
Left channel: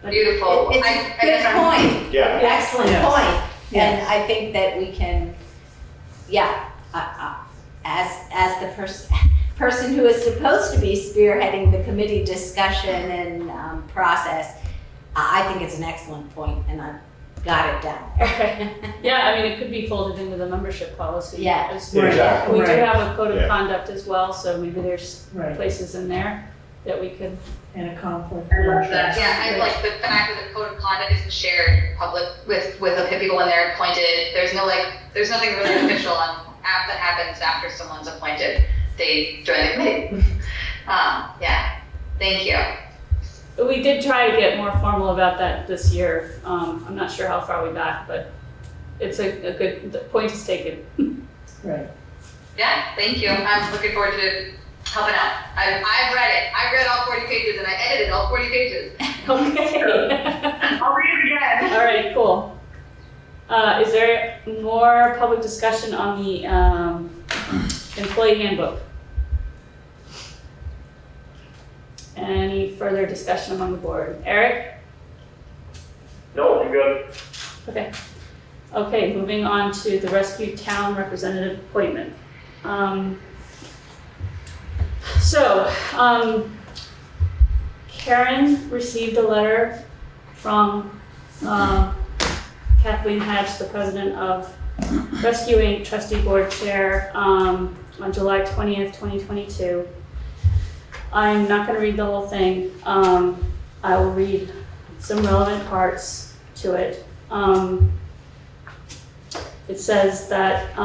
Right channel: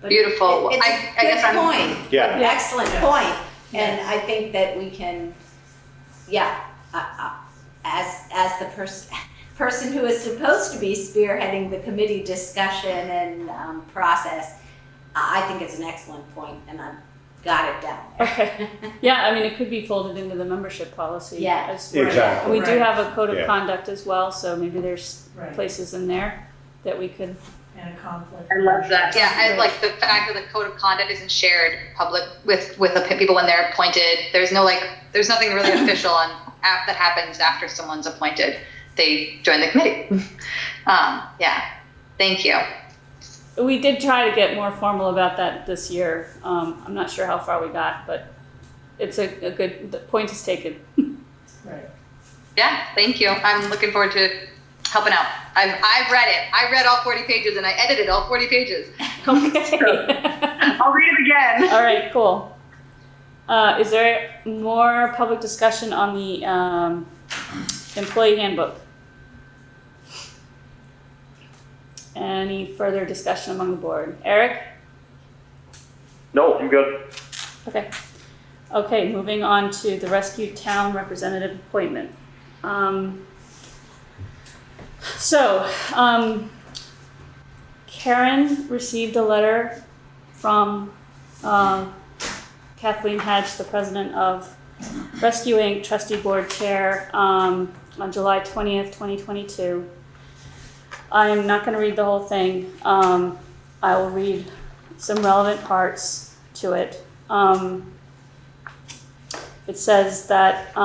But Beautiful. It's I a guess good I'm point, Yeah, excellent Yes. point. Yes. And I think that we can, as the person who is supposed to be spearheading the committee discussion and process, I think it's an excellent point, and I've got it down. Okay. Yeah, I mean, it could be folded into the membership policy. Yeah. as well. Exactly. We do Right. have a code of Yeah. conduct as well, so maybe there's Right, places in there that we could. and a conflict. I love that. Yeah, I like the fact that the code of conduct isn't shared public with the people when they're appointed. There's nothing really official that happens after someone's appointed. They join the committee. Yeah, thank you. We did try to get more formal about that this year. I'm not sure how far we got, but it's a good, the point is taken. Right. Yeah, thank you. I'm looking forward to helping out. I've read it. I read all 40 pages and I edited all 40 pages. Okay. I'll read it again. All right, cool. Is there more public discussion on the employee handbook? Any further discussion among the board? Eric? No, I'm good. Okay. Okay, moving on to the rescue town representative appointment. Karen received a letter from Kathleen Hatch, the president of Rescue Inc. Trustee Board Chair, on July 20th, 2022. I'm not going to read the whole thing. I will read some relevant parts to it. It says that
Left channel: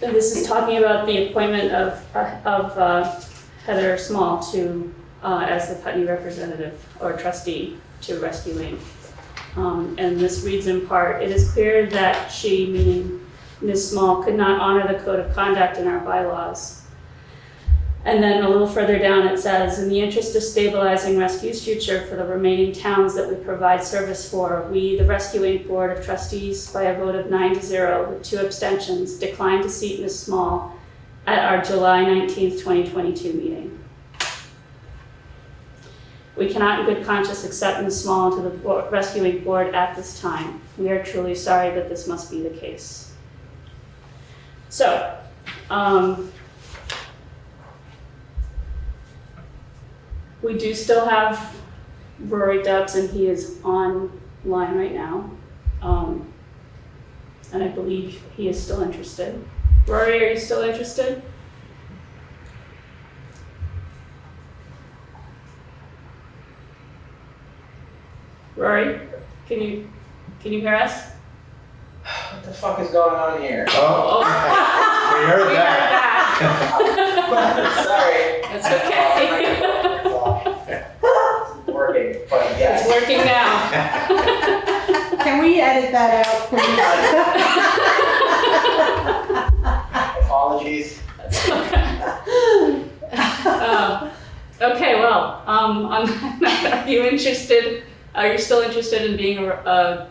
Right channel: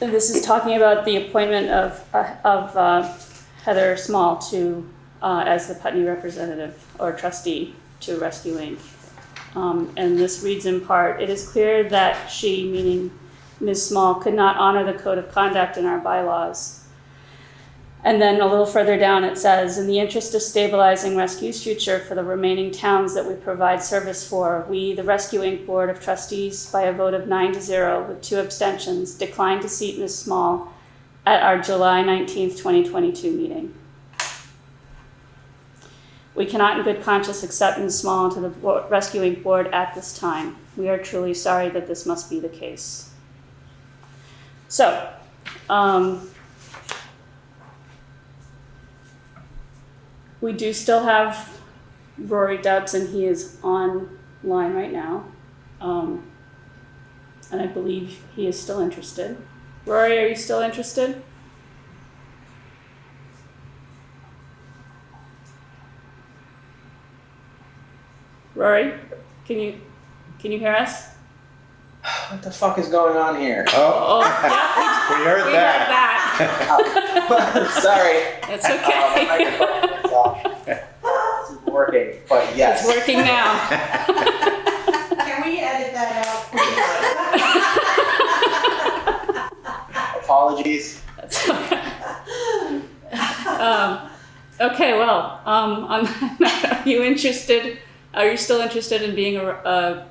this is talking about the appointment of Heather Small to as the Putney representative or trustee to Rescue Inc. And this reads in part, it is clear that she, meaning Ms. Small, could not honor the code of conduct in our bylaws. And then a little further down it says, in the interest of stabilizing Rescue's future for the remaining towns that we provide service for, we, the Rescue Inc. Board of Trustees, by a vote of 9-0 with 2 abstentions, declined to seat Ms. Small at our July 19th, 2022 meeting. We cannot in good conscience accept Ms. Small into the Rescue Inc. Board at this time. We are truly sorry that this must be the case. So, we do still have Rory Dubs, and he is online right now. And I believe he is still interested. Rory, are you still interested? Rory, can you hear us? What the fuck is going on here? Oh, we heard We heard that. that. Sorry. It's okay. It's working, but yes. It's working now. Can we edit that out, please? Apologies. That's okay. Okay, well, are you interested? Are you still interested in being a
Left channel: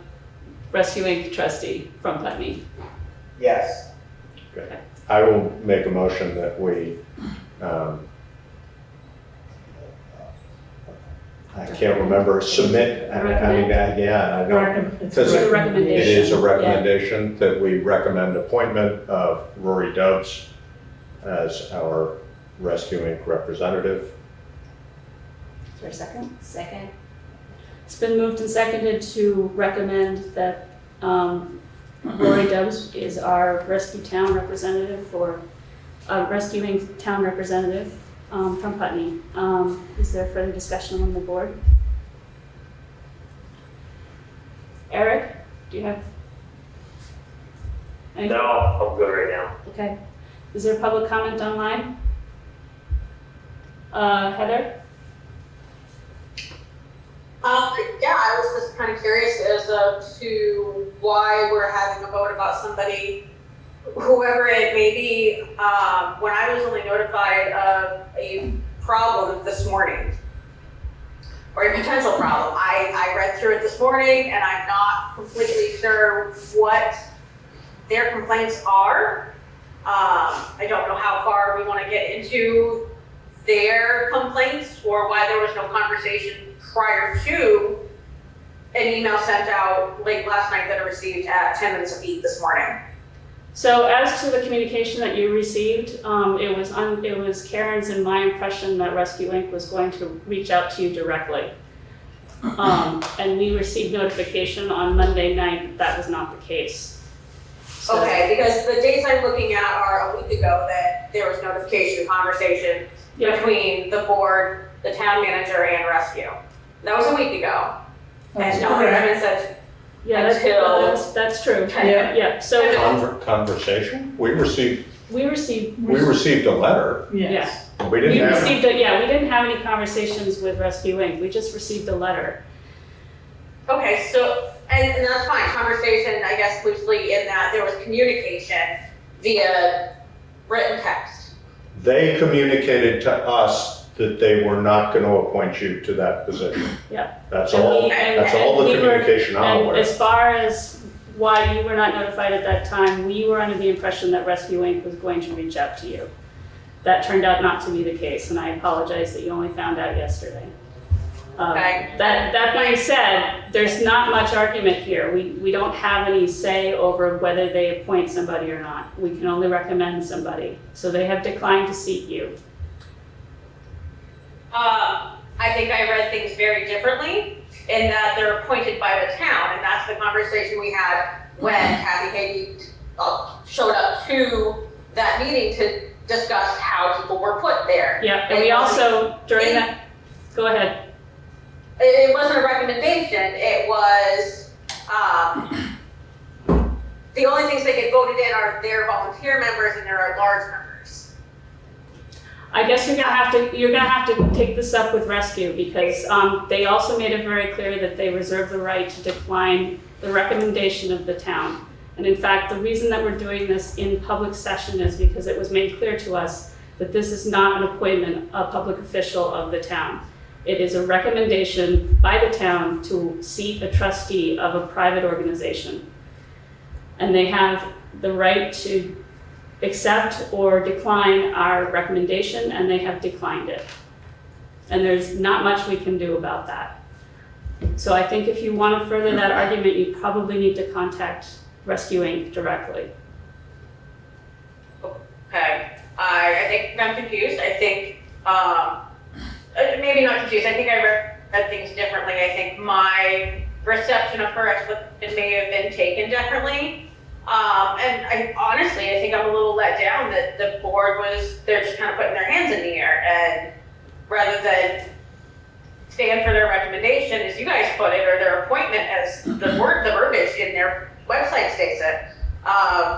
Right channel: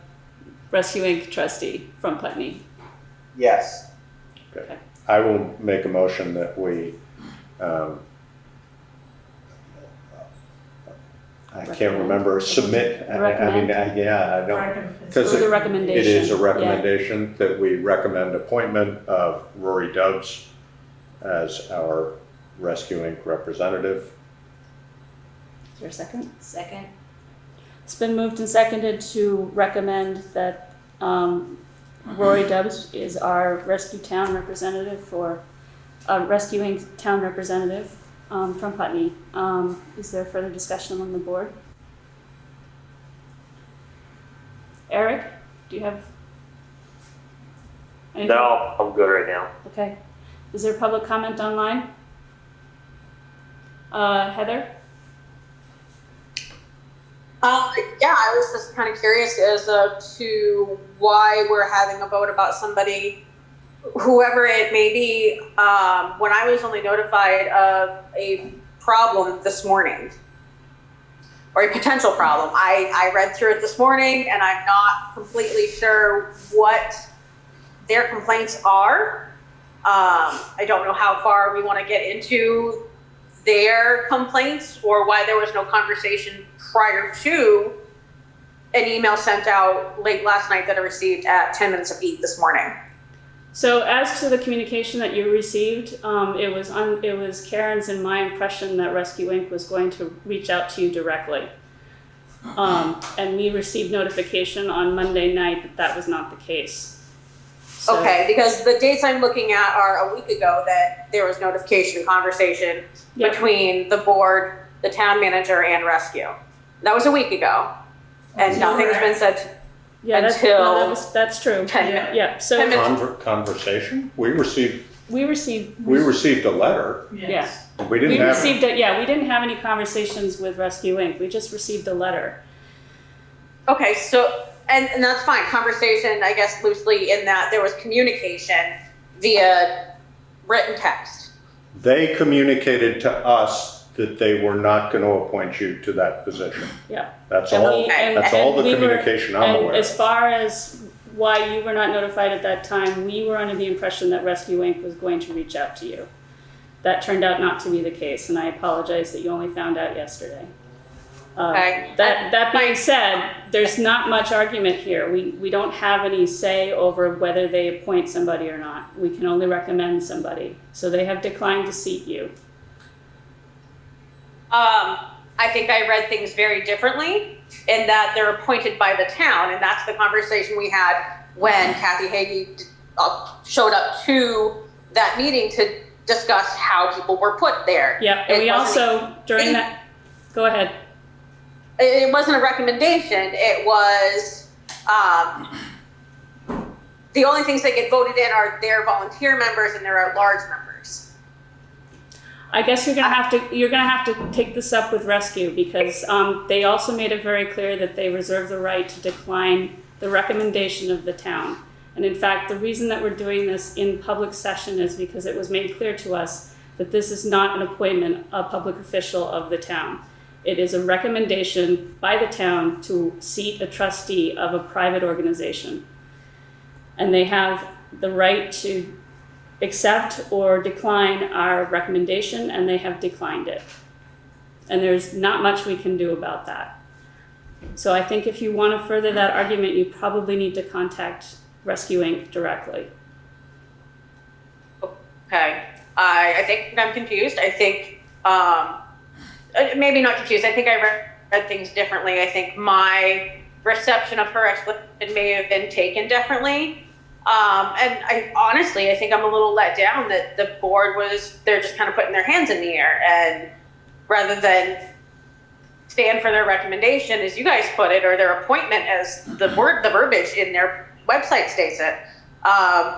Rescue Inc. trustee from Putney? Yes. Okay. I will make a motion that we, I can't can't remember, submit, I Recommend. yeah, I don't, It's because It's a it recommendation. is a yeah. recommendation that we recommend appointment of Rory Dubs as our Rescue Inc. representative. Is there a second? Second. It's been moved and seconded to recommend that Rory Dubs is our rescue town representative for, rescuing town representative from Putney. Is there further discussion on the board? Eric, do you have anything? No, I'm good right now. Okay. Is there public comment online? Heather? Yeah, I was just kind of curious as to why we're having a vote about somebody, whoever it may be, when I was only notified of a problem this morning, or a potential problem. I read through it this morning, and I'm not completely sure what their complaints are. I don't know how far we want to get into their complaints, or why there was no conversation prior to an email sent out late last night that I received at 10 minutes of 8 this morning. So as to the communication that you received, it was Karen's and my impression that Rescue Inc. was going to reach out to you directly. And we received notification on Monday night that was not the case. So- Okay, because the dates I'm looking at are a week ago that there was notification, conversation Yeah. between the board, the town manager, and rescue. That was a week ago. And nothing's been said. Yeah, Until- that's true. 10 Yeah. minutes. Yeah, so 10 minutes. Conversation? We received we received, a letter. Yes. We didn't have. received it, yeah, we didn't have any conversations with Rescue Inc. We just received a letter. Okay, so, and that's fine, conversation, I guess loosely in that there was communication via written text. They communicated to us that they were not going to appoint you to that position. Yeah. That's And all, we- that's all the we were- communication I'm And aware as of. far as why you were not notified at that time, we were under the impression that Rescue Inc. was going to reach out to you. That turned out not to be the case, and I apologize that you only found out yesterday. Okay. That being said, there's not much argument here. We don't have any say over whether they appoint somebody or not. We can only recommend somebody. So they have declined to seat you. I think I read things very differently in that they're appointed by the town, and that's the conversation we had when Kathy Hagy showed up to that meeting to discuss how people were put there. Yeah, and we also, during that, go ahead. It wasn't a recommendation, it was, the only things that get voted in are their volunteer members and their at-large members. I guess you're gonna have to take this up with Rescue because they also made it very clear that they reserve the right to decline the recommendation of the town. And in fact, the reason that we're doing this in public session is because it was made clear to us that this is not an appointment of a public official of the town. It is a recommendation by the town to seat a trustee of a private organization. And they have the right to accept or decline our recommendation, and they have declined it. And there's not much we can do about that. So I think if you want to further that argument, you probably need to contact Rescue Inc. directly. Okay, I think I'm confused, I think, maybe not confused, I think I read things differently. I think my reception of her explanation may have been taken differently. And I think I'm a little let down that the board they're just kind of putting their hands in the air, and rather than stand for their recommendation, as you guys put it, or their appointment as the verbiage in their website states it,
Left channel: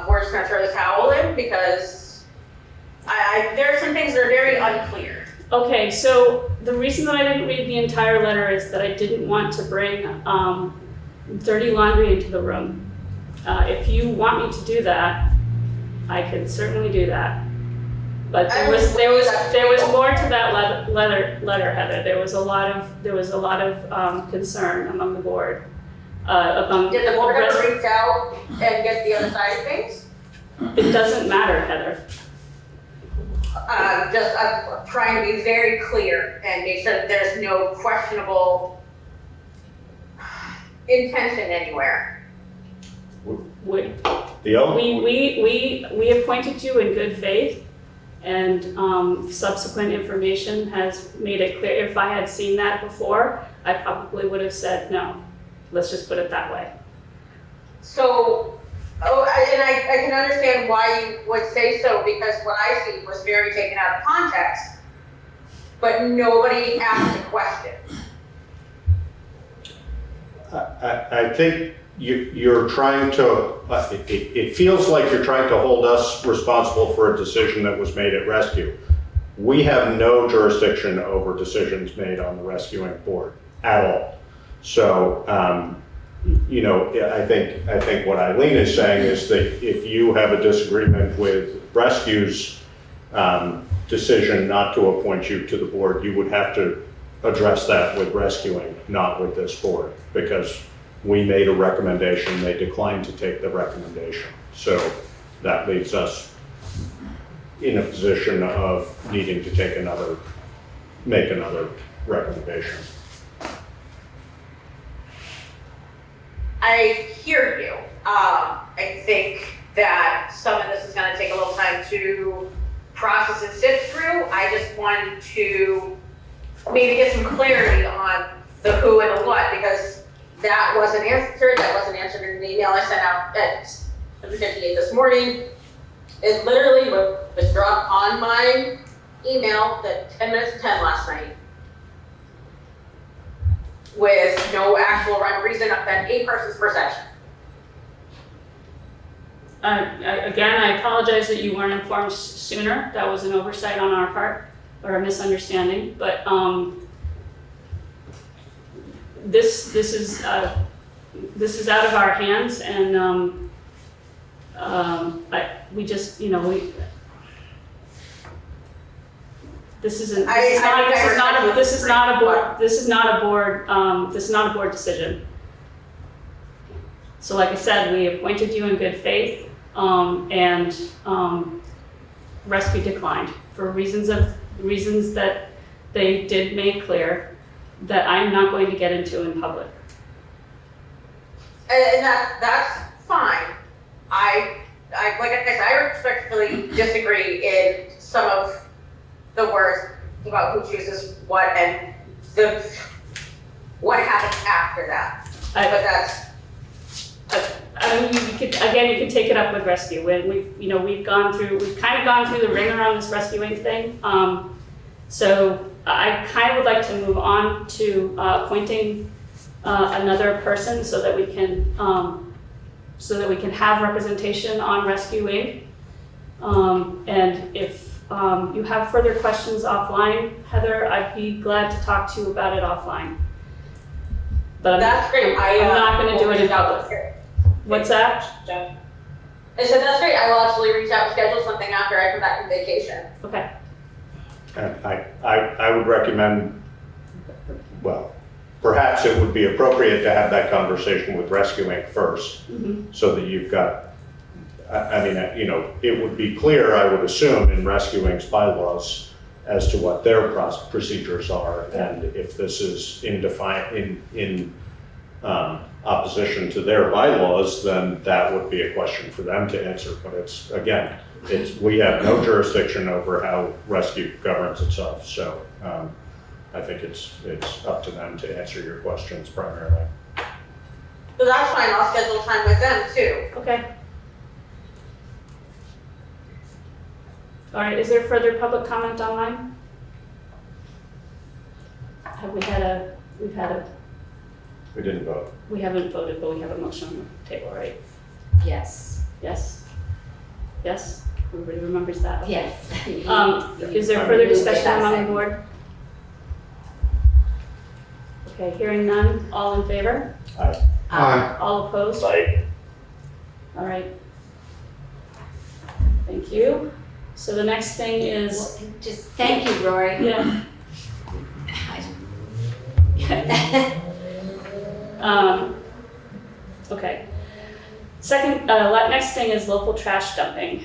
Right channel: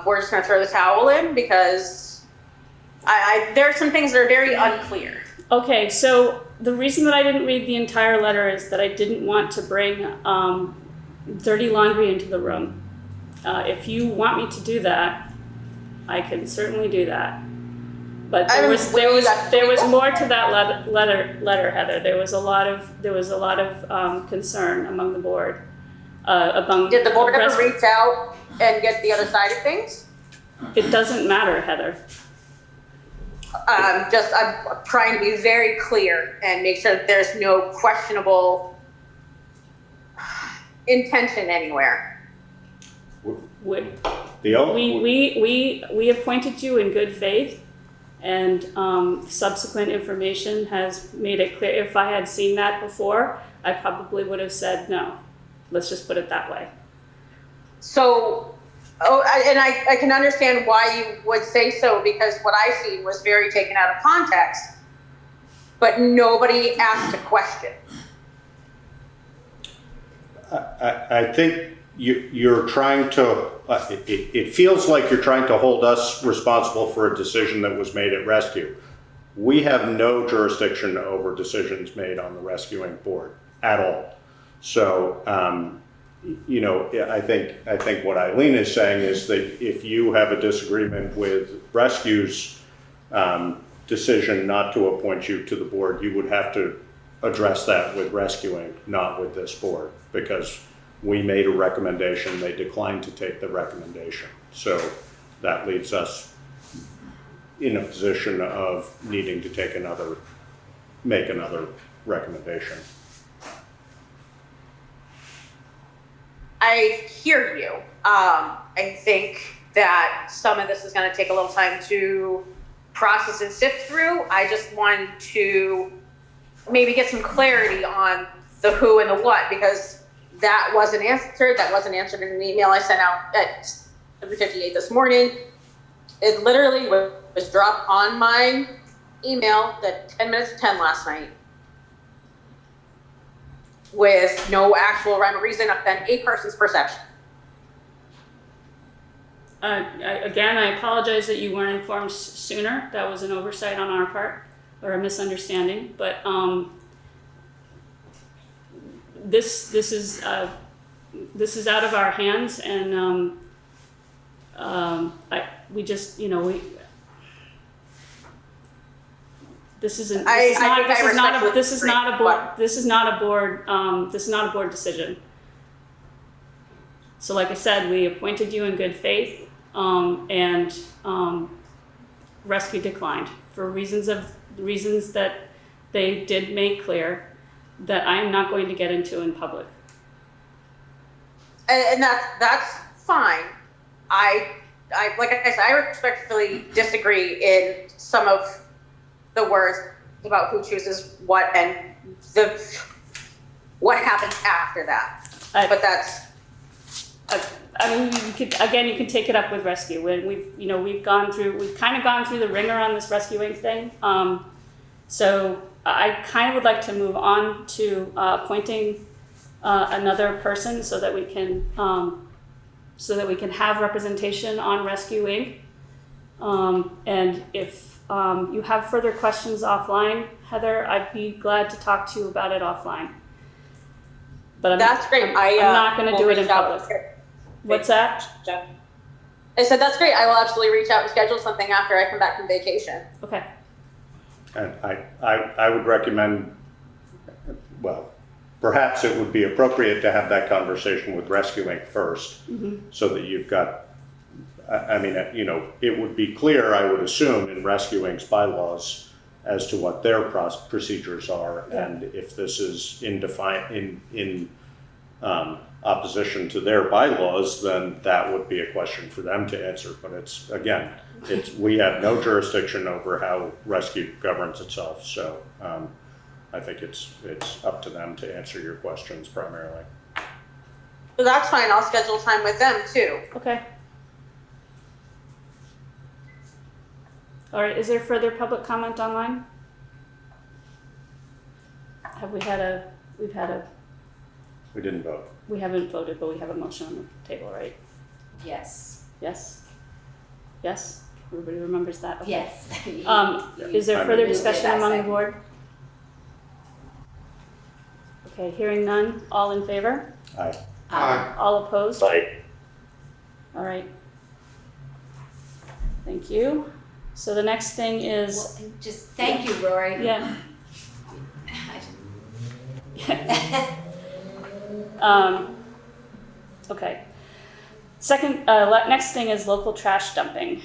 we're just gonna throw the towel in because there are some things that are very unclear. Okay, so the reason that I didn't read the entire letter is that I didn't want to bring dirty laundry into the room. If you want me to do that, I can certainly do that. But there was more to that letter, Heather. There was a lot of concern among the board. Did the board ever reach out and get the other side of things? It doesn't matter, Heather. I'm trying to be very clear and make sure that there's no questionable intention anywhere. We appointed you in good faith, and subsequent information has made it clear. If I had seen that before, I probably would have said no. Let's just put it that way. So, I can understand why you would say so, because what I see was very taken out of context, but nobody asked a question. I think you're trying to, it feels like you're trying to hold us responsible for a decision that was made at rescue. We have no jurisdiction over decisions made on the rescuing board at all. So, I think what Eileen is saying is that if you have a disagreement with rescue's decision not to appoint you to the board, you would have to address that with rescuing, not with this board, because we made a recommendation, they declined to take the recommendation. So that leaves us in a position of needing to make another recommendation. I hear you. I think that some of this is going to take a little time to process and sift through. I just wanted to maybe get some clarity on the who and the what, because that wasn't answered. That wasn't answered in an email I sent out at 7:58 this morning. It literally was dropped on my email at 10 minutes to 10 last night, with no actual rhyme or reason other than a person's perception. Again, I apologize that you weren't informed sooner. That was an oversight on our part, or a misunderstanding. But this is out of our hands, and this is not a board decision. So like I said, we appointed you in good faith, and rescue declined for reasons that they did make clear that I'm not going to get into in public. And that's fine. I like I said, I respectfully disagree in some of the words about who chooses what and what happens after that. But that's. You can take it up with rescue. We've kind of gone through the ring around this rescuing thing. So I kind of would like to move on to appointing another person so that we can have representation on rescuing. And if you have further questions offline, Heather, I'd be glad to talk to you about it offline. But that's great. I'm not going to do it in public. What's that? I said that's great. I will absolutely reach out and schedule something after I come back from vacation. Okay. And I would recommend, well, perhaps it would be appropriate to have that conversation with rescuing first, so that you've got, it would be clear, I would assume, in rescuing's bylaws as to what their procedures are, and if this is in opposition to their bylaws, then that would be a question for them to answer. But we have no jurisdiction over how rescue governs itself, so I think it's up to them to answer your questions primarily. So that's fine. I'll schedule time with them too. Okay. All right. Is there further public comment online? We didn't vote. We haven't voted, but we have a motion on the table, right? Yes. Yes? Yes? Everybody remembers that? Okay. Yes. Is there further discussion among the board? Okay, hearing none, all in favor? Aye. Aye. All opposed? Aye. All right. Thank you. So the next thing is, Just thank you, Rory. yeah. Okay. Next thing is local trash dumping.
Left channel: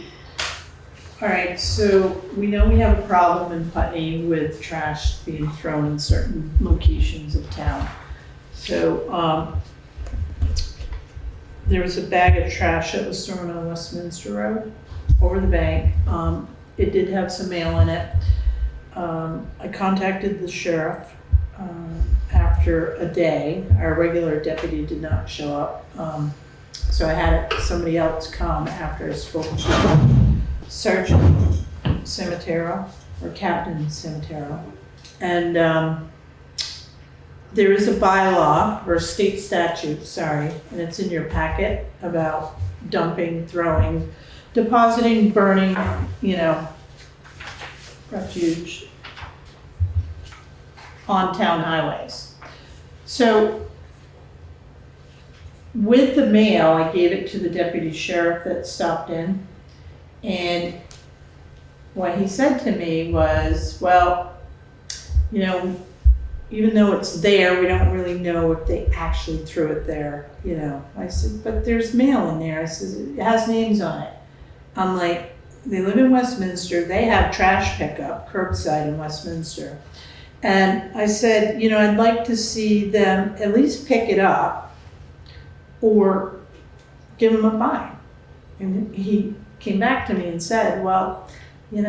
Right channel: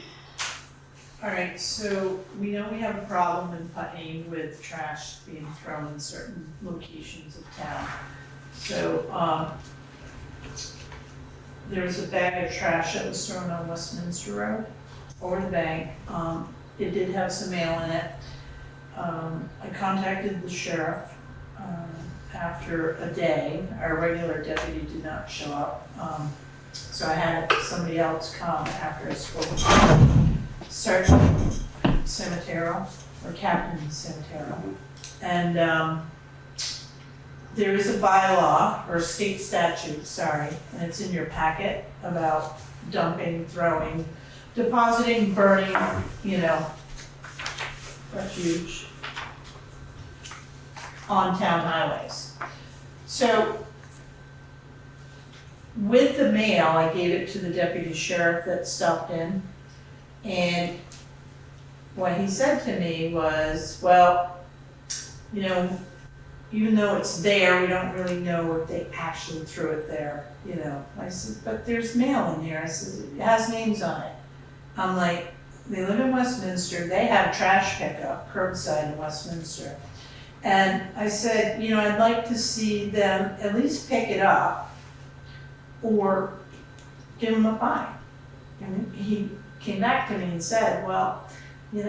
All right, so we know we have a problem in Putney with trash being thrown in certain locations of town. So, there was a bag of trash that was thrown on Westminster Road over the bank. It did have some mail in it. I contacted the sheriff, after a day. Our regular deputy did not show up. So I had somebody else come after I spoke to Sergeant Cimitero, or Captain Cimitero. And there is a bylaw, or state statute, sorry, and it's in your packet about dumping, throwing, depositing, burning, refuge on town highways. So with the mail, I gave it to the deputy sheriff that stopped in. And what he said to me was, well, even though it's there, we don't really know if they actually threw it there, I said, but there's mail in there. I said, it has names on it. I'm like, they live in Westminster, they have trash pickup curbside in Westminster. And I said, I'd like to see them at least pick it up or give them a fine. And he came back to me and said, well, I'm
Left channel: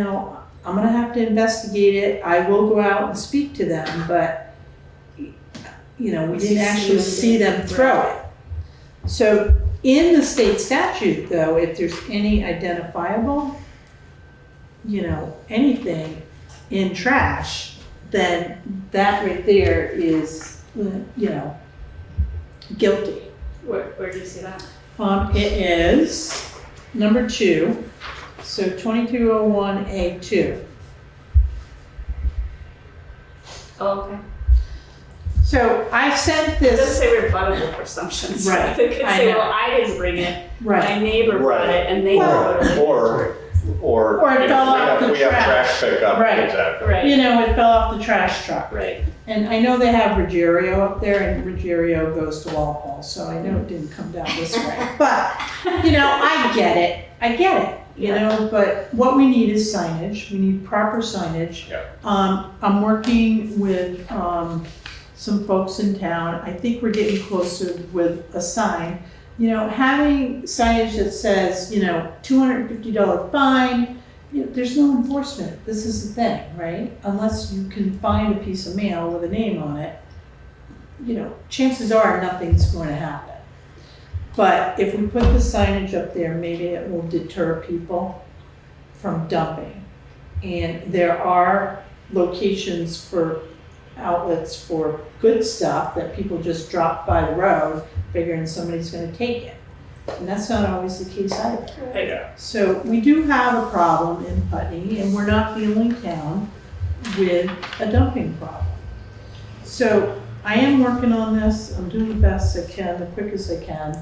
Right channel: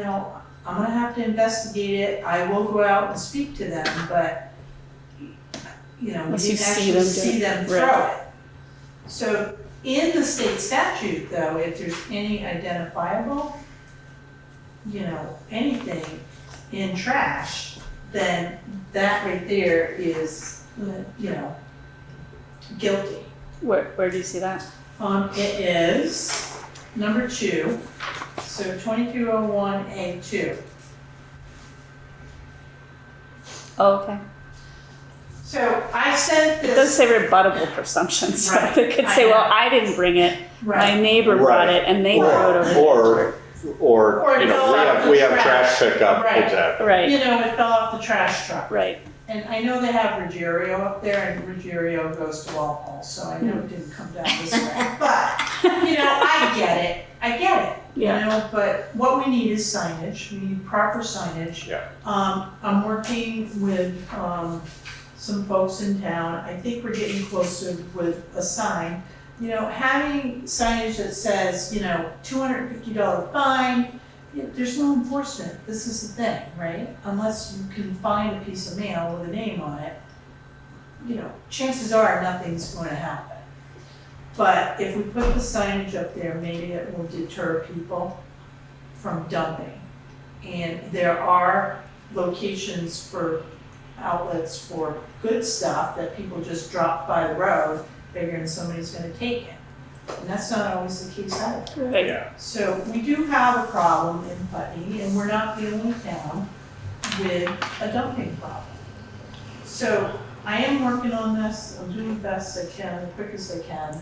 gonna have to investigate it. I will go out and speak to them, but, we didn't actually see them throw it. So in the state statute though, if there's any identifiable, anything in trash, then that right there is, guilty. Where do you see that? It is number 2, so 2201A2. Oh, okay. So I sent It does this, say rebuttable presumptions. Right, It could I say, know. well, I didn't bring it, right, my neighbor brought Right. it, and they Well, threw it away. Or it fell off the we have trash. trash pickup, Right. exactly. Right, it fell off the trash truck. right. And I know they have Ruggiero up there, and Ruggiero goes to Walpole, so I know it didn't come down this way. But, I get it, but what we need is signage, we need proper signage. Yeah. I'm working with, some folks in town, I think we're getting closer with a sign. Having signage that says, $250 fine, there's no enforcement, this is the thing, right? Unless you can find a piece of mail with a name on it, chances are nothing's going to happen. But if we put the signage up there, maybe it will deter people from dumping. And there are locations for outlets for good stuff that people just drop by the road, figuring somebody's gonna take it. And that's not always the case either. Right. Yeah. So we do have a problem in Putney, and we're not the only town with a dumping problem. So I am working on this, I'm doing the best I can, the quickest I can.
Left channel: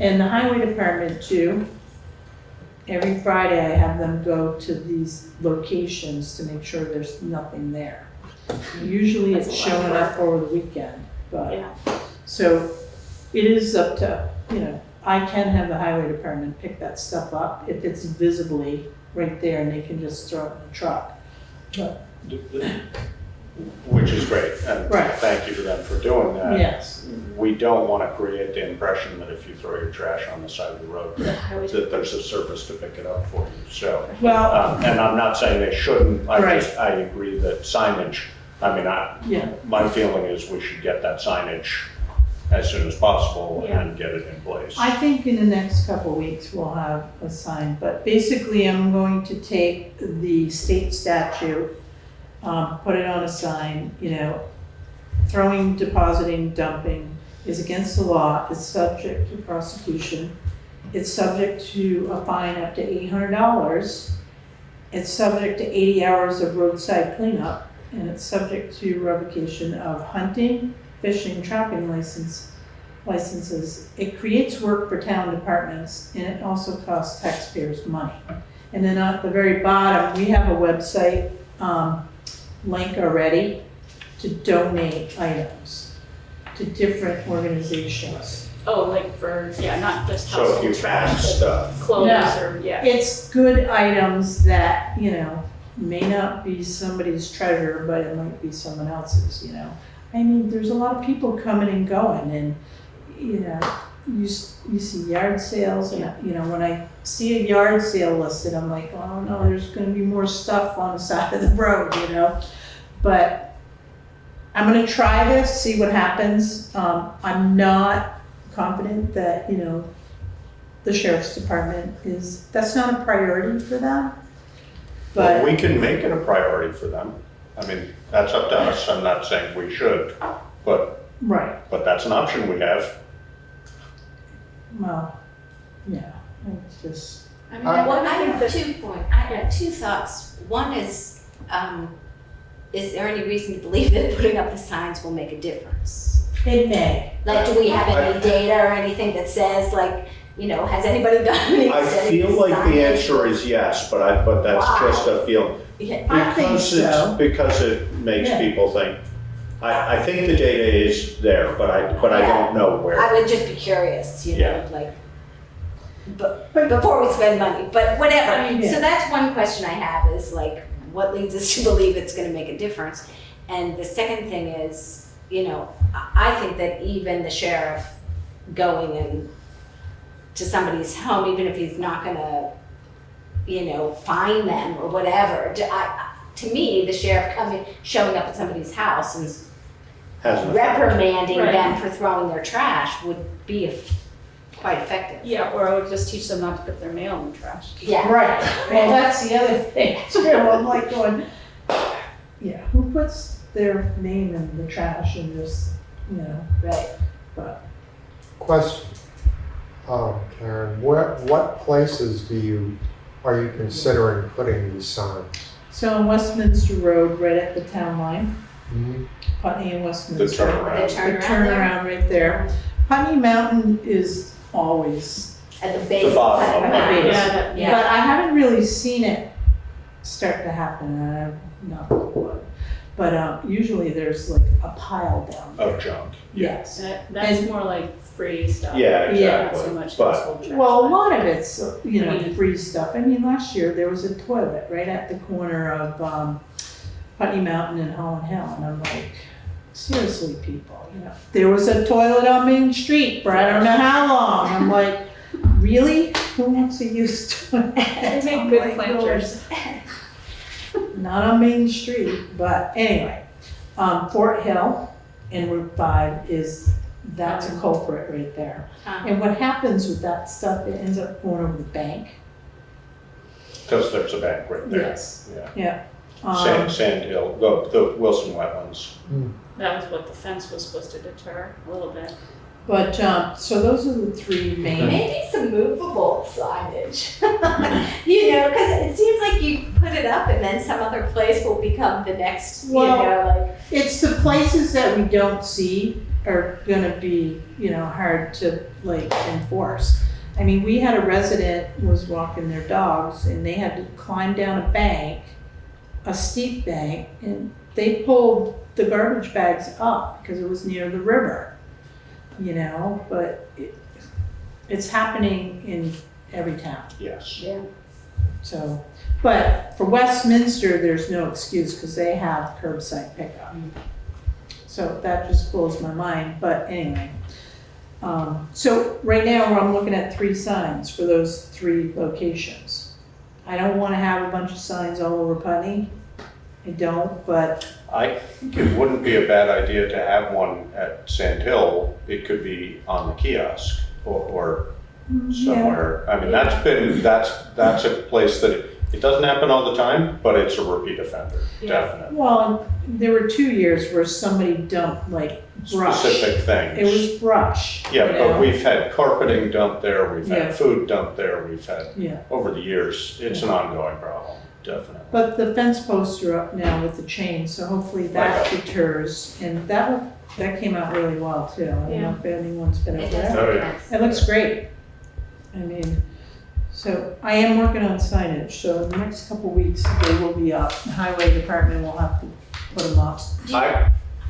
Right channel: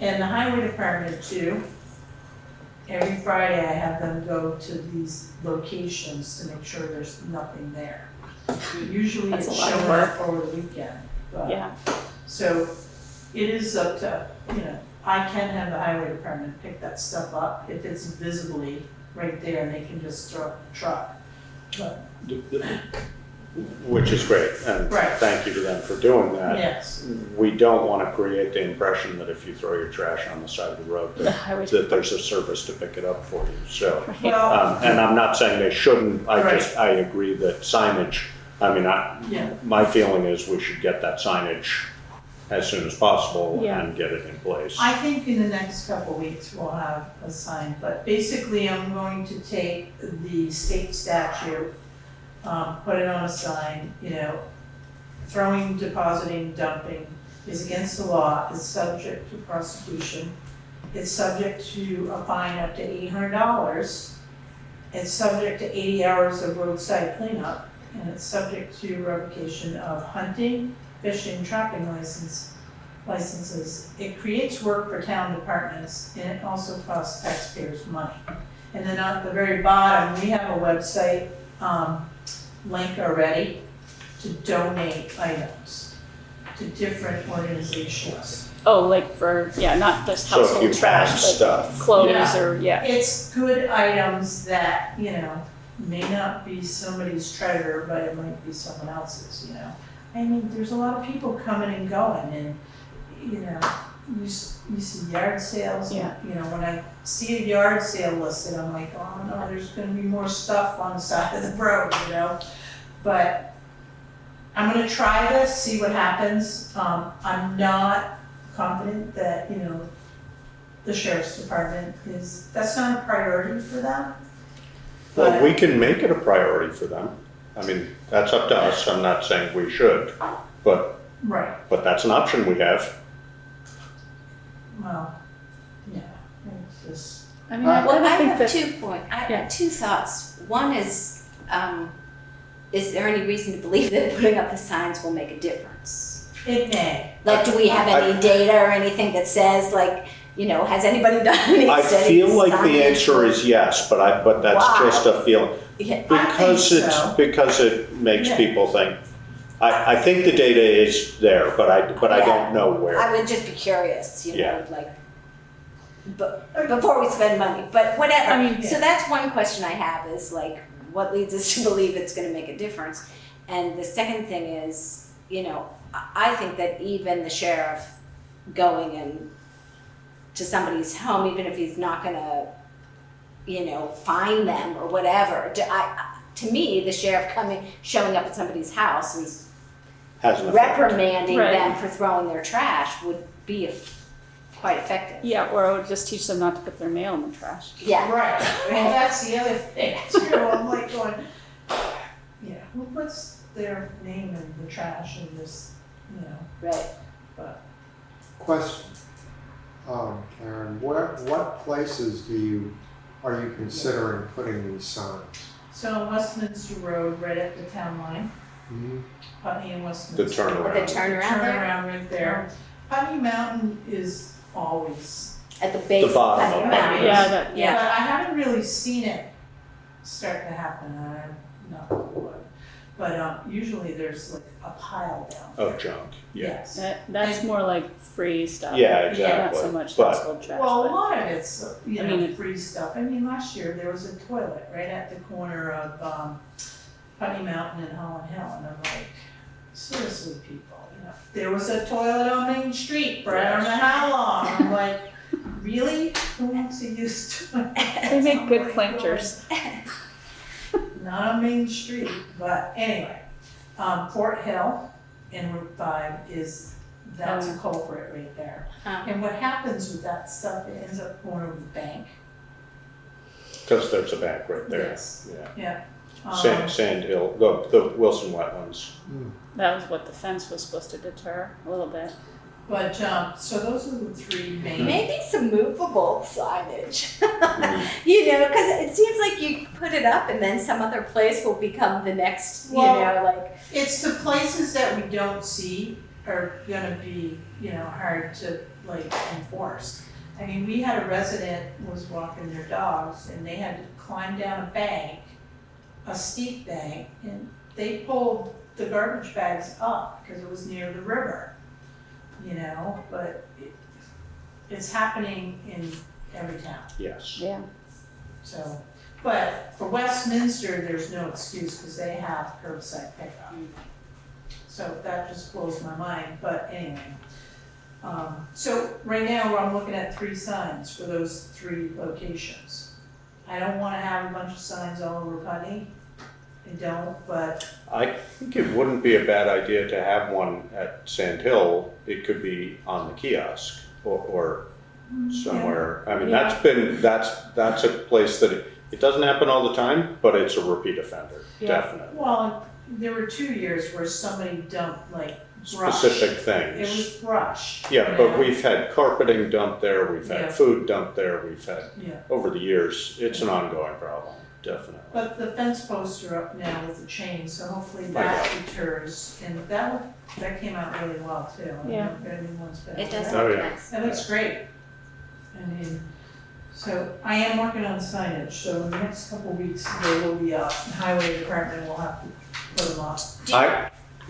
And the highway department too, every Friday I have them go to these locations to make sure there's nothing there. Usually That's it's a lot of showing work. up over the weekend, but. Yeah, So it is up to, I can have the highway department pick that stuff up if it's visibly right there and they can just throw it in the truck. But, Which is great, and Right. thank you to them for doing that. yes, We don't want to create the impression that if you throw your trash on the side of the road, the highway. that there's a service to pick it up for you, so. well, And I'm not saying they shouldn't, Right. I agree that signage, yeah, my feeling is we should get that signage as soon as possible Yeah. and get it in place. I think in the next couple of weeks we'll have a sign, but basically I'm going to take the state statute, put it on a sign, throwing, depositing, dumping is against the law, it's subject to prosecution. It's subject to a fine up to $800. It's subject to 80 hours of roadside cleanup, and it's subject to revocation of hunting, fishing, trapping licenses. It creates work for town departments, and it also costs taxpayers money. And then at the very bottom, we have a website link already to donate items to different organizations. Oh, like for, yeah, not just So if household you trash, have but stuff, clothes Yeah. or, yeah. It's good items that, may not be somebody's treasure, but it might be someone else's, I mean, there's a lot of people coming and going and, you see yard sales and, when I see a yard sale listed, I'm like, oh no, there's gonna be more stuff on the side of the road, But I'm gonna try this, see what happens. I'm not confident that, the sheriff's department that's not a priority for them. well, But, we can make it a priority for them. I mean, that's up to us. I'm not saying we should, but right, that's an option we have. well, yeah, it's just, I mean, I Well, I think have that, 2 points. I have 2 thoughts. One is there any reason to believe that putting up the signs will make a difference? it may. Like, do we have any data or anything that says, like, has anybody done any I studies? feel like the signage? answer is yes, but that's Why? just a feeling. Yeah. I think so. Because it makes Yeah. people think. I think the data is there, but I don't know where. I would just be curious, Yeah. like, but before we spend money, but whatever. I mean, yeah. So that's one question I have is like, what leads us to believe it's gonna make a difference? And the second thing is, I think that even the sheriff going and to somebody's home, even if he's not gonna, find them or whatever, to me, the sheriff showing up at somebody's house and Has an effect. reprimanding Right. them for throwing their trash would be quite effective. yeah, or I would just teach them not to put their mail in the trash. Yeah. Right, well, that's the other thing too, I'm like going, who puts their name in the trash and just, Right. but. Question, Karen, what places are you considering putting these signs? So on Westminster Road, right at the town line, Hmm? Putney and Westminster. The turnaround. The turnaround there? turnaround right there. Putney Mountain is always, At the base. The bottom of of the it. mountain. Yeah, but Yeah. I haven't really seen it start to happen, and I'm not what. But usually there's like a pile down there. Of junk. Yes. That's And- more like free stuff. Yeah, Not exactly. so much But- household trash. Well, a but- lot of it's, I mean- free stuff. I mean, last year there was a toilet right at the corner of Putney Mountain and Holland Hill, and I'm like, seriously, people, there was a toilet on Main Street for I don't know how long. I'm like, really? Who wants to use toilet? They make good planters. Not on Main Street, but anyway, Fort Hill and Route 5 that's a culprit right there. And what happens with that stuff, it ends up going over the bank. Because there's a bank right there. Yes. Yeah. Yeah. Sand Hill, the Wilson Wetlands. That was what the fence was supposed to deter a little bit. But, so those are the 3 main. Maybe some movable signage. Because it seems like you put it up and then some other place will become the next, Well, like. It's the places that we don't see are gonna be, hard to like enforce. I mean, we had a resident was walking their dogs and they had to climb down a bank, a steep bank, and they pulled the garbage bags up because it was near the river. But it's happening in every town. Yes. Yeah. So, but for Westminster, there's no excuse because they have curbside pickup. So that just blows my mind, but anyway. So right now, I'm looking at 3 signs for those 3 locations. I don't wanna have a bunch of signs all over Putney. I don't, but I think it wouldn't be a bad idea to have one at Sand Hill. It could be on the kiosk or somewhere. I mean, that's a place that it doesn't happen all the time, but it's a repeat offender, Yeah. definitely. well, there were 2 years where somebody dumped like brush. Specific things. It was brush. Yeah, you but know? we've had carpeting dumped there, we've Yeah. had food dumped there, we've had, Yeah. over the years, it's an ongoing problem, definitely. But the fence posts are up now with the chain, so hopefully that deters, and that came out really well too. I don't know if anyone's been It over does that. Oh, look yeah. nice. It looks great. I mean, so I am working on signage, so the next couple weeks they will be up. The highway department will have to put them up.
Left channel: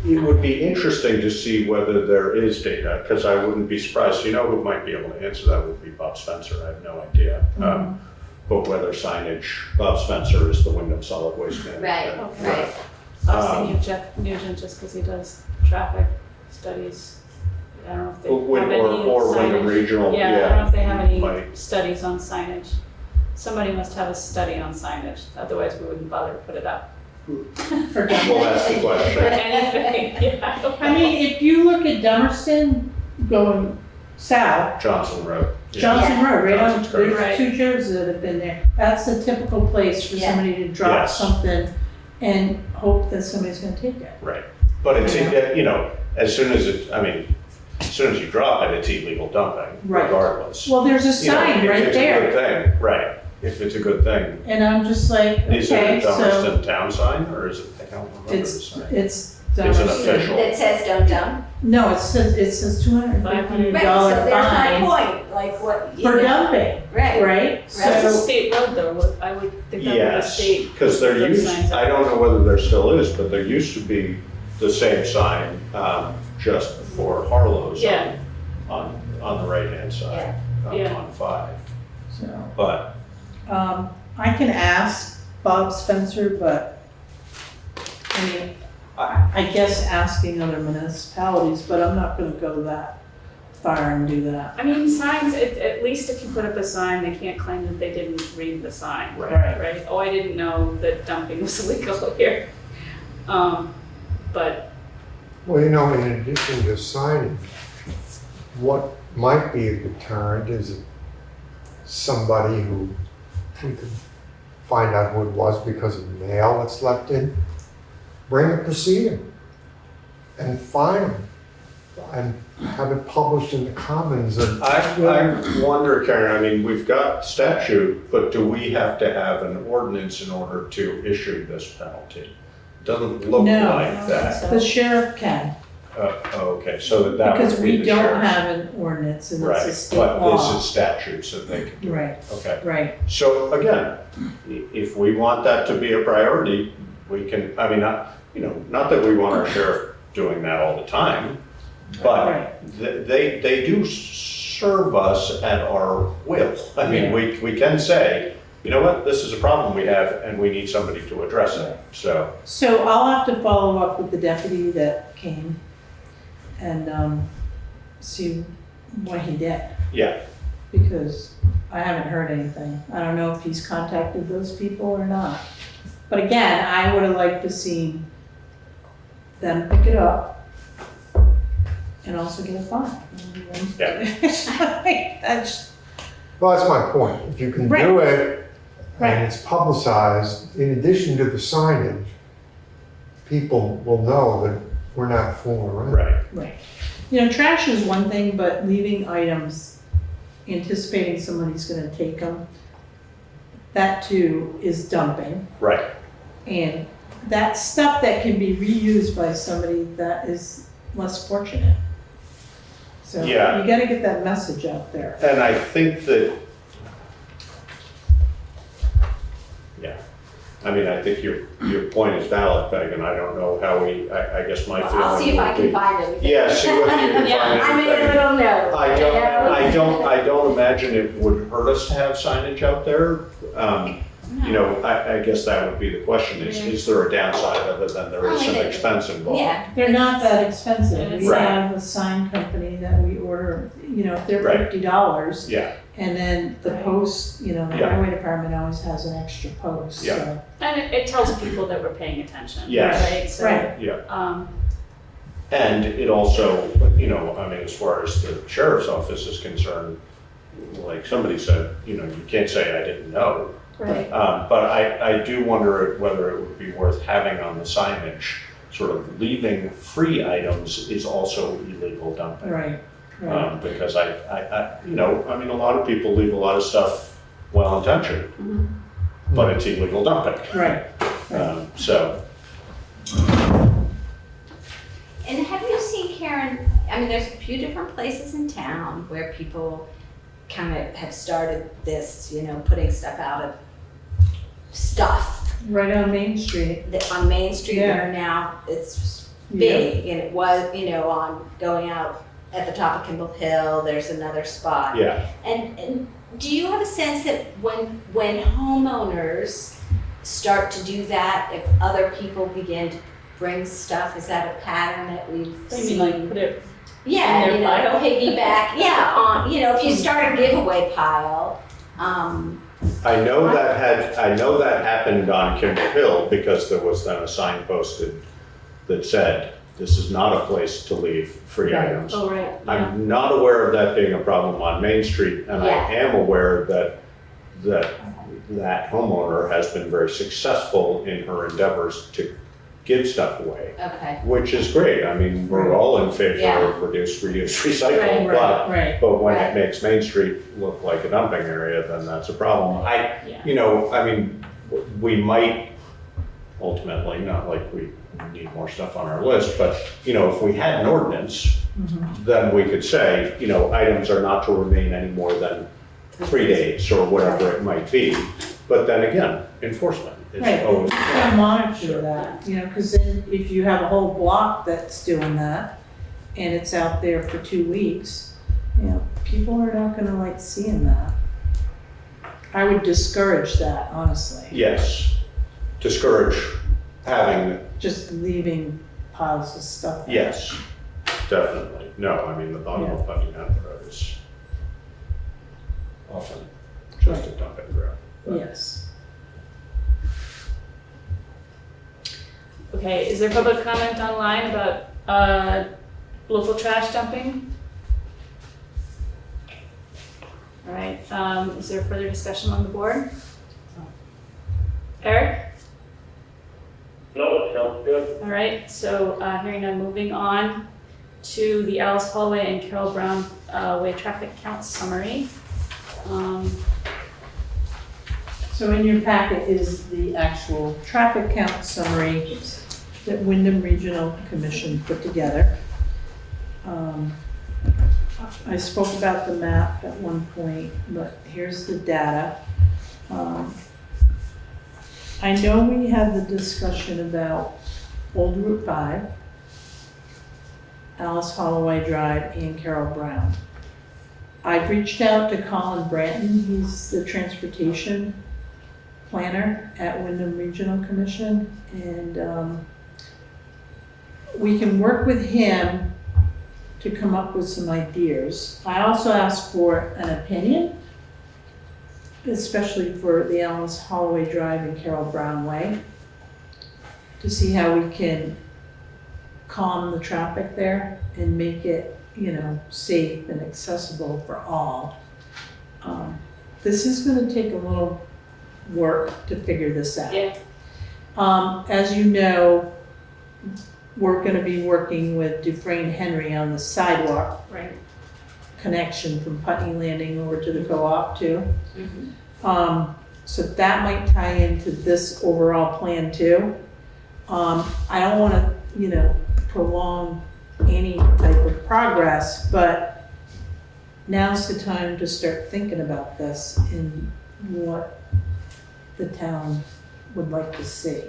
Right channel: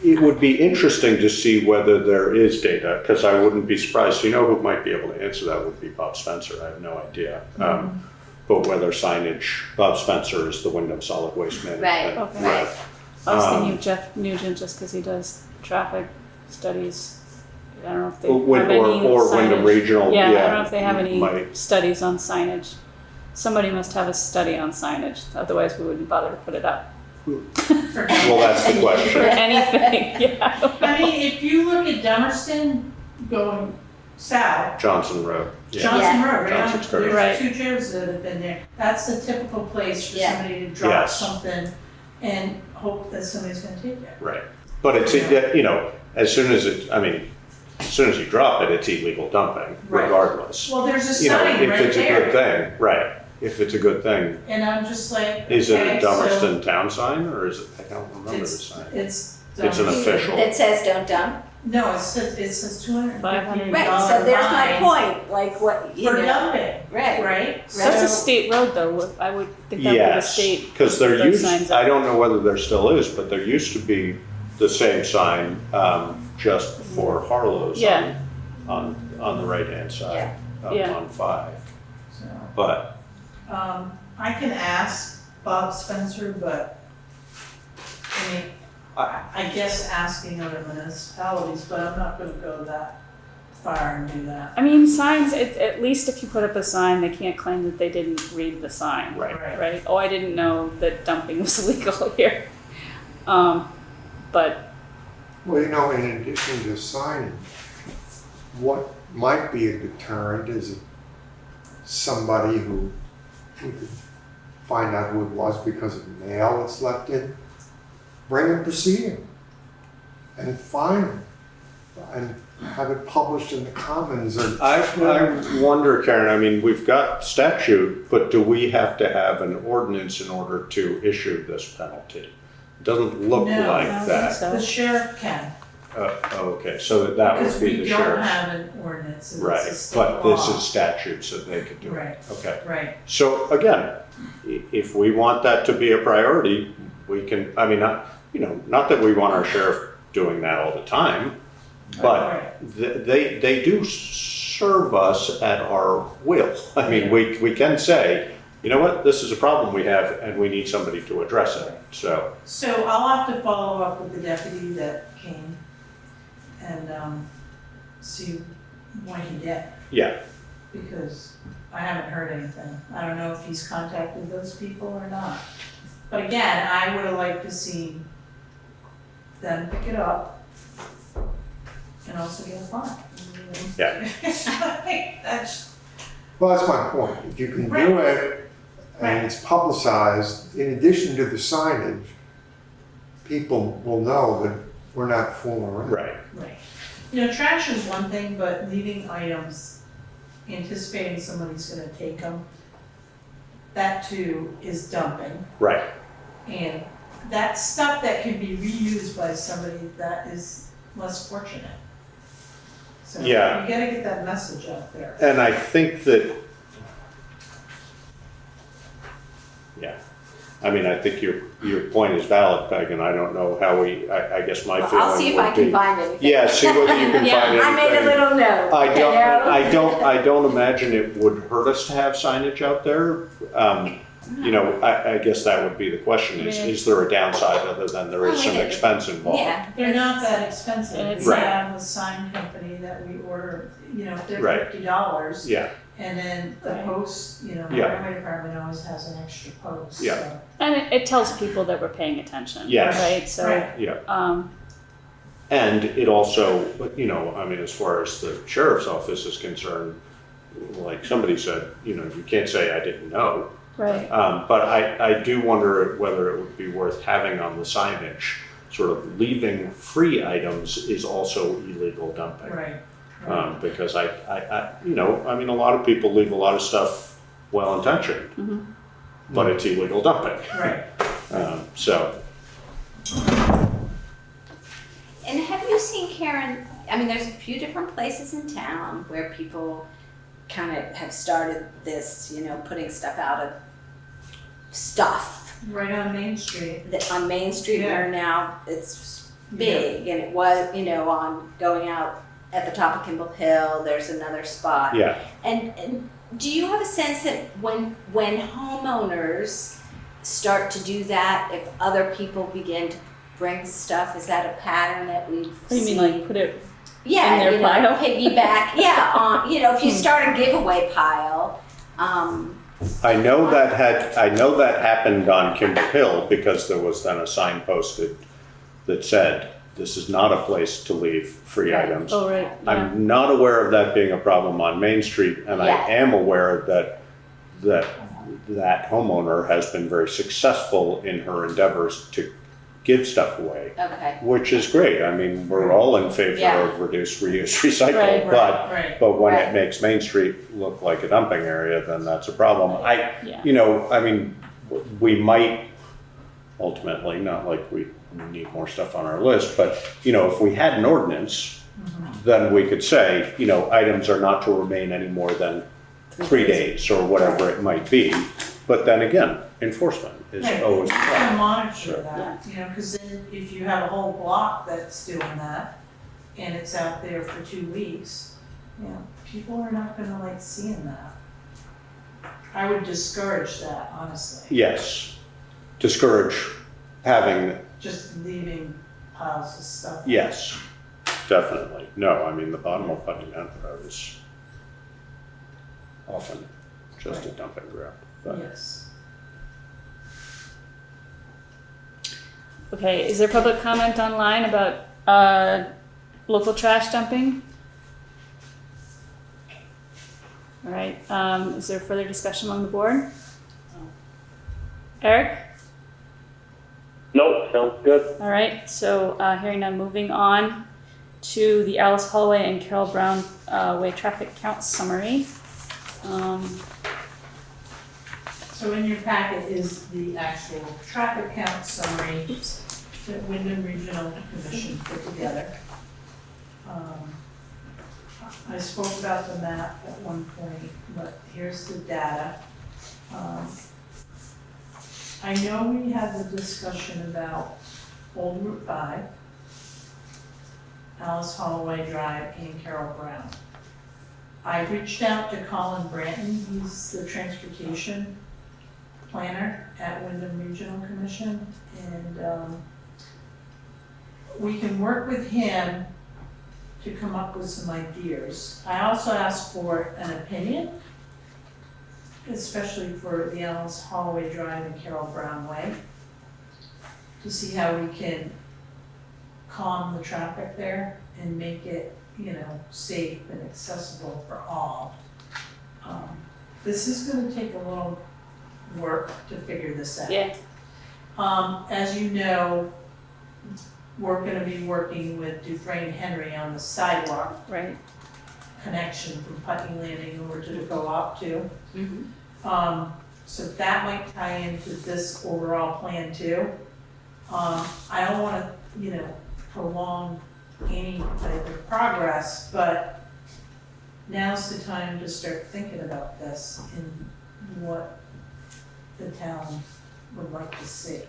it would be interesting to see whether there is data, because I wouldn't be surprised. You know who might be able to answer that would be Bob Spencer. I have no idea. But whether signage, Bob Spencer is the Wyndham Solid Waste Management. Right, Okay. right. I was thinking of Jeff Nugent just because he does traffic studies. I don't know if they Or have any Wyndham signage. Regional. Yeah, I don't know if they have any might. studies on signage. Somebody must have a study on signage, otherwise we wouldn't bother to put it up. Well, that's the For question. anything, yeah. I mean, if you look at Dummerston going south, Johnson Road. Yeah. Johnson Road, right on, Johnson's great. there's 2 churches that have been there. That's a typical place for Yeah. somebody to drop Yes. something and hope that somebody's gonna take it. Right. But it's, you know, as soon as you drop it, it's illegal dumping, Right. regardless. Well, there's a You know, sign if right it's a good there. thing, right, if it's a good thing. And I'm just like, Is it okay, a so Dummerston town sign, or is it, I don't remember the it's, sign. it's It's an Dummerston. official. That says don't dump. No, it says $250 Right, so there's fine no point, like what, you for know. dumping, Right. right? That's a So, state road though, I would think that would be a Yes, state. because there those used, signs I up. don't know whether there still is, but there used to be the same sign, just before Harlow's Yeah. on the right-hand side, Yeah. on 5. so, But, I can ask Bob Spencer, but, I mean, I guess asking other municipalities, but I'm not gonna go that far and do that. I mean, signs, at least if you put up a sign, they can't claim that they didn't read the sign. Right. Right? Oh, I didn't know that dumping was illegal here. But, Well, you know, in addition to signage, what might be a deterrent is if somebody who we could find out who it was because of mail that's left in, bring a proceeding and fine them and have it published in the Commons. And I wonder, Karen, I mean, we've got statute, but do we have to have an ordinance in order to issue this penalty? It doesn't look No. like that. The sheriff can, Okay, so that because would be we the don't sheriff. have an ordinance and it's a Right, state but law. this is statute, so they could do it. Right, Okay, right. so again, if we want that to be a priority, we can, I mean, not that we want our sheriff doing that all the time, but Right. they do serve us at our will. I mean, we can say, you know what, this is a problem we have and we need somebody to address it, so. So I'll have to follow up with the deputy that came and see what he did, Yeah, because I haven't heard anything. I don't know if he's contacted those people or not. But again, I would have liked to see them pick it up and also get a fine. Yeah. That's, well, that's my point. If you can Right. do it Right. and it's publicized, in addition to the signage, people will know that we're not fooling around. right, right. You know, trash is one thing, but leaving items, anticipating somebody's gonna take them, that too is dumping. right. And that's stuff that can be reused by somebody that is less fortunate. So you Yeah. gotta get that message out there. And I think that, yeah, I mean, I think your point is valid, Peg, and I don't know how I guess my feeling I'll see if I would can be- find it. Yeah, see what you can Yeah, find. I made a anything. little note. I don't imagine it would hurt us to have signage out there. You know, I guess that would be the question, is there a downside other than there is some expense involved? Yeah. They're not that expensive. We Right. have a sign company that we order, you know, they're Right. $50. Yeah, And then the post, you know, the Yeah. highway department always has an extra post, Yeah. so. and it tells people that we're paying attention, Yes. right? So, Right. and it also, you know, I mean, as far as the sheriff's office is concerned, like somebody said, you know, you can't say I didn't know. right. But I do wonder whether it would be worth having on the signage, sort of leaving free items is also illegal dumping. Right. Because you know, I mean, a lot of people leave a lot of stuff well-intentioned, Mhm. but it's illegal dumping. Right. So, And have you seen, Karen, I mean, there's a few different places in town where people kind of have started this, you know, putting stuff out of stuff Right on Main Street. that on Main Street Yeah. where now it's big, and it was, on going out at the top of Kimball Hill, there's another spot. Yeah, And do you have a sense that when homeowners start to do that, if other people begin to bring stuff, is that a pattern that we've You seen? mean like put it Yeah, in their pile? piggyback, if you start a giveaway pile, I know that happened on Kimball Hill because there was then a sign posted that said, this is not a place to leave free items. Oh, right, yeah. I'm not aware of that being a problem on Main Street, and I Yeah. am aware that homeowner has been very successful in her endeavors to give stuff away, okay. which is great. I mean, we're all in favor Yeah. of reduce, reuse, recycle, Right, but Right. but when Right. it makes Main Street look like a dumping area, then that's a problem. Yeah. We might ultimately, not like we need more stuff on our list, but, if we had an ordinance, then we could say, items are not to remain any more than 3 days or whatever it might be. But then again, enforcement is Right, always. you gotta monitor that, because then if you have a whole block that's doing that, and it's out there for 2 weeks, people are not gonna like seeing that. I would discourage that, honestly, Yes, discourage having, just leaving piles of stuff. yes, definitely. No, I mean, the bottom of Putney Mountain Road is often just a dumping ground. But Yes. Okay, is there public comment online about local trash dumping? All right, is there further discussion on the board? Eric? Nope, sounds good. All right, so hearing none, moving on to the Alice Holway and Carol Brown Way traffic count summary. So in your packet is the actual traffic count summary that Wyndham Regional Commission put together. I spoke about the map at one point, but here's the data. I know we had the discussion about Old Route 5, Alice Holloway Drive, and Carol Brown. I've reached out to Colin Branton, he's the transportation planner at Wyndham Regional Commission, and we can work with him to come up with some ideas. I also asked for an opinion, especially for the Alice Holloway Drive and Carol Brown Way, to see how we can calm the traffic there and make it, safe and accessible for all. This is gonna take a little work to figure this out. Yeah. As you know, we're gonna be working with Dufresne Henry on the sidewalk Right. connection from Putney Landing over to the co-op too. Mhm. So that might tie into this overall plan too. I don't wanna, prolong any type of progress, but now's the time to start thinking about this and what the town would like to see.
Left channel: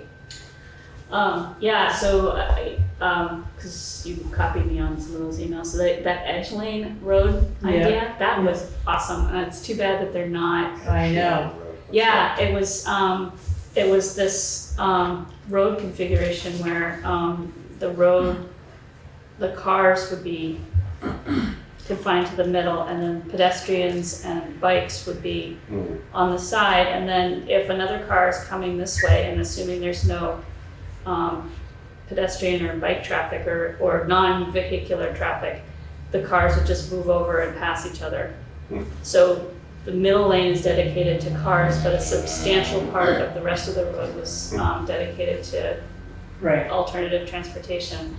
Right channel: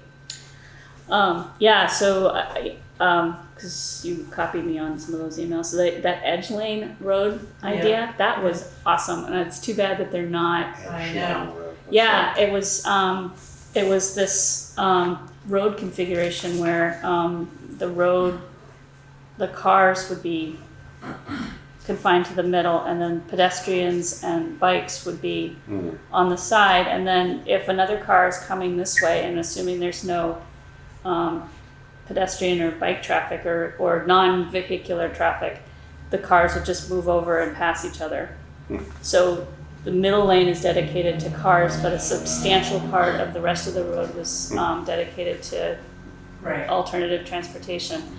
Yeah, so because you copied me on some of those emails, so that Edge Lane Road idea, that was awesome, and it's too bad that they're not. I know. Yeah, it was this road configuration where the cars would be confined to the middle, and then pedestrians and bikes would be on the side, and then if another car is coming this way, and assuming there's no pedestrian or bike traffic or non-vehicular traffic, the cars would just move over and pass each other. So the middle lane is dedicated to cars, but a substantial part of the rest of the road was dedicated to Right. alternative transportation.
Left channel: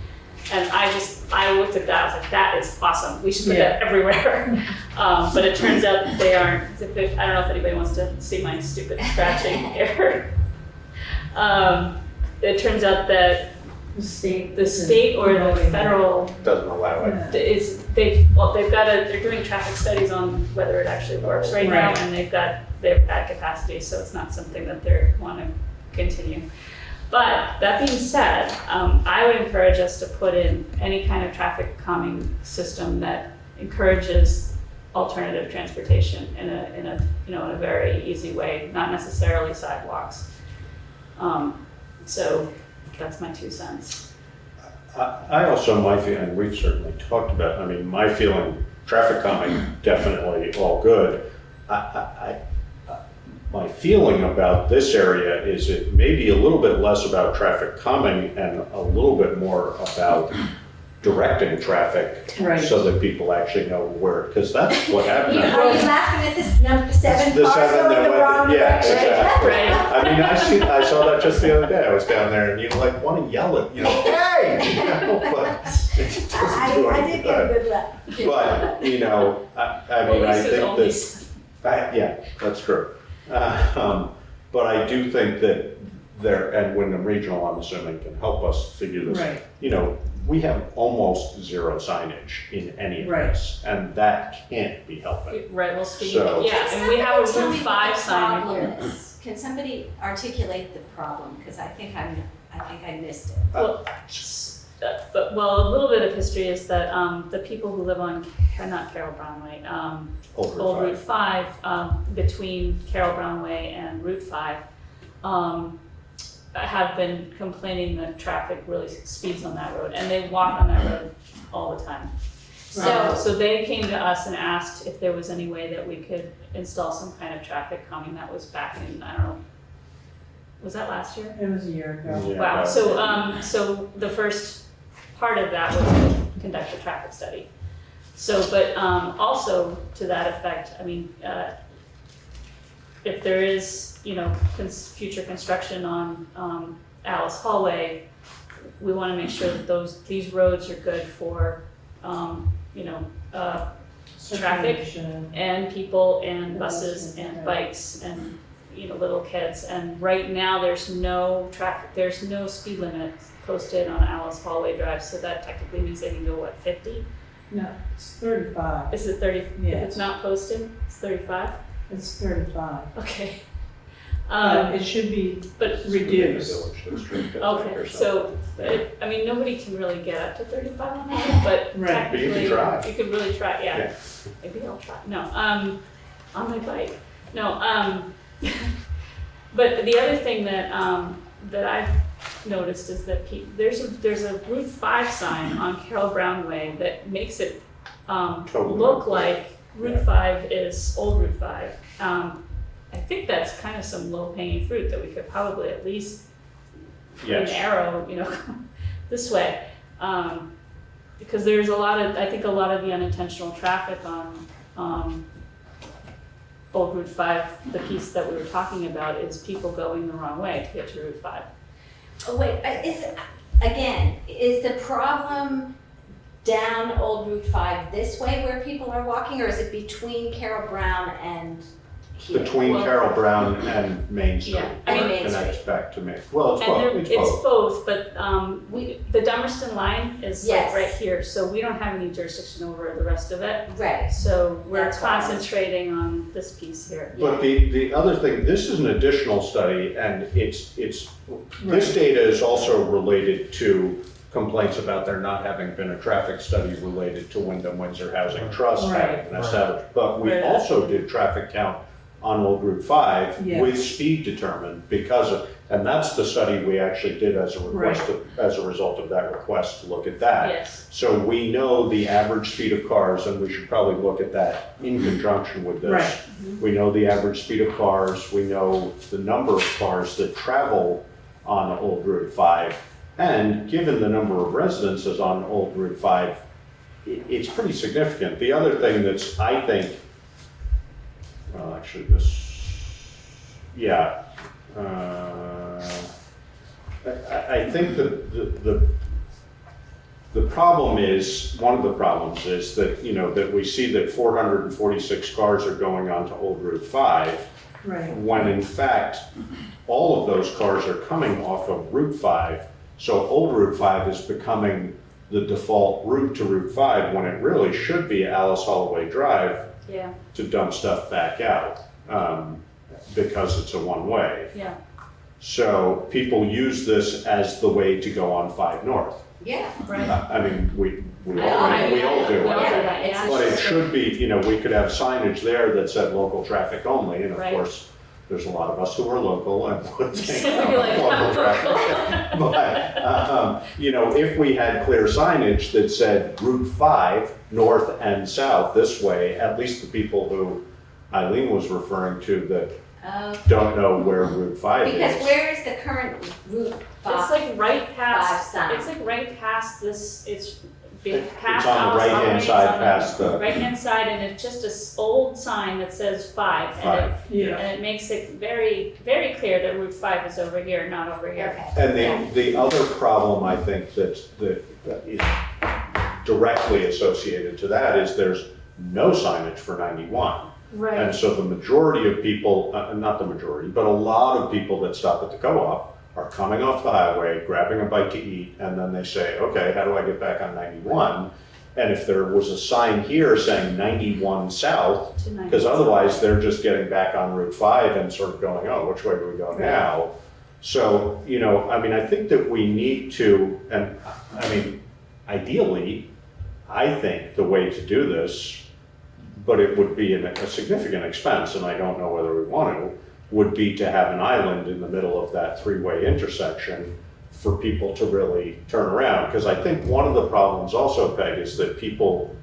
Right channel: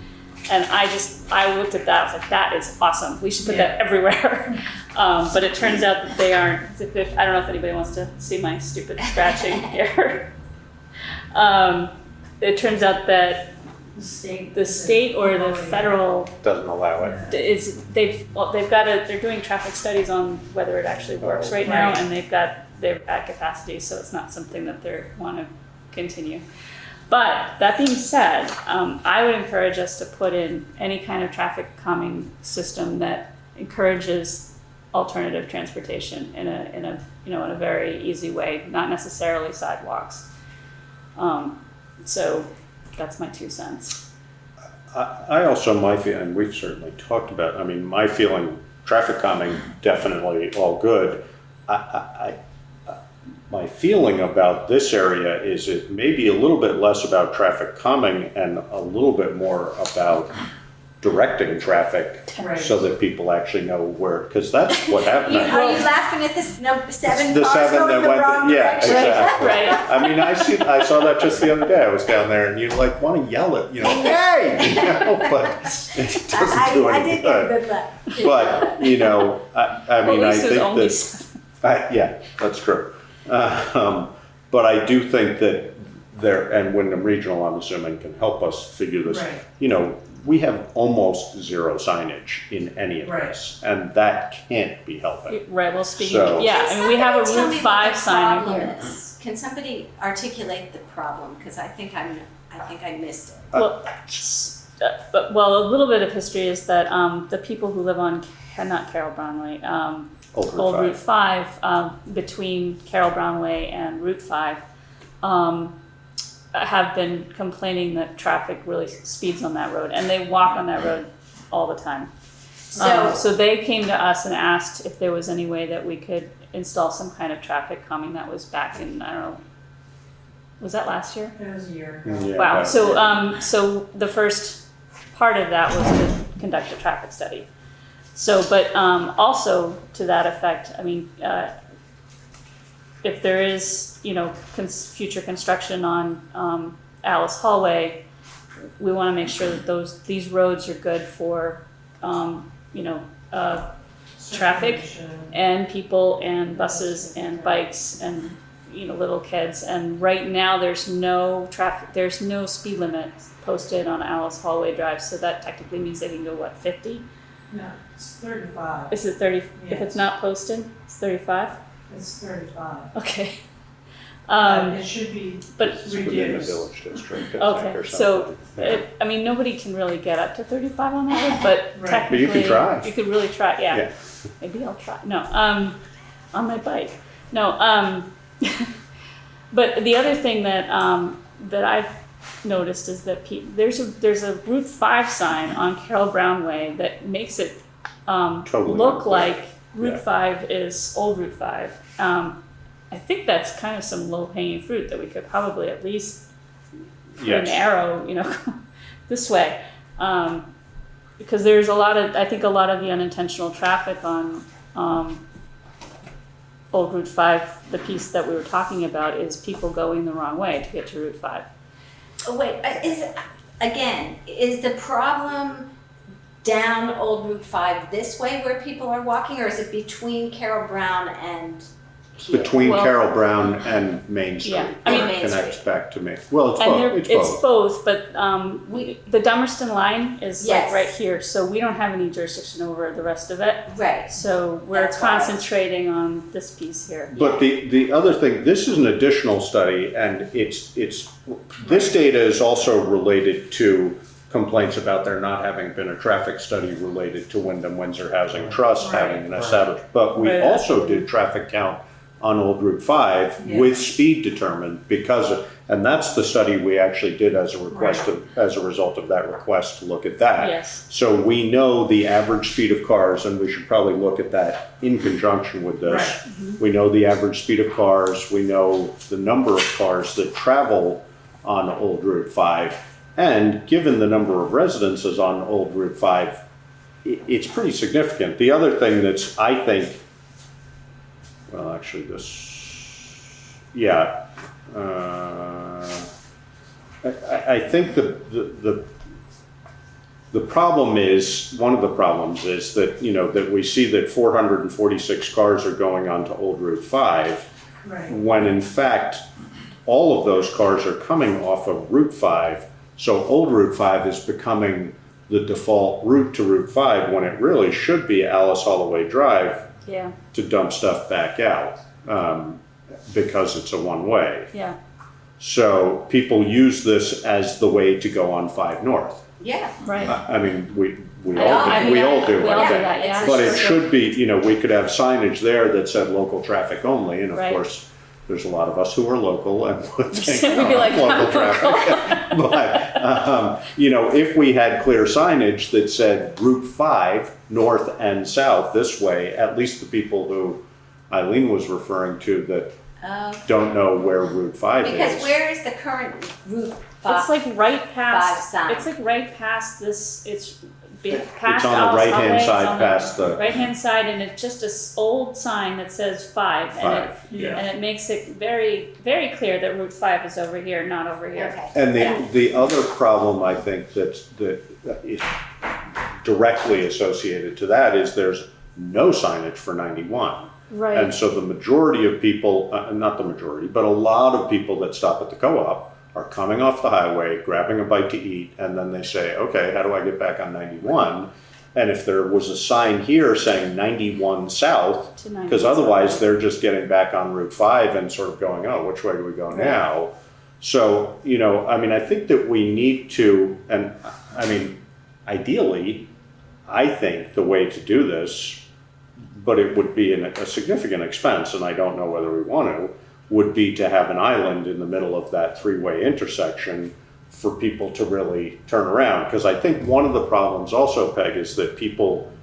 And I looked at that, I was like, that is awesome, we should put that everywhere. But it turns out that they aren't, I don't know if anybody wants to see my stupid scratching here. It turns out that the state or the federal doesn't allow it. they're doing traffic studies on whether it actually works right now, Right. and they're at capacity, so it's not something that they want to continue. But that being said, I would encourage us to put in any kind of traffic calming system that encourages alternative transportation in a you know, in a very easy way, not necessarily sidewalks. So that's my 2 cents. I also, and we've certainly talked about, I mean, my feeling, traffic calming, definitely all good. My feeling about this area is it may be a little bit less about traffic calming and a little bit more about directing traffic Right. so that people actually know where, because that's what happened. Are you laughing at this number 7 The cars 7 going that the went, wrong yeah, direction? exactly. Right. I mean, I saw that just the other day. I was down there and you like want to yell at, you know, hey, you know, but it doesn't do I any did get a good. good laugh. But, you know, I mean, Well, I at least it was think only that, yeah, that's true. But I do think that there, and Wyndham Regional, I'm assuming, can help us figure this. Right. You know, we have almost zero signage in any of Right. this, and that can't be helping. Right, well, speaking, So- yeah, I mean, we have a Can Route somebody 5 tell me sign what the here. problem is? Can somebody articulate the problem? Because I think I missed it. Well, but, well, a little bit of history is that the people who live on, not Carroll Brownway, Old Old Route Route 5, between Carroll Brownway and Route 5, have been complaining that traffic really speeds on that road, and they walk on that road all the time. So they came to us and asked if there was any way that we could install some kind of traffic calming. That was back in, I don't know, was that last year? It was a year ago. Yeah, Wow, but- so the first part of that was to conduct a traffic study. So, but also to that effect, I mean, if there is, you know, future construction on Alice Holway, we want to make sure that these roads are good for, you know, traffic Circulation. and people and buses and bikes and, you know, little kids. And right now, there's no traffic, there's no speed limit posted on Alice Holway Drive, so that technically means they can go, what, 50? No, it's 35. Is it 30? If Yes. it's not posted, it's 35? It's 35. Okay. But it should be But, reduced. Village district, I think, okay, or so, something. I mean, nobody can really get up to 35 on that road, but Right. technically. But you can try. You could really try, yeah. Yeah. Maybe I'll try, no, on my bike. No, but the other thing that, that I've noticed is that there's a Route 5 sign on Carroll Brownway that makes it, Totally look unclear. like Route Yeah. 5 is old Route 5. I think that's kind of some low hanging fruit that we could probably at least put an Yes. arrow, you know, this way. Because there's I think a lot of the unintentional traffic on Old Route 5, the piece that we were talking about, is people going the wrong way to get to Route 5. Oh, wait, is the problem down Old Route 5 this way where people are walking, or is it between Carroll Brown and here? Between Well- Carroll Brown and Main Street, Yeah, I mean- where it connects back to Main. Well, it's And both, it's both, but the Dummerston line is like Yes. right here, so we don't have any jurisdiction over the rest of it. Right. So we're That's fine. concentrating on this piece here. But the other thing, this is an additional study, and it's this data is also related to complaints about there not having been a traffic study related to Wyndham Windsor Housing Trust Right, having an established. But we Right. also did traffic count on Old Route 5 Yes. with speed determined and that's the study we actually did as a request as a result of that request to look at that. Yes. So we know the average speed of cars, and we should probably look at that in conjunction with this. Right. We know the average speed of cars, we know the number of cars that travel on Old Route 5, and given the number of residences on Old Route 5, it's pretty significant. The other thing that's, I think, well, actually I think the problem is, one of the problems is that, you know, that we see that 446 cars are going onto Old Route 5, Right. when in fact, all of those cars are coming off of Route 5. So Old Route 5 is becoming the default route to Route 5, when it really should be Alice Holloway Drive Yeah, to dump stuff back out, because it's a one-way. yeah. So people use this as the way to go on 5 North. Yeah. Right. I mean, we I know, I mean, all do, we all I do think. that, yeah. But it should be, you know, we could have signage there that said local traffic only, and of Right. course, there's a lot of us who are local and would think, We'd be like, local "I'm traffic. But, you know, if we had clear signage that said Route 5, north and south this way, at least the people who Eileen was referring to that don't know where Route 5 Because is. where is the current route? It's like right past, sign. it's like right past this, it's It's past on the Alice right-hand Holway, side it's on past the, right-hand side, and it's just this old sign that says 5, and 5, it, yeah. and it makes it very, very clear that Route 5 is over here, not over here. Okay. And the other problem, I think, that is directly associated to that is there's no signage for 91. Right. And so the majority of people, not the majority, but a lot of people that stop at the co-op are coming off the highway, grabbing a bite to eat, and then they say, okay, how do I get back on 91? And if there was a sign here saying 91 south, To 91 because otherwise they're just getting back on Route 5 and sort of going, oh, which way do we go now? So, you know, I mean, I think that we need to, and I mean, ideally, I think the way to do this, but it would be a significant expense, and I don't know whether we want to, would be to have an island in the middle of that 3-way intersection for people to really turn around. Because I think one of the problems also, Peg, is that people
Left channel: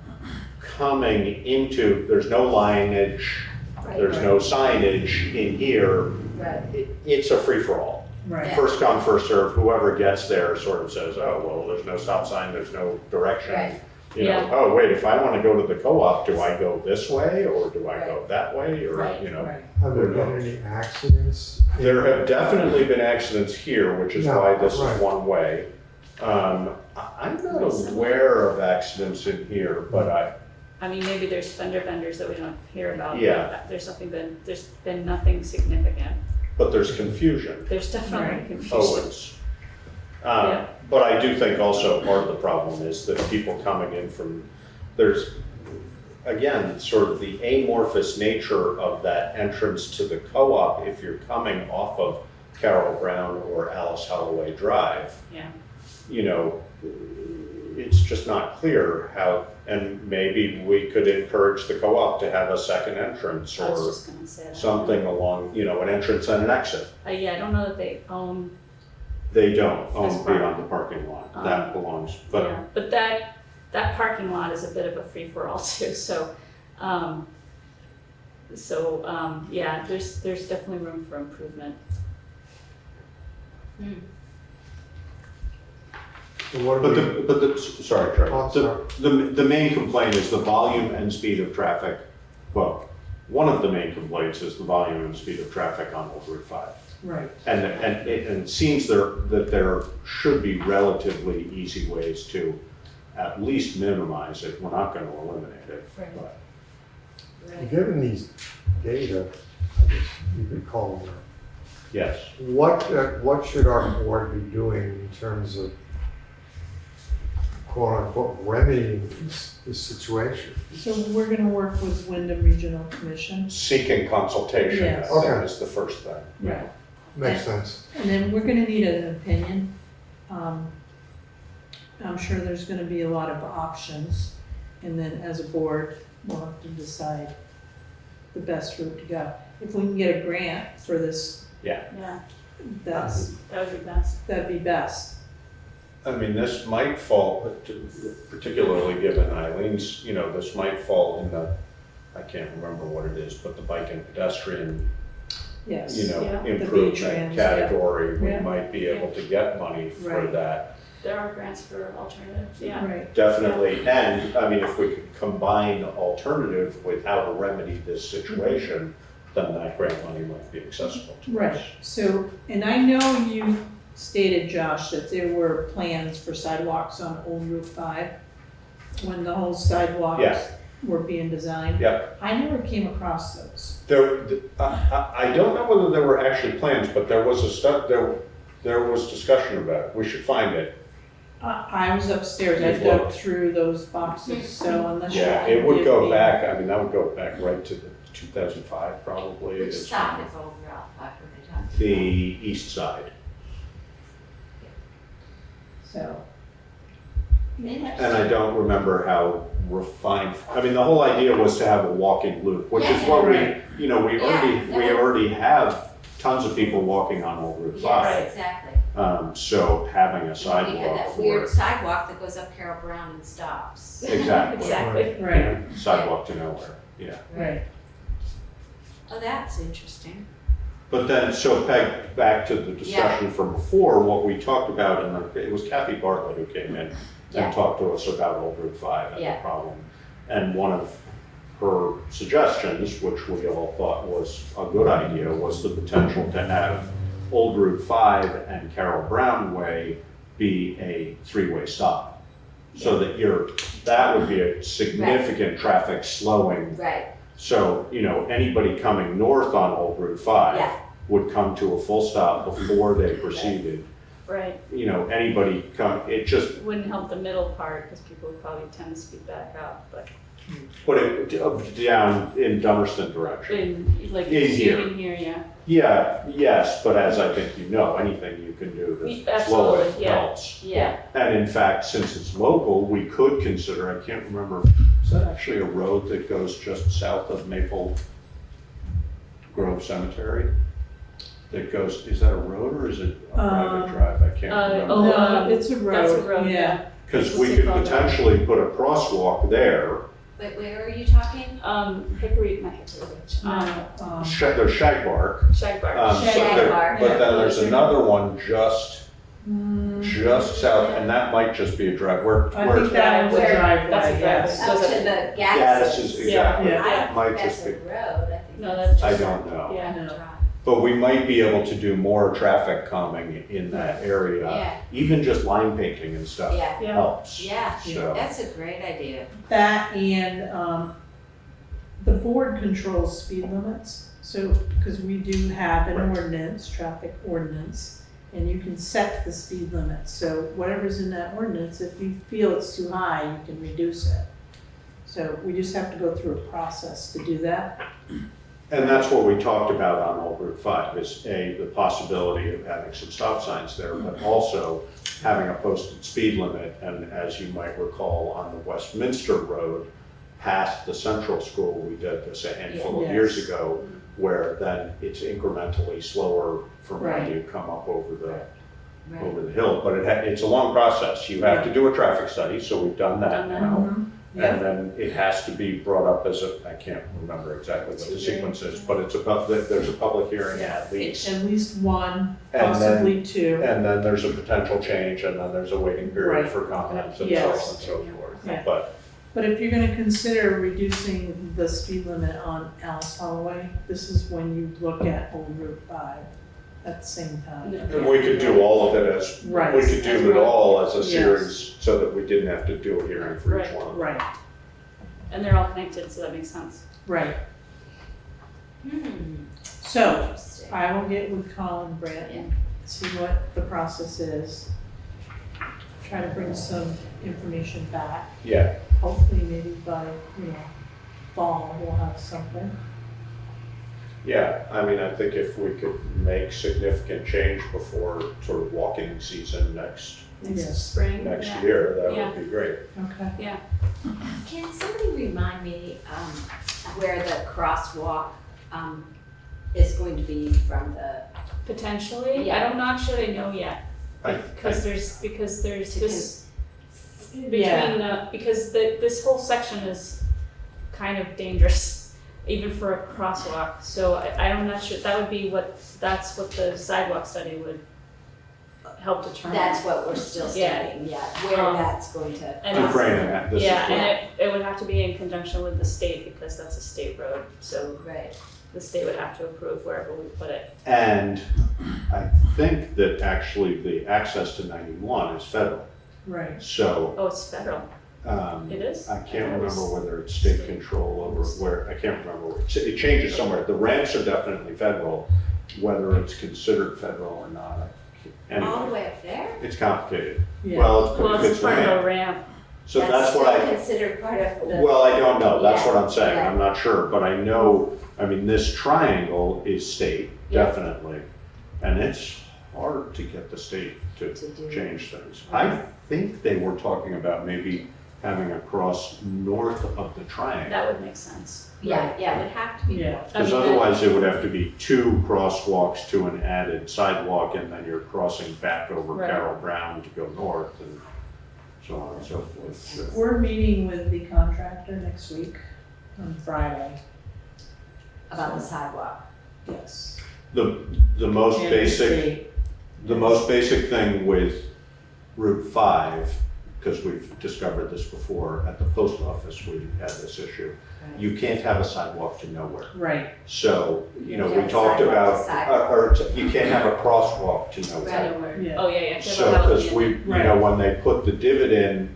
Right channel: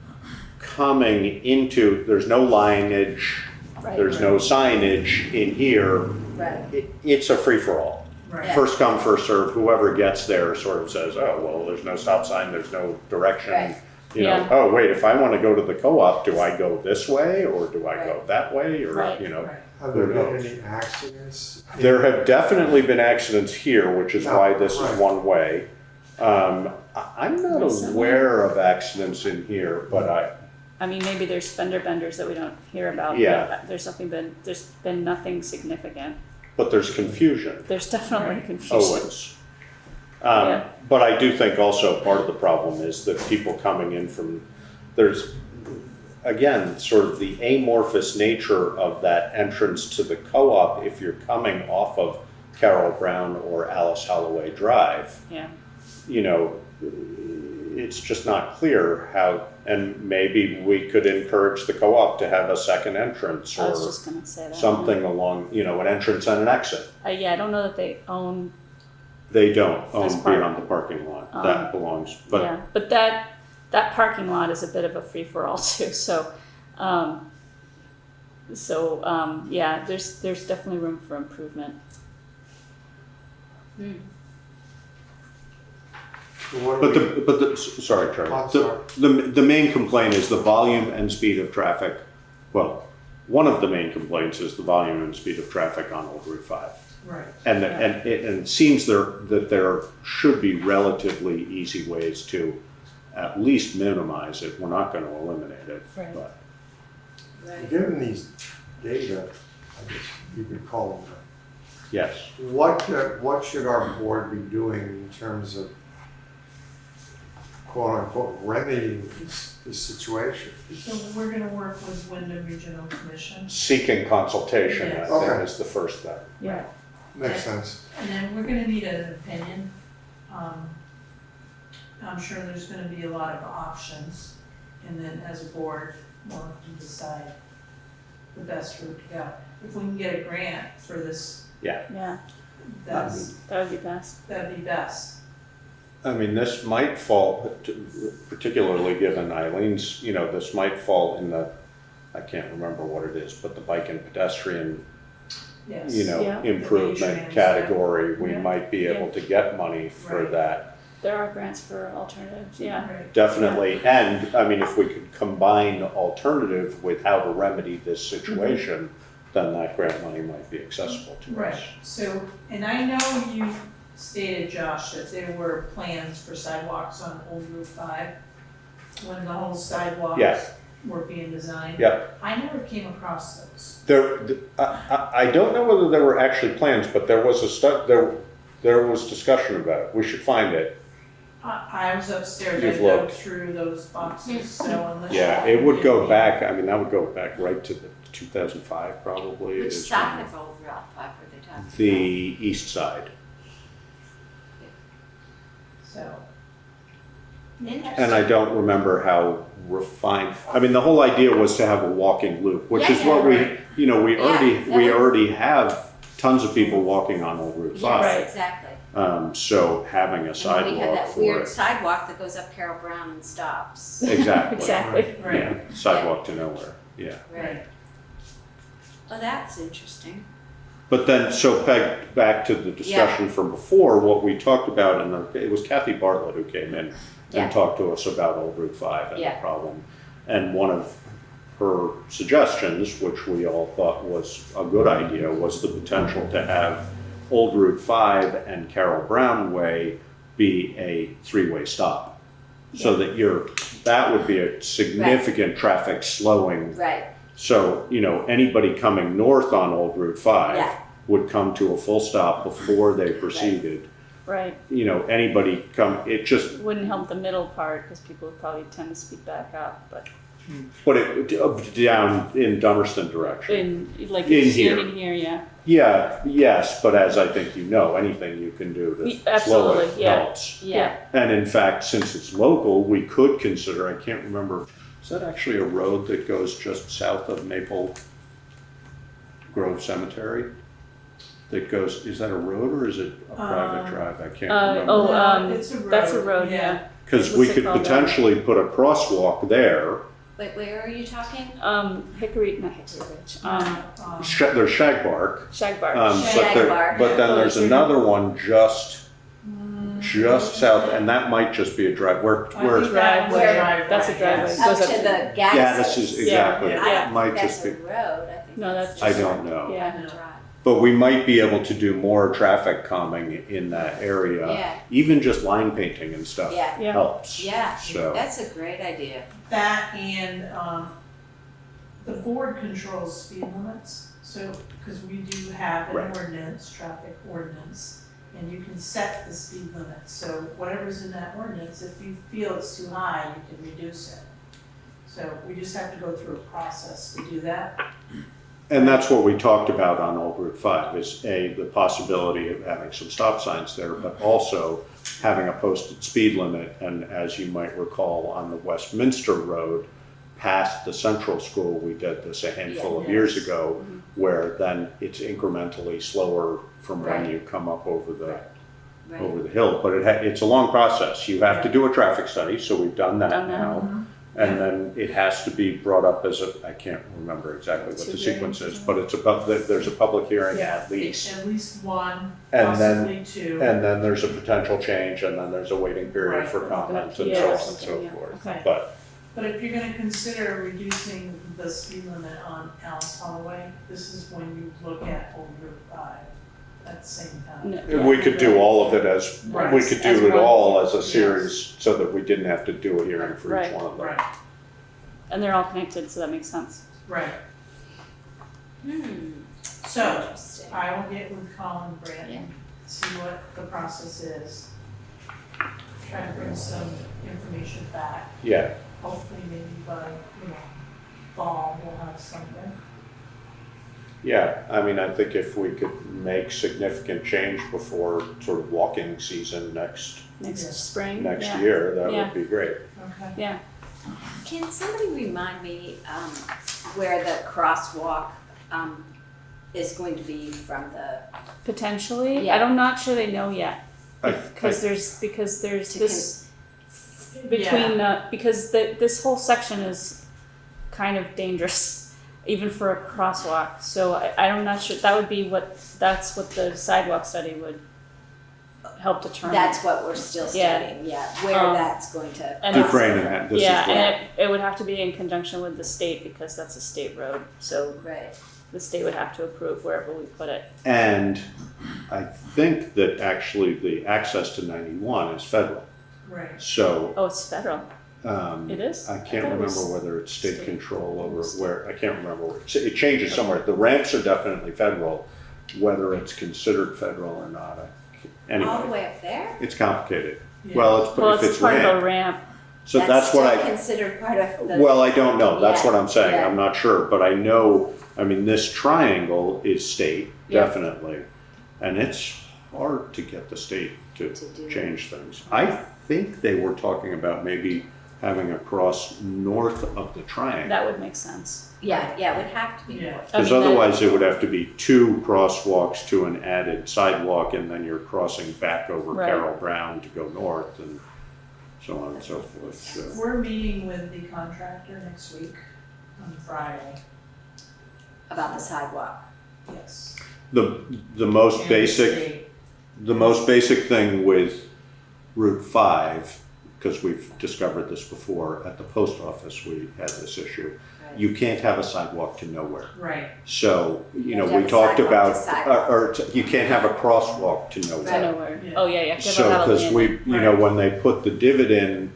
coming into, there's no lineage, Right. there's no signage in here. Right. It's a free-for-all. Right. First come, first serve, whoever gets there sort of says, oh, well, there's no stop sign, there's no direction. Right. You know, Yeah. oh, wait, if I want to go to the co-op, do I go this way or do I go that way? Or, Right. you know, Have there been any accidents? there have definitely been accidents here, which is Yeah, why this is right. one way. I'm not aware of accidents in here, but I mean, maybe there's fender benders that we don't hear about, Yeah. but there's been nothing significant. but there's confusion, There's definitely Right. confusion. always. Yeah. But I do think also part of the problem is that people coming in from, there's, again, sort of the amorphous nature of that entrance to the co-op if you're coming off of Carroll Brown or Alice Holloway Drive. Yeah. You know, it's just not clear how, and maybe we could encourage the co-op to have a second entrance I was or just gonna say that. something along, you know, an entrance and an exit. Yeah, I don't know that they own, They don't That's own part- beyond the parking lot, that belongs, but yeah, but that parking lot is a bit of a free-for-all too, so, yeah, there's definitely room for improvement. What But we- sorry, Trevor. Oh, sorry. The main complaint is the volume and speed of traffic. Well, one of the main complaints is the volume and speed of traffic on Old Route 5. Right. And it seems that there should be relatively easy ways to at least minimize it. We're not going to eliminate it. Right. But Given these data, I guess you could call them, yes. what should our board be doing in terms of quote unquote remedying this situation? So we're gonna work with Wyndham Regional Commission. Seeking consultation, Yes. I think, Okay. is the first thing. Yeah. Makes sense. And then we're gonna need an opinion. I'm sure there's gonna be a lot of options. And then as a board, we'll have to decide the best route to go. If we can get a grant for this, Yeah, that that would be best. that'd be best. I mean, this might fall, particularly given Eileen's, you know, this might fall in the, I can't remember what it is, but the bike and pedestrian, Yes. you know, Yeah. The improvement VTrans, category. We Yeah. might be able to get money for Right. that, There are grants for alternatives, yeah. Right. definitely. And, I mean, if we could combine alternative with how to remedy this situation, then that grant money might be accessible to us. Right, so, and I know you stated, Josh, that there were plans for sidewalks on Old Route 5 when the whole sidewalks Yeah. were being designed. Yep. I never came across those. I don't know whether there were actually plans, but there was there was discussion about it. We should find it. I was upstairs, I You've dug looked. through those boxes, so unless you. Yeah, it can would give go me- back, I mean, that would go back right to the 2005 probably. Which is side when- of Old Route 5 were they the east side. So, And I don't remember how refined, I mean, the whole idea was to have a walking loop, which is what we, you know, we already have tons of people walking on Old Route 5. Yes, exactly. So having a We have sidewalk that for weird it. sidewalk that goes up Carroll Brown and stops. Exactly. Exactly. right, Yeah, sidewalk to nowhere, yeah. right. Oh, that's interesting. But then, so back to the discussion from before, what we talked about, and it was Kathy Bartlett who came in Yeah. and talked to us about Old Route 5 and Yeah. the problem. And one of her suggestions, which we all thought was a good idea, was the potential to have Old Route 5 and Carroll Brown Way be a three-way stop. So that would be a significant traffic slowing. Right. So, you know, anybody coming north on Old Route 5 Yeah. would come to a full stop before they proceeded. Right. You know, anybody it just, Wouldn't help the middle part because people would probably tend to speed back up, but put it down in Dummerston direction. like In you see here. it in here, yeah. Yeah, yes, but as I think you know, anything you can do to slow it Absolutely, yeah. helps. Yeah. And in fact, since it's local, we could consider, I can't remember, is that actually a road that goes just south of Maple Grove Cemetery? That goes, is that a road or is it a private drive? I can't remember. No, it's a road. That's a road, yeah. Because we could potentially put a crosswalk there. Wait, where are you talking? Hickory, not Hickory Ridge, There's Shagbark. Shagbark. Shagbark. But then there's another one just south, and that might just be a drive. Where I think that was a driveway, That's a yes. driveway. Up to the gas. Gaddis is exactly. Yeah. I don't Might think that's just a be. road, I think No, that's that's I just. don't know. Yeah. a No. drive. But we might be able to do more traffic calming in that area. Yeah. Even just line painting and stuff Yeah. Yeah. helps. Yeah, So, that's a great idea. That and, the board controls speed limits, so, because we do have an Right. ordinance, traffic ordinance, and you can set the speed limit, so whatever's in that ordinance, if you feel it's too high, you can reduce it. So we just have to go through a process to do that. and that's what we talked about on Old Route 5, is the possibility of having some stop signs there, but also having a posted speed limit. And as you might recall, on the Westminster Road, past the central school, we did this a handful of years Yes. ago, where then it's incrementally slower from when Right. you come up over the Right. hill. But it's a long process. You have to do a traffic study, so we've done that Done that. now. Yeah. And then it has to be brought up as I can't remember exactly what the sequence is, but it's about, there's a public hearing at least. At least one, And then- possibly two. And then there's a potential change, and then there's a waiting period Right. for comments and so on and Yes. so forth. Yeah. But But if you're gonna consider reducing the speed limit on Alice Holloway, this is when you look at Old Route 5 at the same time. Yeah. we could do all of it as, Right. we could As do it one. all as a Yes. series, so that we didn't have to do a hearing for each Right. one. Right, And they're all connected, so that makes sense. right. Hmm, So, interesting. I will get with Colin Brandt Yeah. and see what the process is. Try to bring some information back. Yeah, Hopefully maybe by, fall, we'll have something. yeah, I mean, I think if we could make significant change before sort of walking season next Next spring. yeah. year, that Yeah. would be great. Okay. Yeah. Can somebody remind me, where the crosswalk, is going to be from the, Potentially, Yeah. I'm not sure they know yet. I- Because there's this between, Yeah. because this whole section is kind of dangerous, even for a crosswalk, so I'm not sure, that's what the sidewalk study would help determine. that's what we're still Yeah. studying, yeah, where Um, that's going to. and Deframing it, this is Yeah, what. and it would have to be in conjunction with the state, because that's a state road, so Right, the state would have to approve wherever we put it. And I think that actually the access to 91 is federal. Right. So Oh, it's federal, it is? I thought can't it remember was whether it's state control over where, I can't remember. It changes somewhere. The ramps are definitely federal, whether it's considered federal or not. all the Anyway, way up there? it's complicated. Yeah. Well, Well, if it's it's part of ramp, a ramp, so that's what still I, considered part of the. well, I don't know. That's Yeah, what I'm saying. yeah. I'm not sure, but I know, I mean, this triangle is state, Yeah. definitely. And it's hard to get the state to do change things. I think they were talking about maybe having a cross north of the triangle. That would make sense. Yeah, it would have to be. Yeah. Because otherwise it would have to be 2 crosswalks to an added sidewalk, and then you're crossing back over Right. Carroll Brown to go north, and so on and so forth. We're meeting with the contractor next week on Friday. About the sidewalk. Yes. The most And basic, state. the most basic thing with Route 5, because we've discovered this before, at the post office we had this issue. Right. You can't have a sidewalk to nowhere. Right. So, you know, You we have talked sidewalk about, to sidewalk. you can't have a crosswalk to nowhere. Nowhere. Yeah. Oh, yeah, you have to have So, a because outlet. we, you know, when they put the divot in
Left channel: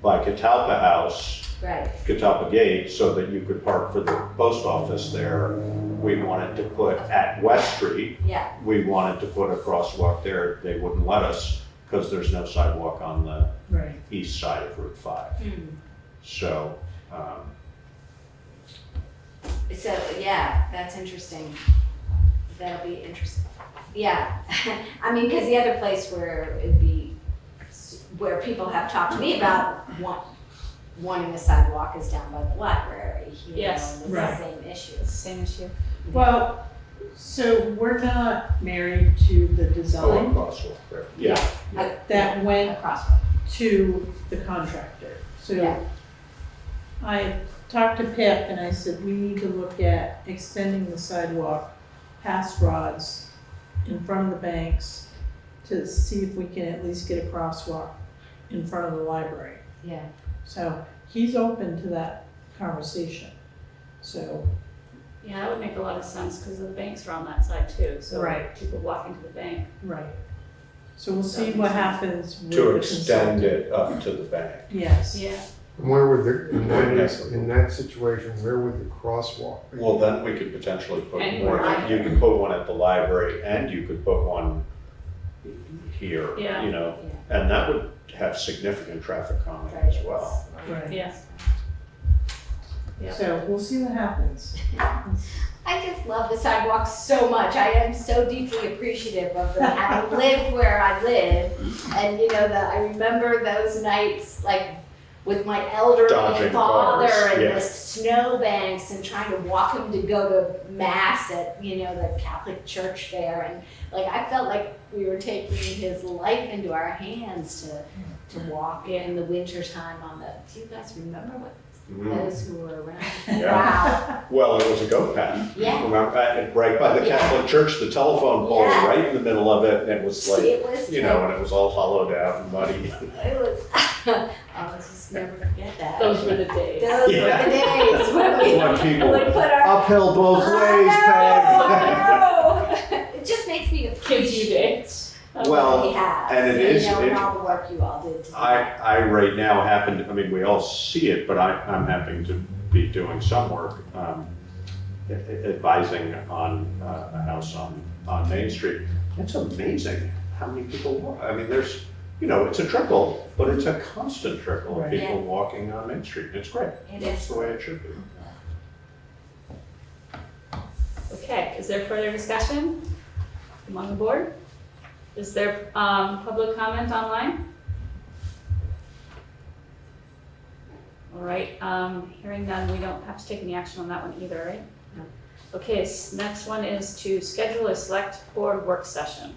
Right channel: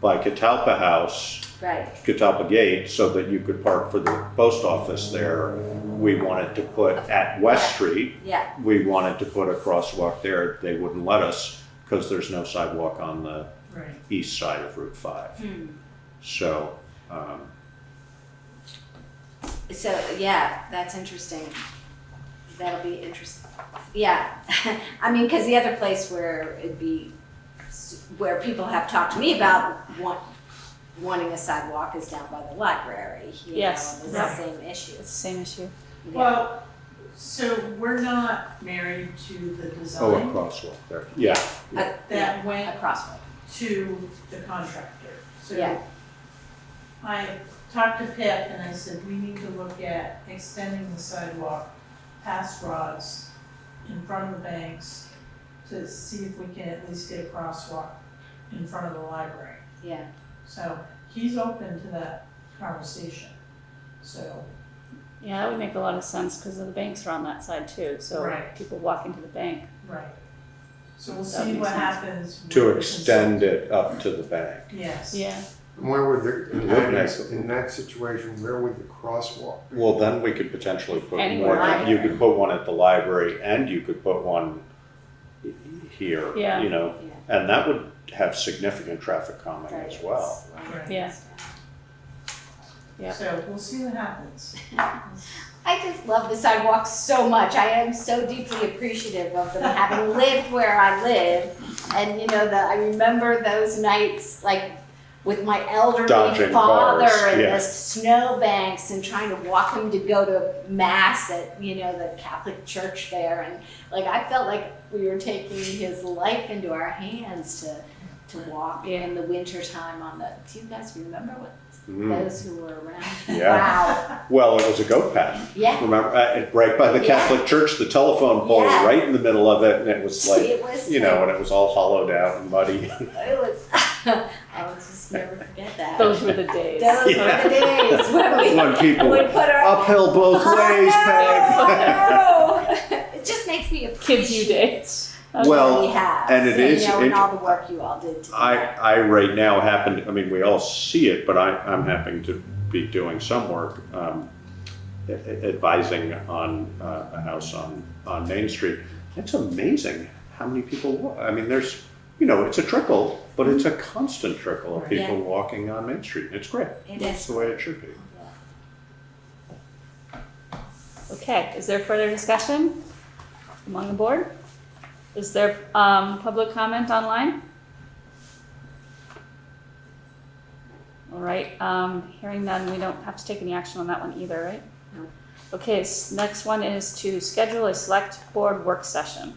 by Catalpa House, Right. Catalpa Gate, so that you could park for the post office there, we wanted to put at West Street, Yeah. we wanted to put a crosswalk there. They wouldn't let us because there's no sidewalk on the Right. east side of Route 5. So, So, yeah, that's interesting. That'll be interesting. Yeah, I mean, because the other place where it'd be, where people have talked to me about wanting a sidewalk is down by the library. You Yes, know, and right. it's the same issue. It's the same issue. Well, so we're not married to the oh, a design crosswalk there. Yeah. that went Across. to the contractor. So Yeah. I talked to Pip and I said, we need to look at extending the sidewalk past rods in front of the banks to see if we can at least get a crosswalk in front of the library. Yeah. So he's open to that conversation. So, Yeah, that would make a lot of sense because the banks are on that side too, so Right. people walking to the bank. right. So we'll That see makes what sense. happens with To the extend consultant. it up to the bank. Yes. Yeah. Where would in that situation, where would the crosswalk? Well, then we could potentially put Anywhere. one, you could put one at the library and you could put one here, Yeah. you know, and that would have significant traffic calming as well. Right. Yeah. Yeah. So we'll see what happens. I just love the sidewalks so much. I am so deeply appreciative of them, having lived where I live. And you know, I remember those nights, like with my elderly Dodging father cars, and yeah. the snowbanks and trying to walk him to go to mass at, you know, the Catholic church there. And like, I felt like we were taking his life into our hands to walk in the winter time on the, do you guys remember what those who were around? Yeah. Wow. Well, it was a goat path. Yeah. Remember, right by the Catholic church, the telephone pole was Yeah. right in the middle of it, and it was like, It was you know, and it was all hollowed out and muddy. It was, I'll just never forget that. Those were the days. Those Yeah. were the days when we When people would put our. uphill both ways, Oh, no. It just makes me Kids you appreciate days. Well, what we have. and it is- You know, and it- all the work you all did to I right now happen to, I mean, we all see it, but I'm happening to be doing some work, advising on a house on Main Street. It's amazing how many people walk. I mean, there's, you know, it's a trickle, but it's a constant trickle of Right. people Yeah. walking on Main Street. It's great. It That's is. the way it should be. Okay, is there further discussion among the board? Is there public comment online? All right, hearing none, we don't have to take any action on that one either, right? No. Okay, next one is to schedule a select board work session.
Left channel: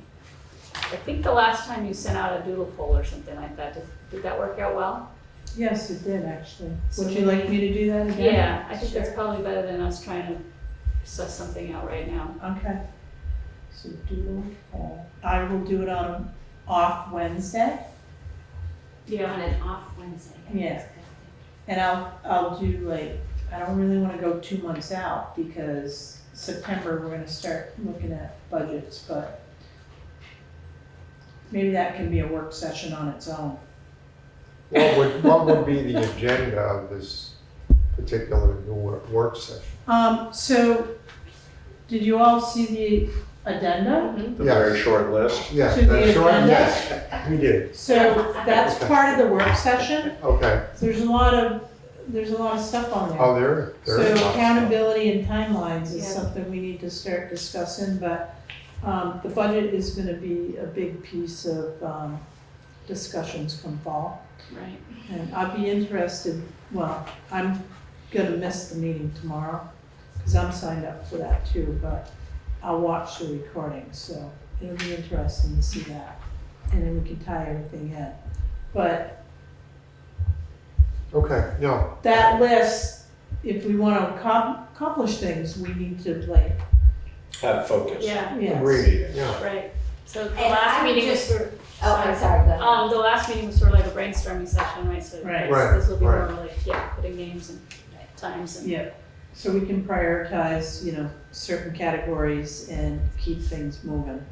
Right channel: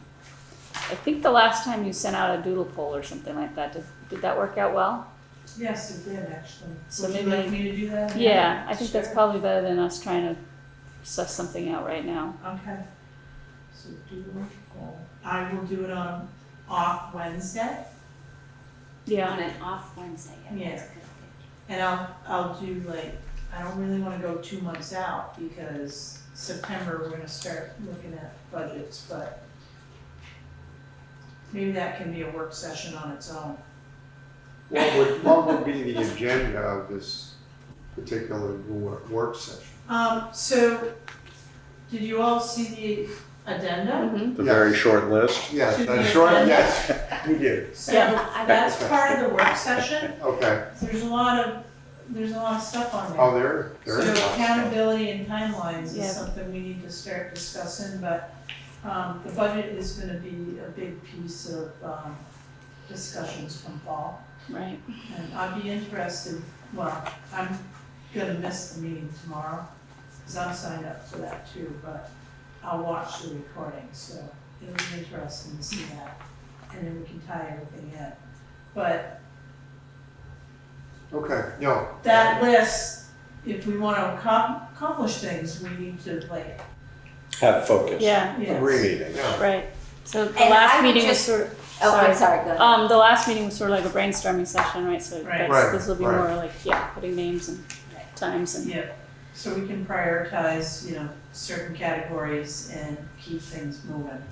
I think the last time you sent out a doodle poll or something like that, did that work out well? Yes, it did actually. So Would you maybe- like me to do that again? Yeah, I think that's Sure. probably better than us trying to suss something out right now. Okay. So do, I will do it on an off Wednesday, On an off Wednesday. Yeah. and I'll do like, I don't really wanna go 2 months out because September, we're gonna start looking at budgets, but maybe that can be a work session on its own. What would be the agenda of this particular work session? So, did you all see the addenda? Mhm. The Yes. very short list. Yes, To the that's short, agenda? yes, we did, So that's part of the work session. okay. There's a lot of stuff on there. Oh, there So is. accountability and timelines is Yeah. something we need to start discussing, but, The budget is gonna be a big piece of, discussions from fall. Right. And I'd be interested, well, I'm gonna miss the meeting tomorrow, cause I'm signed up for that too, but I'll watch the recording, so it'll be interesting to see that. And then we can tie everything in. But Okay, no. that list, if we wanna accomplish things, we need to like, Have focus. Yeah, yes. Meetings. Yeah. right. So the And last I would meeting was just- sort of. Oh, I'm sorry, go ahead. The last meeting was sort of like a brainstorming session, right? So Right. Right, this will be right. more like, putting names and times and. Yeah, so we can prioritize, certain categories and keep things moving.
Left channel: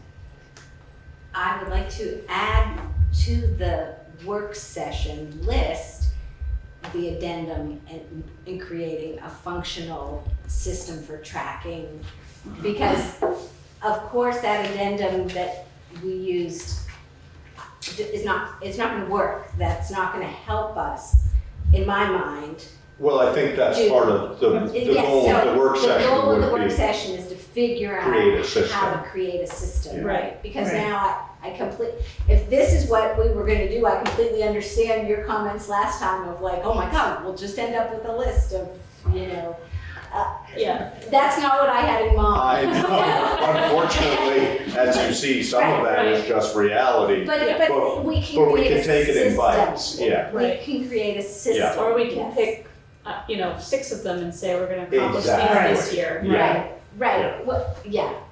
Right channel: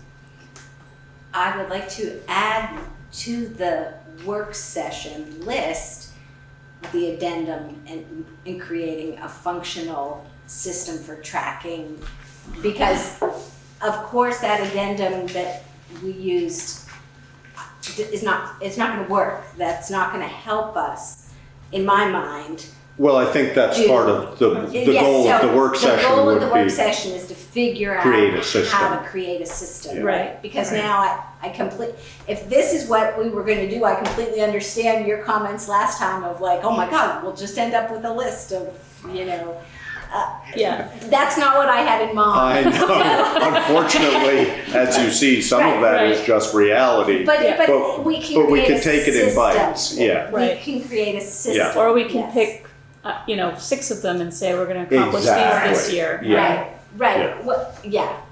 I would like to add to the work session list the addendum in creating a functional system for tracking. Because of course that addendum that we used it's not gonna work. That's not gonna help us, in my mind. Well, I think that's part of the Yes, goal of so the work session The goal of the work would be, session is to figure create a out system. how to create a system, Yeah. right? Because Right. now if this is what we were gonna do, I completely understand your comments last time of like, oh my God, we'll just end up with a list of, Yeah. that's not what I had in mind. I know, unfortunately, as you see, some of that is just reality. But we can create a take it in system. bites, yeah. We Right. can create a system. Or we can yes. pick, 6 of them and say we're gonna accomplish these this Exactly. year. Yeah. Right, Yeah. well,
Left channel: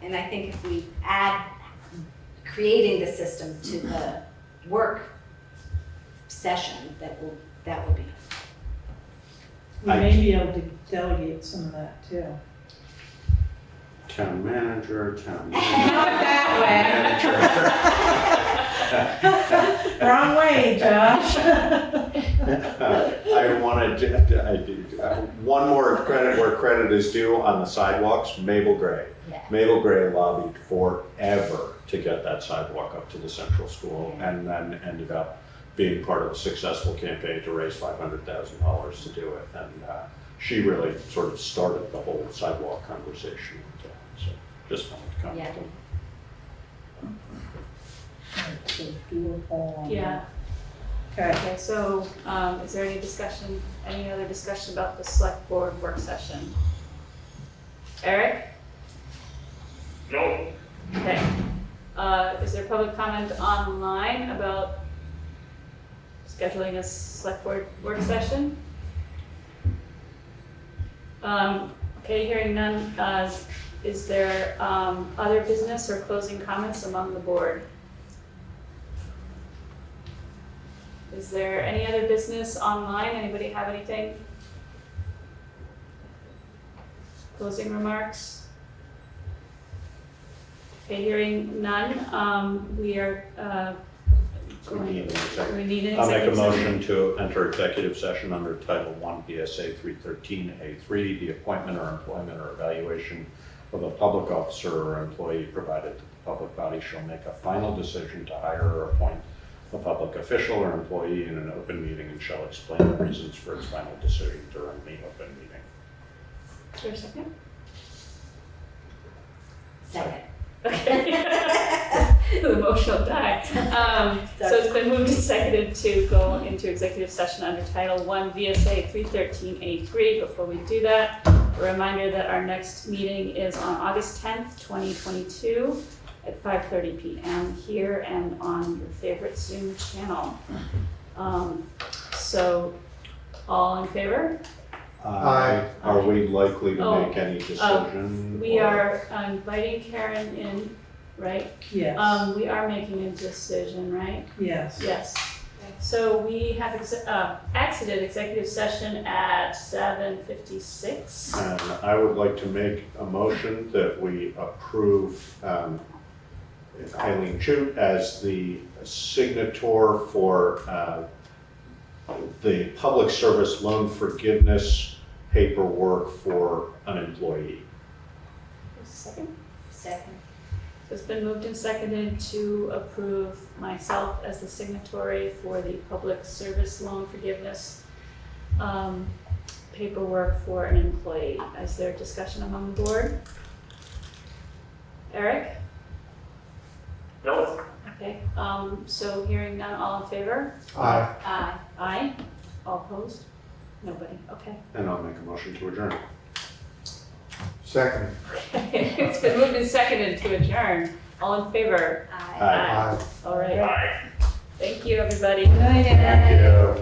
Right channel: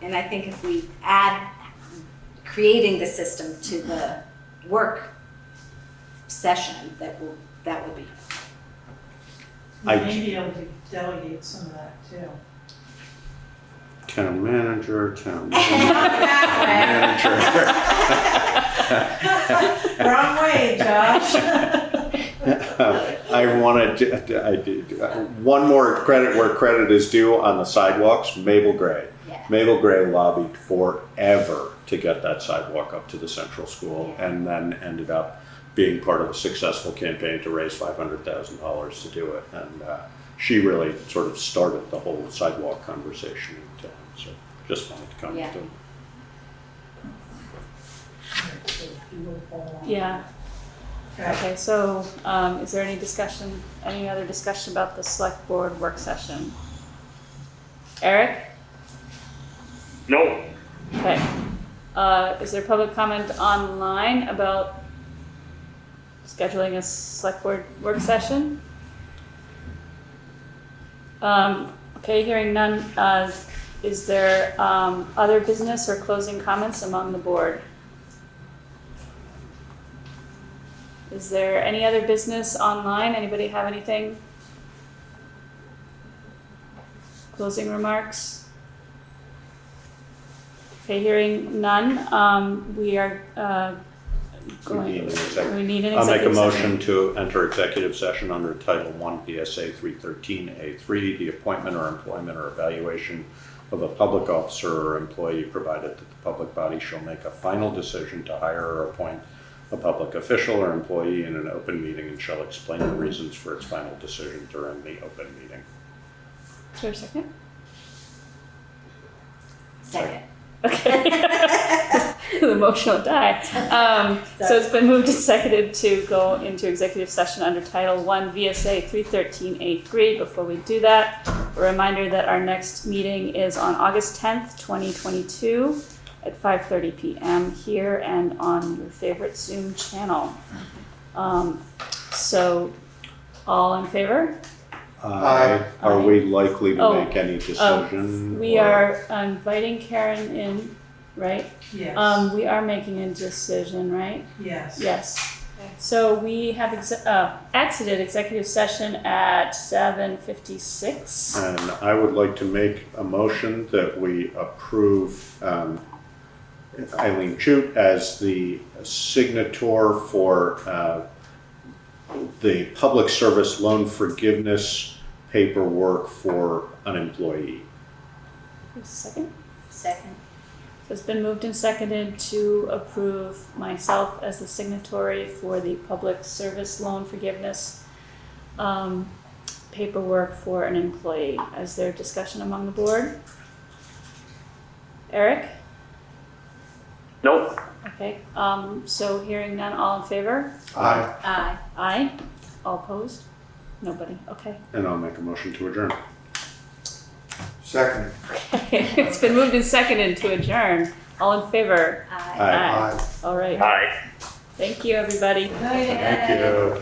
and I think if we add creating the system to the work session, that would be. We may be able to delegate some of that too. Town manager. Wrong way, Josh. I did one more credit where credit is due on the sidewalks, Mabel Gray. Yeah. Mabel Gray lobbied forever to get that sidewalk up to the central school and then ended up being part of a successful campaign to raise $500,000 to do it. And she really sort of started the whole sidewalk conversation in town. So just wanted to comment. Yeah. Alright, so do a poll on Yeah. that. Okay. Okay, so, is there any other discussion about the select board work session? Eric? No. Okay. Is there public comment online about scheduling a select board work session? Okay, hearing none, is there, other business or closing comments among the board? Is there any other business online? Anybody have anything? Closing remarks? Okay, hearing none, we are, We need an executive. we need an I'll make a executive session. motion to enter executive session under Title I V.S.A. 313A3, the appointment or employment or evaluation of a public officer or employee, provided that the public body shall make a final decision to hire or appoint a public official or employee in an open meeting and shall explain the reasons for its final decision during the open meeting. Is there a second? Second. Okay. The motion will die. So it's been moved and seconded to go into executive session under Title I V.S.A. 313A3. Before we do that, a reminder that our next meeting is on August 10th, 2022 at 5:30 p.m. here and on your favorite Zoom channel. So all in favor? Aye. Are we likely to Oh, make any decision? We or- are inviting Karen in, right? Yes, We are making a decision, right? yes. Yes. So we have exited executive session at 7:56. And I would like to make a motion that we approve Eileen Chute as the signator for the public service loan forgiveness paperwork for an employee. Second. Second. So it's been moved and seconded to approve myself as the signatory for the public service loan forgiveness paperwork for an employee. Is there discussion among the board? Eric? Nope. Okay, so hearing none, all in favor? Aye. Aye. Aye. All opposed? Nobody, okay. And I'll make a motion to adjourn. Second. It's been moved and seconded to adjourn. All in favor? Aye. Aye. Aye. All right. Aye. Thank you, everybody. Thank you.